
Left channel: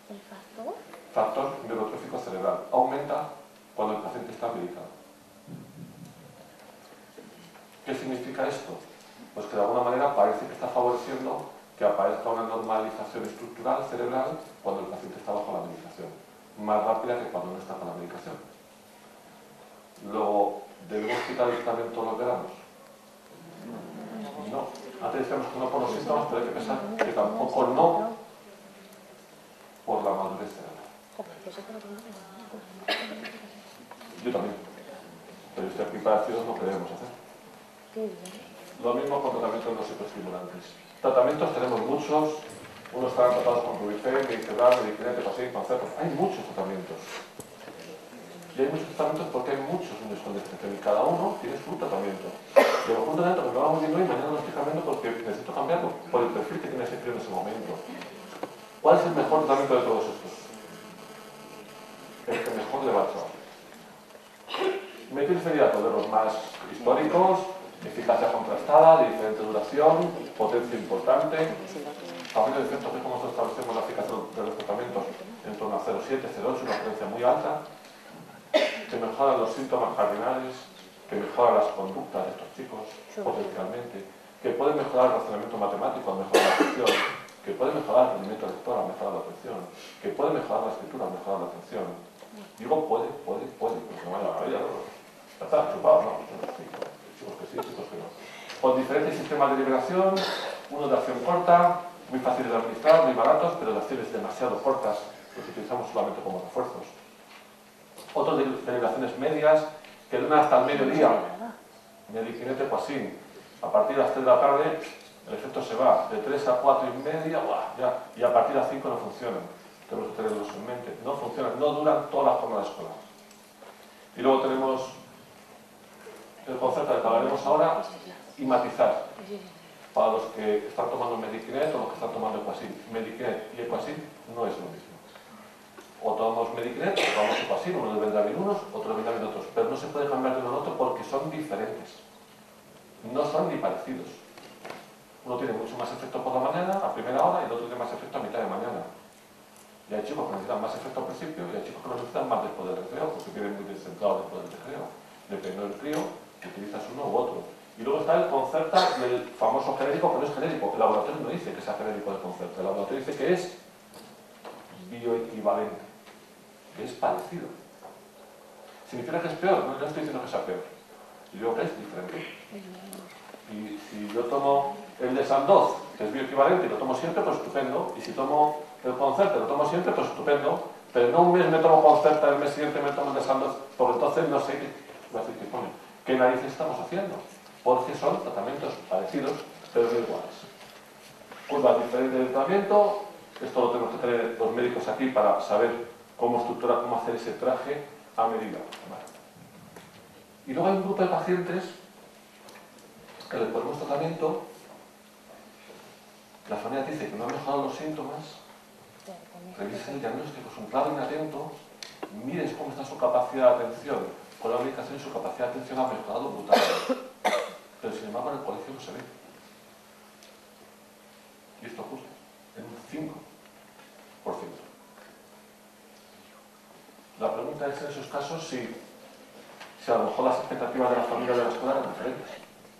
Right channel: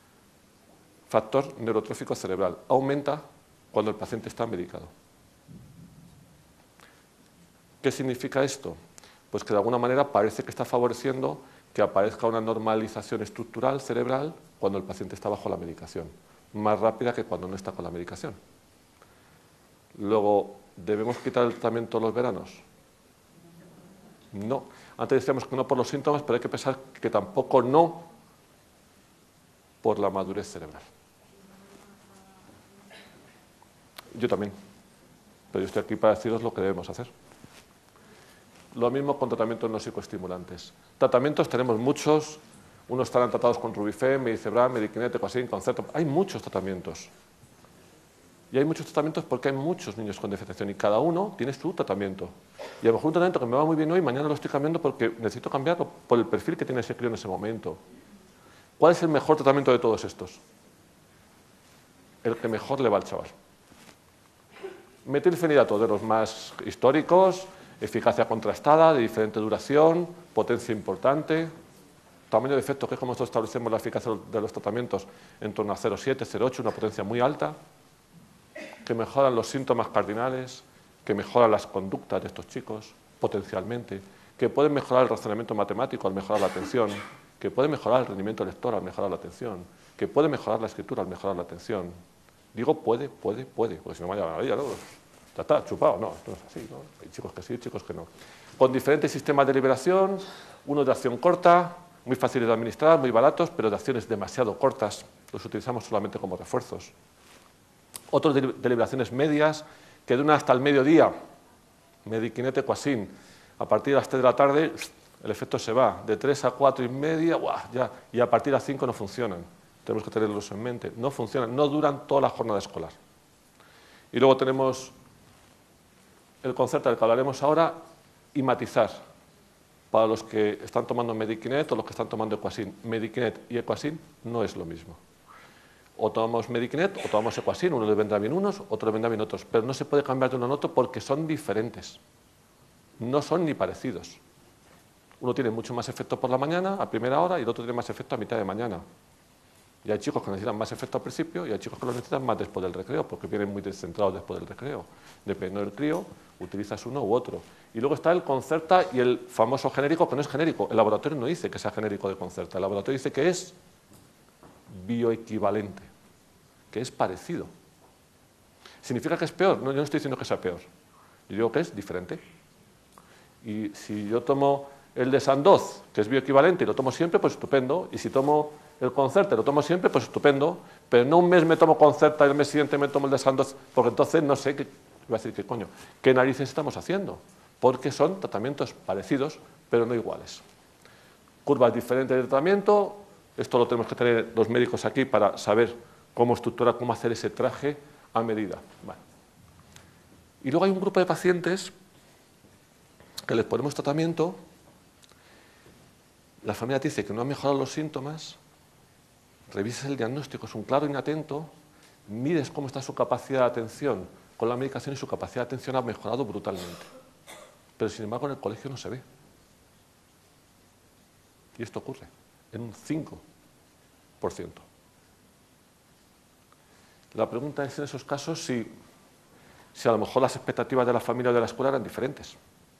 ¿El factor? Factor neurotrófico cerebral. Aumenta cuando el paciente está medicado. ¿Qué significa esto? Pues que de alguna manera parece que está favoreciendo que aparezca una normalización estructural cerebral cuando el paciente está bajo la medicación, más rápida que cuando no está con la medicación. Luego, ¿debemos quitar el tratamiento los veranos? No. Antes decíamos que no por los síntomas, pero hay que pensar que tampoco no por la madurez cerebral. Yo también. Pero yo estoy aquí para deciros lo que debemos hacer. Lo mismo con tratamientos no psicoestimulantes. Tratamientos tenemos muchos. Unos están tratados con Rubifen, Medicebral, Medikinet, Equasin, Concerto. Hay muchos tratamientos. Y hay muchos tratamientos porque hay muchos niños con diferenciación y cada uno tiene su tratamiento. Y a lo mejor un tratamiento que me va muy bien hoy, mañana lo estoy cambiando porque necesito cambiarlo por el perfil que tiene ese crío en ese momento. ¿Cuál es el mejor tratamiento de todos estos? El que mejor le va al chaval. Metilfenidato, de los más históricos, eficacia contrastada, de diferente duración, potencia importante, tamaño de efecto, que es como nosotros establecemos la eficacia de los tratamientos, en torno a 0,7, 0,8, una potencia muy alta, que mejoran los síntomas cardinales, que mejoran las conductas de estos chicos, potencialmente, que pueden mejorar el razonamiento matemático al mejorar la atención, que pueden mejorar el rendimiento lector al mejorar la atención, que pueden mejorar la escritura al mejorar la atención. Digo puede, pues no vaya a la vida, ¿no? Ya está, chupado, no. Sí, hay chicos que sí, chicos que no. Con diferentes sistemas de liberación, unos de acción corta, muy fáciles de administrar, muy baratos, pero de acciones demasiado cortas, los utilizamos solamente como refuerzos. Otros de liberaciones medias, que duran hasta el mediodía, Medikinet, Equasin. A partir de las 3 de la tarde, el efecto se va. De 3 a 4 y media, ya. Y a partir de las 5 no funcionan. Tenemos que tenerlos en mente. No funcionan, no duran toda la jornada escolar. Y luego tenemos el concepto del que hablaremos ahora y matizar. Para los que están tomando Medikinet o los que están tomando Equasin. Medikinet y Equasin no es lo mismo. O tomamos Medikinet o tomamos Equasin, uno les vendrá bien unos, otro les vendrá bien otros, pero no se puede cambiar de uno en otro porque son diferentes, no son ni parecidos. Uno tiene mucho más efecto por la mañana, a primera hora, y el otro tiene más efecto a mitad de mañana. Y hay chicos que necesitan más efecto al principio y hay chicos que lo necesitan más después del recreo, porque vienen muy descentrados después del recreo. Dependiendo del crío, utilizas uno u otro. Y luego está el Concerta y el famoso genérico, que no es genérico. El laboratorio no dice que sea genérico de Concerta, el laboratorio dice que es bioequivalente, que es parecido. ¿Significa que es peor? No, yo no estoy diciendo que sea peor. Yo digo que es diferente. Y si yo tomo el de Sandoz, que es bioequivalente, y lo tomo siempre, pues estupendo. Y si tomo el Concerta y lo tomo siempre, pues estupendo. Pero no un mes me tomo Concerta y el mes siguiente me tomo el de Sandoz, porque entonces no sé qué, iba a decir, ¿qué coño? ¿Qué narices estamos haciendo? Porque son tratamientos parecidos, pero no iguales. Curvas diferentes del tratamiento. Esto lo tenemos que tener los médicos aquí para saber cómo estructurar, cómo hacer ese traje a medida. Vale. Y luego hay un grupo de pacientes que les ponemos tratamiento, la familia te dice que no ha mejorado los síntomas, revisas el diagnóstico, es un claro inatento, mires cómo está su capacidad de atención con la medicación y su capacidad de atención ha mejorado brutalmente. Pero sin embargo en el colegio no se ve. Y esto ocurre en un 5%. La pregunta es en esos casos si a lo mejor las expectativas de la familia de la escuela eran diferentes.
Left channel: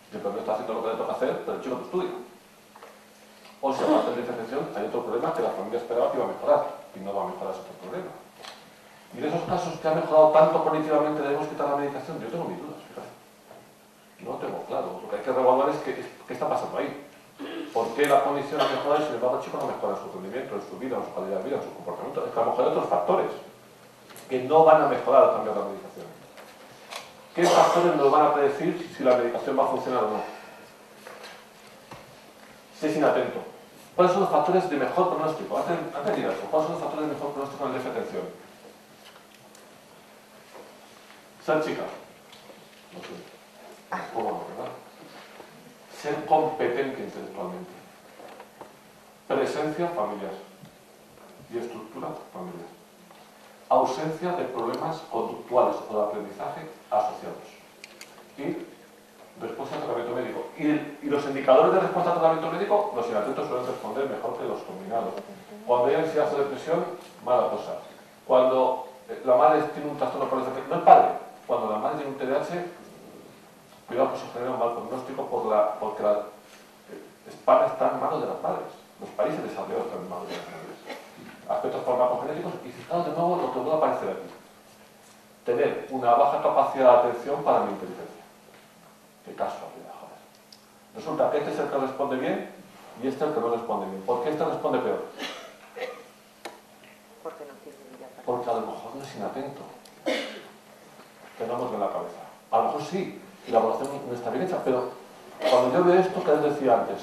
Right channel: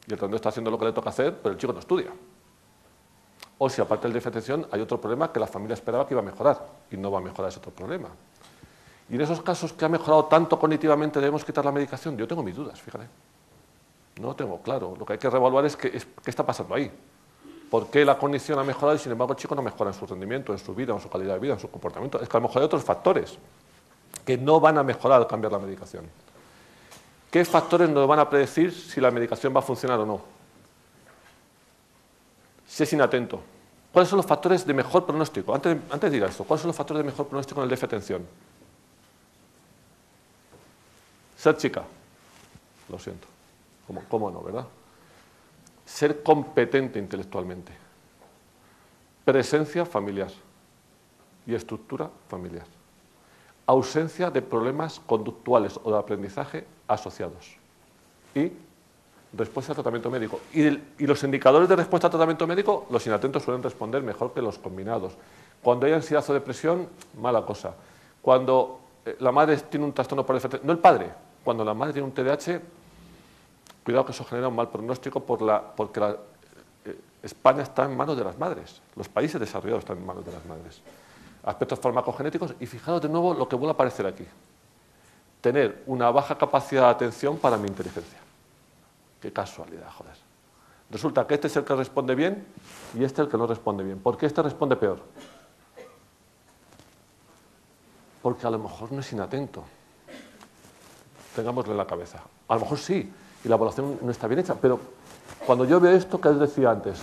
Y el tratamiento está haciendo lo que le toca hacer, pero el chico no estudia. O si aparte de la diferenciación hay otro problema que la familia esperaba que iba a mejorar y no va a mejorar ese otro problema. Y en esos casos que ha mejorado tanto cognitivamente debemos quitar la medicación. Yo tengo mis dudas, fíjate. No lo tengo claro. Lo que hay que revaluar es qué está pasando ahí. ¿Por qué la cognición ha mejorado y sin embargo el chico no mejora en su rendimiento, en su vida, en su calidad de vida, en su comportamiento? Es que a lo mejor hay otros factores. que no van a mejorar al cambiar la medicación. ¿Qué factores nos van a predecir si la medicación va a funcionar o no? Si es inatento. ¿Cuáles son los factores de mejor pronóstico? Antes de ir a esto, ¿cuáles son los factores de mejor pronóstico en el déficit de atención? Ser chica. Lo siento. ¿Cómo no, verdad? Ser competente intelectualmente. Presencia familiar. Y estructura familiar. Ausencia de problemas conductuales o de aprendizaje asociados. Y respuesta al tratamiento médico. Y los indicadores de respuesta al tratamiento médico, los inatentos suelen responder mejor que los combinados. Cuando hay ansiedad o depresión, mala cosa. Cuando la madre tiene un trastorno por el no el padre, cuando la madre tiene un TDAH, cuidado que eso genera un mal pronóstico porque España está en manos de las madres. Los países desarrollados están en manos de las madres. Aspectos farmacogenéticos, y fijaros de nuevo lo que vuelve a aparecer aquí. Tener una baja capacidad de atención para mi inteligencia. Qué casualidad, joder. Resulta que este es el que responde bien y este es el que no responde bien. ¿Por qué este responde peor? Porque a lo mejor no es inatento. Tengámoslo en la cabeza. A lo mejor sí, y la evaluación no está bien hecha, pero cuando yo veo esto que les decía antes,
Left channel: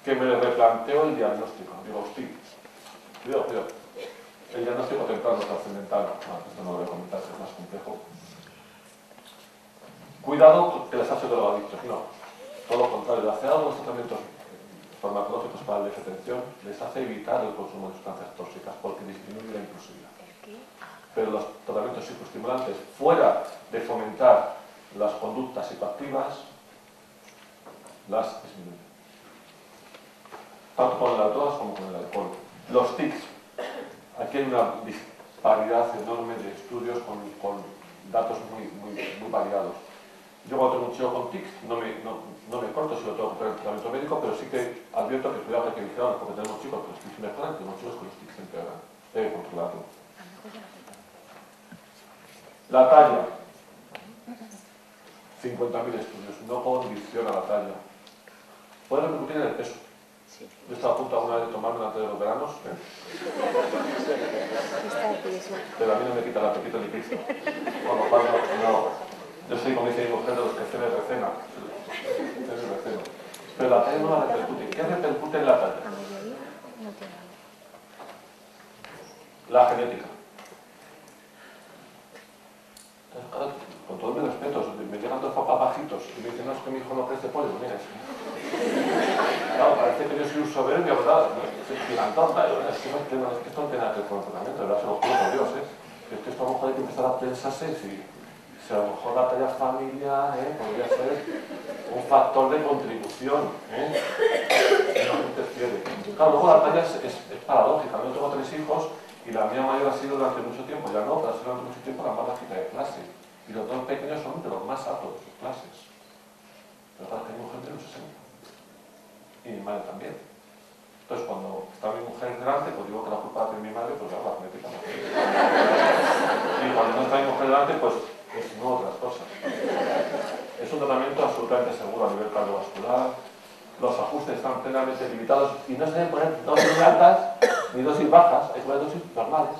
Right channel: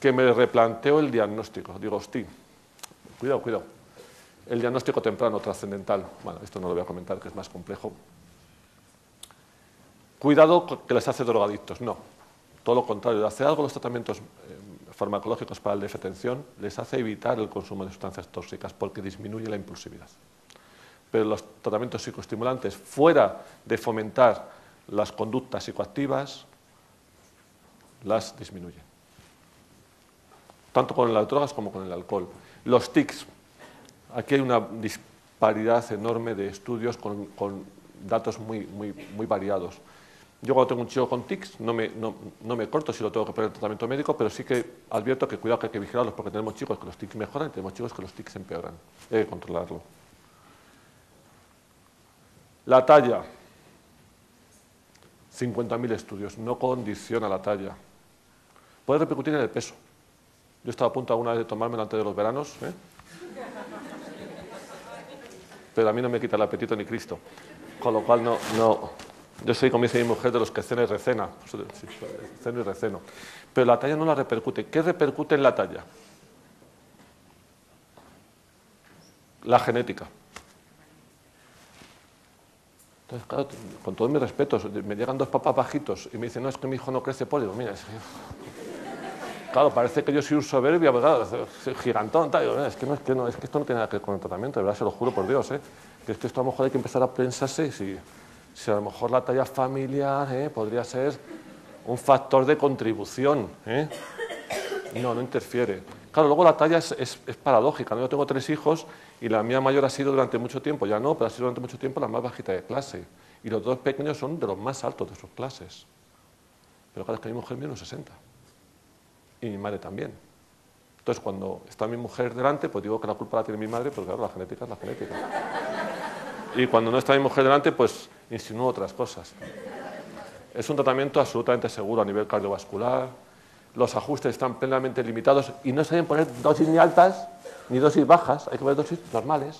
que me replanteo el diagnóstico, digo, hostia, cuidado. El diagnóstico temprano trascendental, bueno, esto no lo voy a comentar, que es más complejo. Cuidado que les hace drogadictos, no. Todo lo contrario, el hacer algo de los tratamientos farmacológicos para el déficit de atención les hace evitar el consumo de sustancias tóxicas porque disminuye la impulsividad. Pero los tratamientos psicoestimulantes, fuera de fomentar las conductas psicoactivas, las disminuyen. Tanto con las drogas como con el alcohol. Los tics. Aquí hay una disparidad enorme de estudios con datos muy variados. Yo cuando tengo un chico con tics no me corto si lo tengo que poner en tratamiento médico, pero sí que advierto que cuidado que hay que vigilarlos porque tenemos chicos que los tics mejoran y tenemos chicos que los tics empeoran. Hay que controlarlo. La talla. 50.000 estudios. No condiciona la talla. Puede repercutir en el peso. Yo estaba a punto alguna vez de tomármelo antes de los veranos, pero a mí no me quita el apetito ni Cristo. Con lo cual no. Yo soy, como dice mi mujer, de los que cena y recena. Cena y receno. Pero la talla no la repercute. ¿Qué repercute en la talla? La genética. Entonces, claro, con todos mis respetos, me llegan dos papás bajitos y me dicen, no, es que mi hijo no crece pollo. Mira, claro, parece que yo soy un soberbio, ¿verdad? Gigantón, tal. Es que esto no tiene nada que ver con el tratamiento, de verdad, se lo juro por Dios, que esto a lo mejor hay que empezar a pensarse si a lo mejor la talla familiar podría ser un factor de contribución, y no interfiere. Claro, luego la talla es paradójica, ¿no? Yo tengo 3 hijos y la mía mayor ha sido durante mucho tiempo, ya no, pero ha sido durante mucho tiempo la más bajita de clase. Y los 2 pequeños son de los más altos de sus clases. Pero claro, que mi mujer mide los 60. Y mi madre también. Entonces, cuando está mi mujer delante, pues digo que la culpa la tiene mi madre, pues claro, la genética es la genética. Y cuando no está mi mujer delante, pues insinúo otras cosas. Es un tratamiento absolutamente seguro a nivel cardiovascular. Los ajustes están plenamente limitados y no se deben poner dosis ni altas ni dosis bajas, hay que poner dosis normales.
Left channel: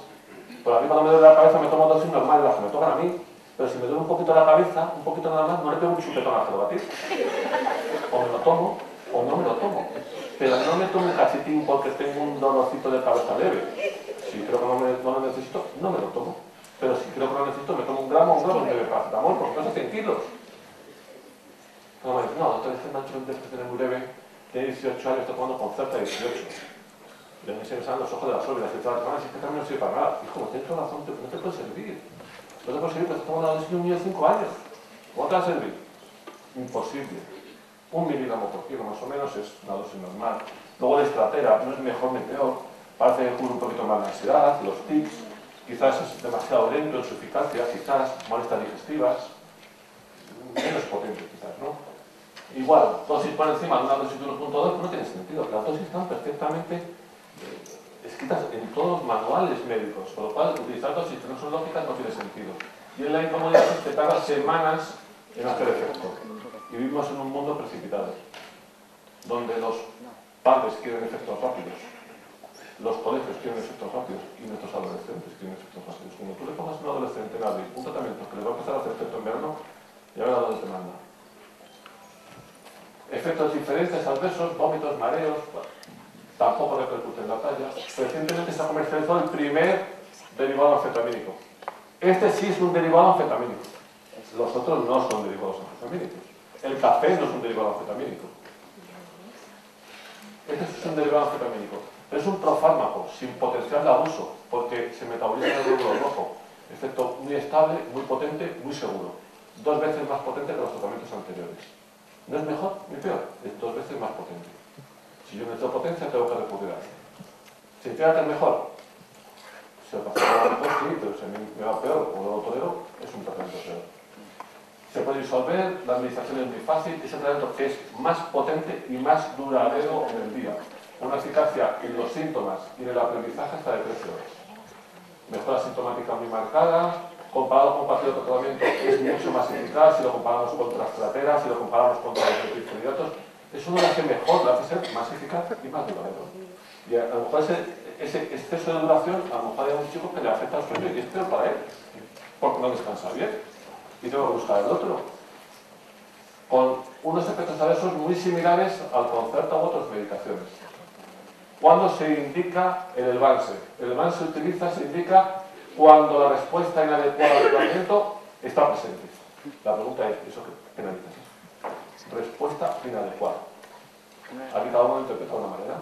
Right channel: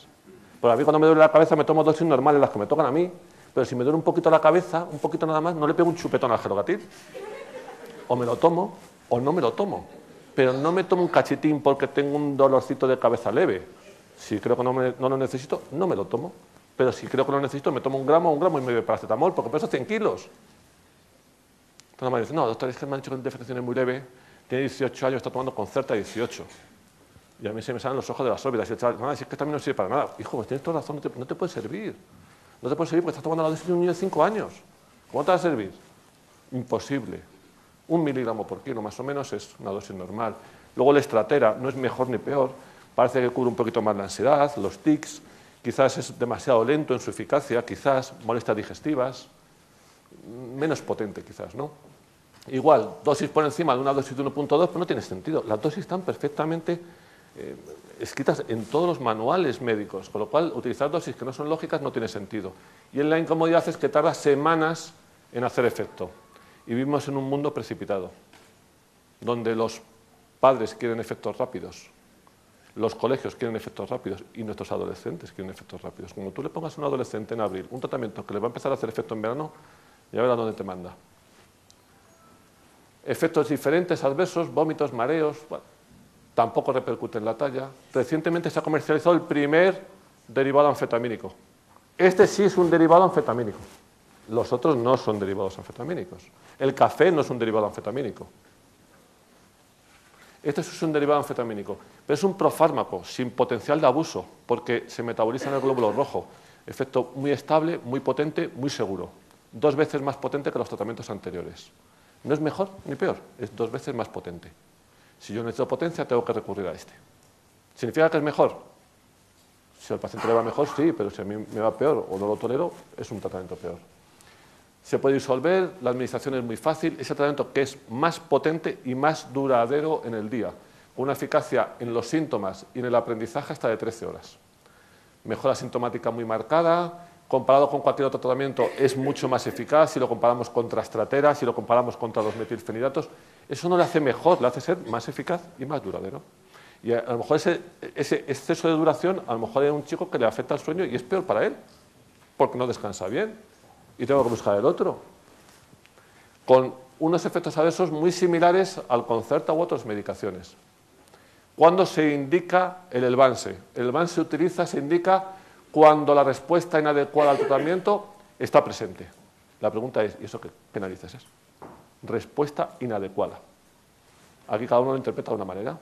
Por a mí cuando me duele la cabeza me tomo dosis normales, las que me tocan a mí, pero si me duele un poquito la cabeza, un poquito nada más, no le pego un chupetón al Gerobatil. O me lo tomo o no me lo tomo. Pero no me tomo un cachetín porque tengo un dolorcito de cabeza leve. Si creo que no lo necesito, no me lo tomo. Pero si creo que lo necesito, me tomo un gramo y me bebo paracetamol, porque peso 100 kilos. Entonces me dice, no, doctor, es que me han hecho una infección muy leve, tiene 18 años, está tomando Concerta 18. Y a mí se me salen los ojos de las órbitas. Y el chaval, no, es que también no sirve para nada. Hijo, tienes toda razón, no te puede servir. No te puede servir porque estás tomando la dosis de un niño de 5 años. ¿Cómo te va a servir? Imposible. 1 miligramo por kilo más o menos es una dosis normal. Luego el estratera no es mejor ni peor. Parece que cubre un poquito más la ansiedad, los tics. Quizás es demasiado lento en su eficacia, quizás molestias digestivas. Menos potente quizás, ¿no? Igual, dosis por encima de una dosis de 1.2 no tiene sentido. Las dosis están perfectamente escritas en todos los manuales médicos, con lo cual utilizar dosis que no son lógicas no tiene sentido. Y en la incomodidad es que tarda semanas en hacer efecto. Y vivimos en un mundo precipitado, donde los padres quieren efectos rápidos. los colegios quieren efectos rápidos y nuestros adolescentes quieren efectos rápidos. Como tú le pongas a un adolescente en abril un tratamiento que le va a empezar a hacer efecto en verano, ya verás dónde te manda. Efectos diferentes, adversos, vómitos, mareos, bueno, tampoco repercute en la talla. Recientemente se ha comercializado el primer derivado anfetamínico. Este sí es un derivado anfetamínico. Los otros no son derivados anfetamínicos. El café no es un derivado anfetamínico. Este sí es un derivado anfetamínico. Pero es un profármaco sin potencial de abuso, porque se metaboliza en el glóbulo rojo. Efecto muy estable, muy potente, muy seguro. 2 veces más potente que los tratamientos anteriores. No es mejor ni peor, es 2 veces más potente. Si yo necesito potencia, tengo que recurrir a este. ¿Significa que es mejor? Si el paciente va mejor, sí, pero si a mí me va peor o no lo tolero, es un tratamiento peor. Se puede disolver, la administración es muy fácil, es el tratamiento que es más potente y más duradero en el día. Una eficacia en los síntomas y en el aprendizaje hasta de 13 horas. Mejora sintomática muy marcada, comparado con cualquier otro tratamiento es mucho más eficaz si lo comparamos contra Strattera, si lo comparamos contra los metilfenidatos. Eso no le hace mejor, le hace ser más eficaz y más duradero. Y a lo mejor ese exceso de duración, a lo mejor hay un chico que le afecta el sueño y es peor para él, porque no descansa bien y tengo que buscar el otro. Con unos efectos adversos muy similares al Concerta u otras medicaciones. ¿Cuándo se indica el Elvanse? El Elvanse se indica cuando la respuesta inadecuada al tratamiento está presente. La pregunta es, ¿eso qué narices es? Respuesta inadecuada. Aquí cada uno lo interpreta de una manera.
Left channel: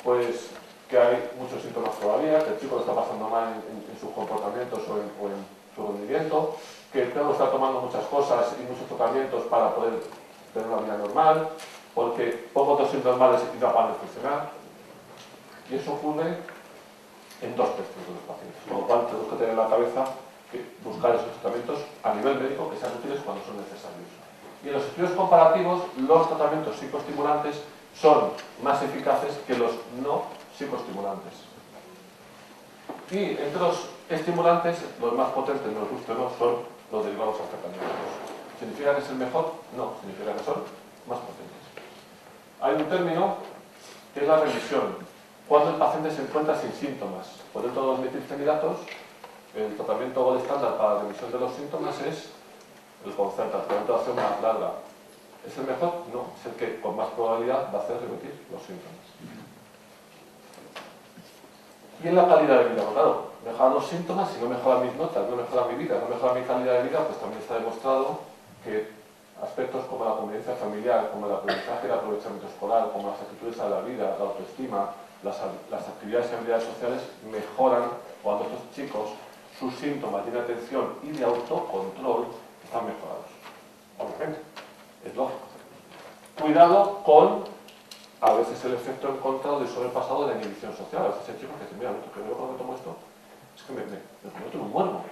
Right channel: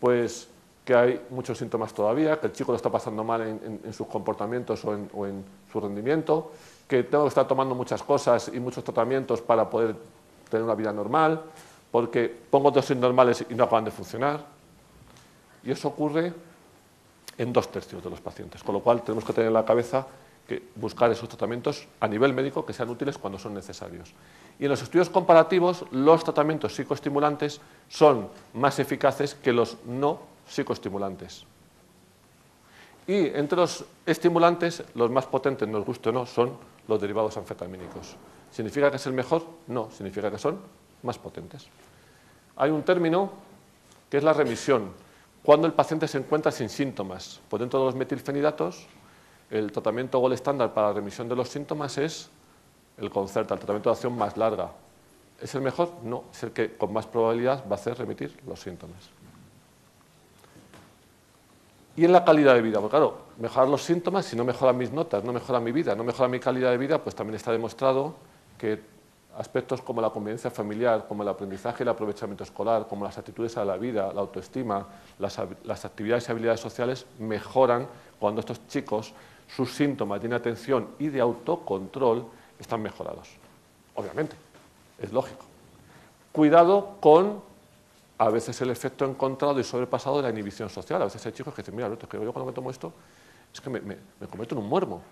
Pues que hay muchos síntomas todavía, que el chico lo está pasando mal en sus comportamientos o en su rendimiento, que tengo que estar tomando muchas cosas y muchos tratamientos para poder tener una vida normal, porque pongo dosis normales y no acaban de funcionar. Y eso ocurre en 2 tercios de los pacientes, con lo cual tenemos que tener en la cabeza que buscar esos tratamientos a nivel médico que sean útiles cuando son necesarios. Y en los estudios comparativos, los tratamientos psicoestimulantes son más eficaces que los no psicoestimulantes. Y entre los estimulantes, los más potentes, nos guste o no, son los derivados anfetamínicos. ¿Significa que es el mejor? No, significa que son más potentes. Hay un término que es la remisión. Cuando el paciente se encuentra sin síntomas. Pues dentro de los metilfenidatos, el tratamiento gold estándar para la remisión de los síntomas es el Concerta, el tratamiento de acción más larga. ¿Es el mejor? No, es el que con más probabilidad va a hacer remitir los síntomas. Y en la calidad de vida, bueno, claro, mejorar los síntomas, si no mejora mis notas, no mejora mi vida, no mejora mi calidad de vida, pues también está demostrado que aspectos como la convivencia familiar, como el aprendizaje y el aprovechamiento escolar, como las actitudes a la vida, la autoestima, las actividades y habilidades sociales mejoran cuando estos chicos, sus síntomas de inatención y de autocontrol están mejorados. Obviamente, es lógico. Cuidado con, a veces, el efecto encontrado y sobrepasado de la inhibición social. A veces hay chicos que dicen, mira, que yo cuando tomo esto es que me convierto en un muermo.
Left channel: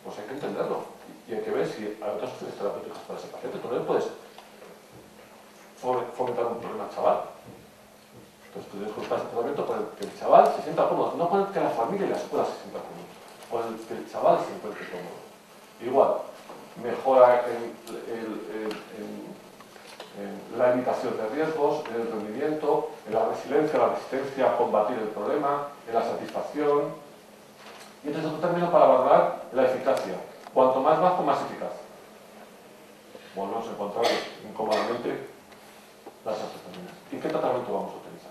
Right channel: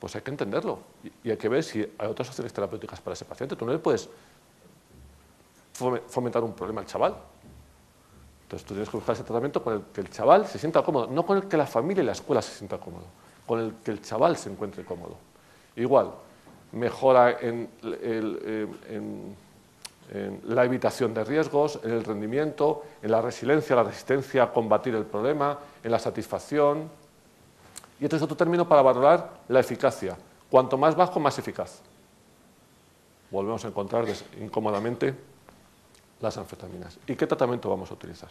Pues hay que entenderlo y hay que ver si hay otras opciones terapéuticas para ese paciente. Tú no le puedes fomentar un problema al chaval. Entonces tú tienes que buscar ese tratamiento con el que el chaval se sienta cómodo, no con el que la familia y la escuela se sientan cómodos, con el que el chaval se encuentre cómodo. Igual, mejora en la evitación de riesgos, en el rendimiento, en la resiliencia, la resistencia a combatir el problema, en la satisfacción. Y este es otro término para valorar la eficacia. Cuanto más bajo, más eficaz. Volvemos a encontrarnos incómodamente las anfetaminas. ¿Y qué tratamiento vamos a utilizar?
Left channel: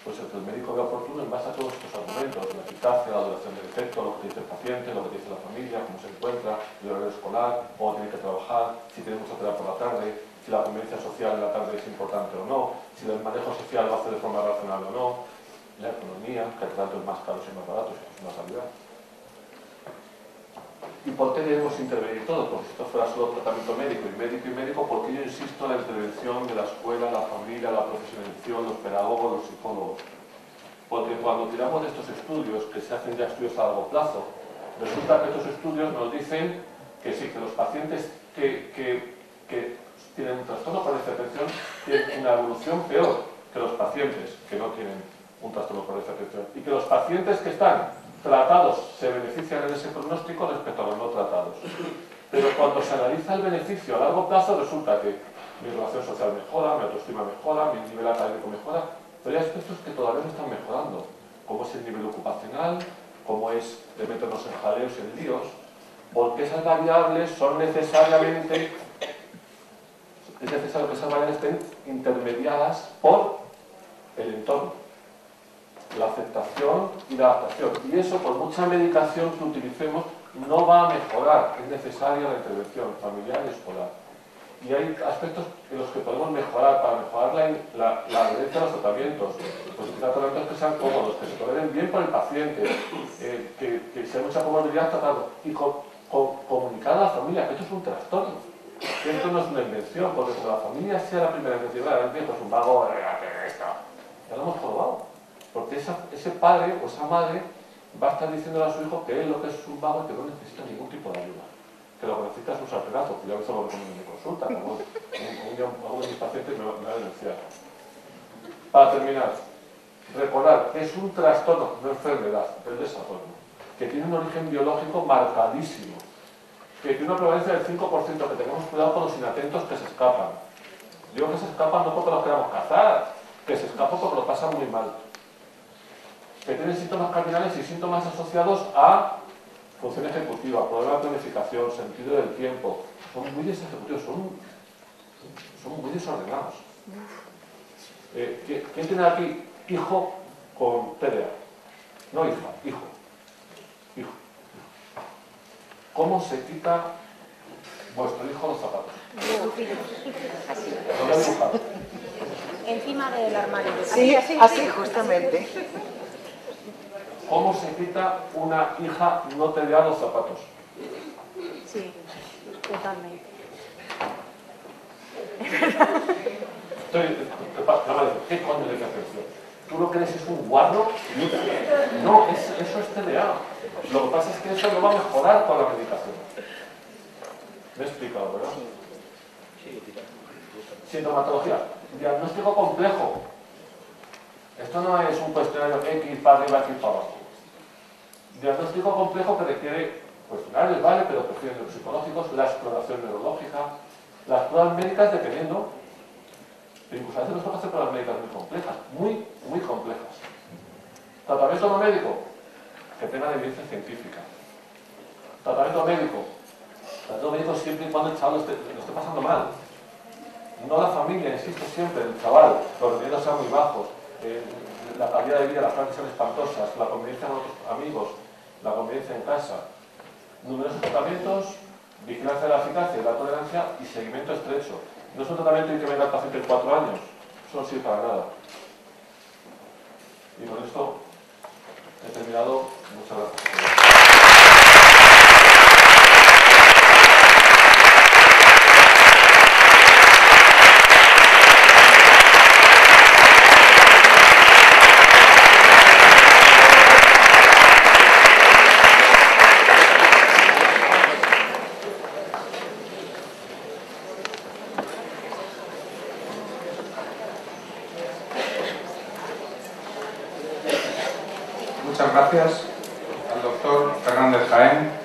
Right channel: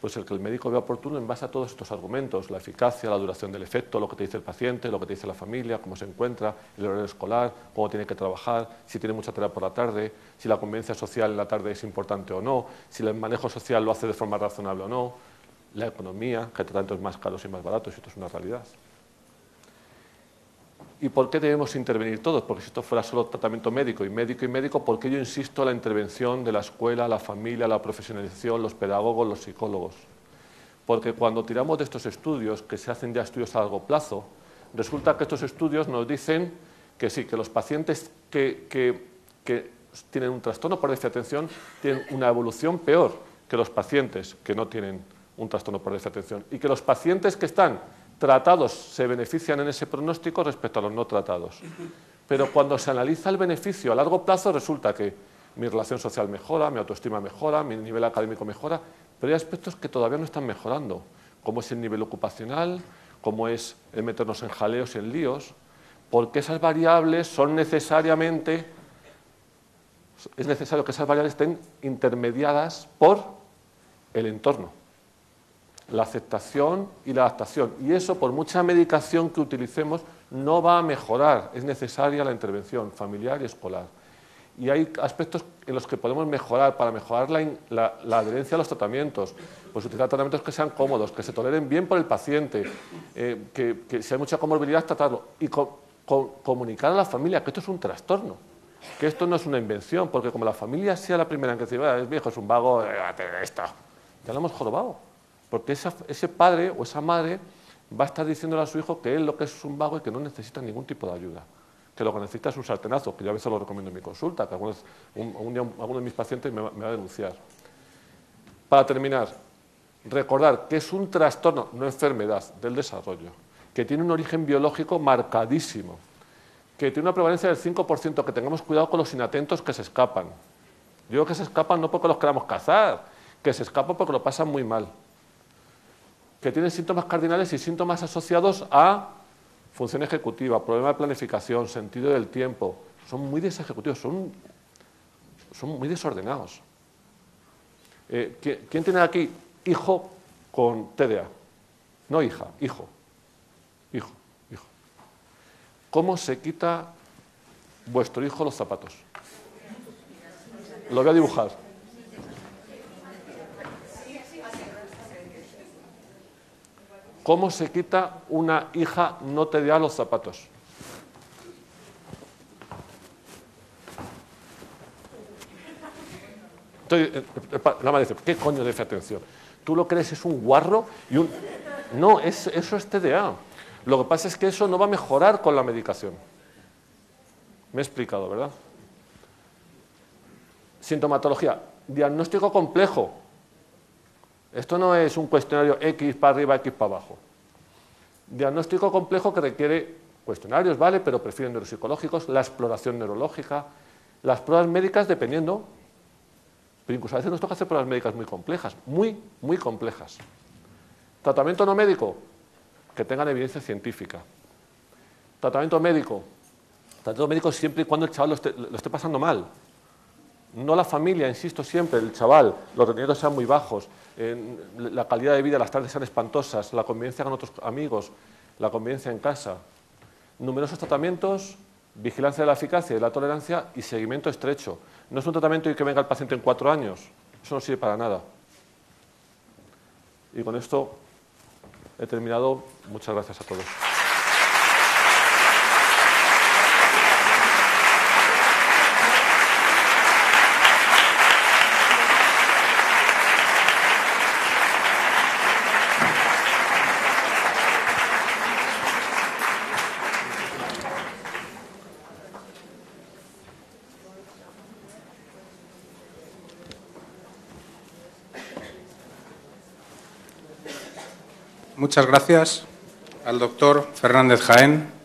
Pues el que el médico vea oportuno en base a todos estos argumentos, la eficacia, la duración del efecto, lo que te dice el paciente, lo que te dice la familia, cómo se encuentra, el horario escolar, cómo tiene que trabajar, si tiene mucha tarea por la tarde, si la convivencia social en la tarde es importante o no, si el manejo social lo hace de forma razonable o no, la economía, que hay tratamientos más caros y más baratos, esto es una realidad. ¿Y por qué debemos intervenir todos? Porque si esto fuera solo tratamiento médico, ¿por qué yo insisto en la intervención de la escuela, la familia, la profesionalización, los pedagogos, los psicólogos? Porque cuando tiramos de estos estudios, que se hacen ya estudios a largo plazo, resulta que estos estudios nos dicen que sí, que los pacientes que tienen un trastorno por déficit de atención tienen una evolución peor que los pacientes que no tienen un trastorno por déficit de atención, y que los pacientes que están tratados se benefician en ese pronóstico respecto a los no tratados. Pero cuando se analiza el beneficio a largo plazo resulta que mi relación social mejora, mi autoestima mejora, mi nivel académico mejora, pero hay aspectos que todavía no están mejorando, como es el nivel ocupacional, como es el meternos en jaleos, en líos, porque esas variables son necesariamente, es necesario que esas variables estén intermediadas por el entorno, la aceptación y la adaptación, y eso por mucha medicación que utilicemos no va a mejorar, es necesaria la intervención familiar y escolar. Y hay aspectos en los que podemos mejorar, para mejorar la adherencia a los tratamientos, pues utilizar tratamientos que sean cómodos, que se toleren bien por el paciente, que sea mucha comorbilidad tratado, y comunicar a la familia que esto es un trastorno, que esto no es una invención, porque como la familia sea la primera que dice, el viejo es un vago, esto, ya lo hemos jorobado, porque ese padre o esa madre va a estar diciéndole a su hijo que él lo que es un vago y que no necesita ningún tipo de ayuda, que lo que necesita es un sartenazo, que yo a veces lo recomiendo en mi consulta, que algunos de mis pacientes me van a denunciar. Para terminar, recordar que es un trastorno, no enfermedad, del desarrollo, que tiene un origen biológico marcadísimo, que tiene una prevalencia del 5%, que tengamos cuidado con los inatentos que se escapan. Yo creo que se escapan no porque los queramos cazar, que se escapan porque lo pasan muy mal, que tienen síntomas cardinales y síntomas asociados a función ejecutiva, problema de planificación, sentido del tiempo. Son muy desejecutivos, son muy desordenados. ¿Quién tiene aquí hijo con TDA? No hija, hijo. ¿Cómo se quita vuestro hijo los zapatos? Lo voy a dibujar. Encima del armario. Sí, así justamente. ¿Cómo se quita una hija no TDA los zapatos? Sí, totalmente. No me dice, ¿qué coño le hace atención? ¿Tú lo crees es un guarro? No, eso es TDA. Lo que pasa es que eso no va a mejorar con la medicación. Me he explicado, ¿verdad? Sintomatología. Diagnóstico complejo. Esto no es un cuestionario X para arriba, X para abajo. Diagnóstico complejo que requiere cuestionarios, ¿vale? Pero prefieren neuropsicológicos, la exploración neurológica, las pruebas médicas dependiendo. Pero incluso a veces nos toca hacer pruebas médicas muy complejas, muy complejas. Tratamiento no médico, que tengan evidencia científica. Tratamiento médico siempre y cuando el chaval lo esté pasando mal. No la familia, insisto siempre, el chaval, los rendimientos sean muy bajos, la calidad de vida, las tardes sean espantosas, la convivencia con otros amigos, la convivencia en casa. Numerosos tratamientos, vigilancia de la eficacia y de la tolerancia y seguimiento estrecho. No es un tratamiento y que venga el paciente en 4 años, eso no sirve para nada. Y con esto he terminado. Muchas gracias a todos. Muchas gracias al doctor Fernández Jaén.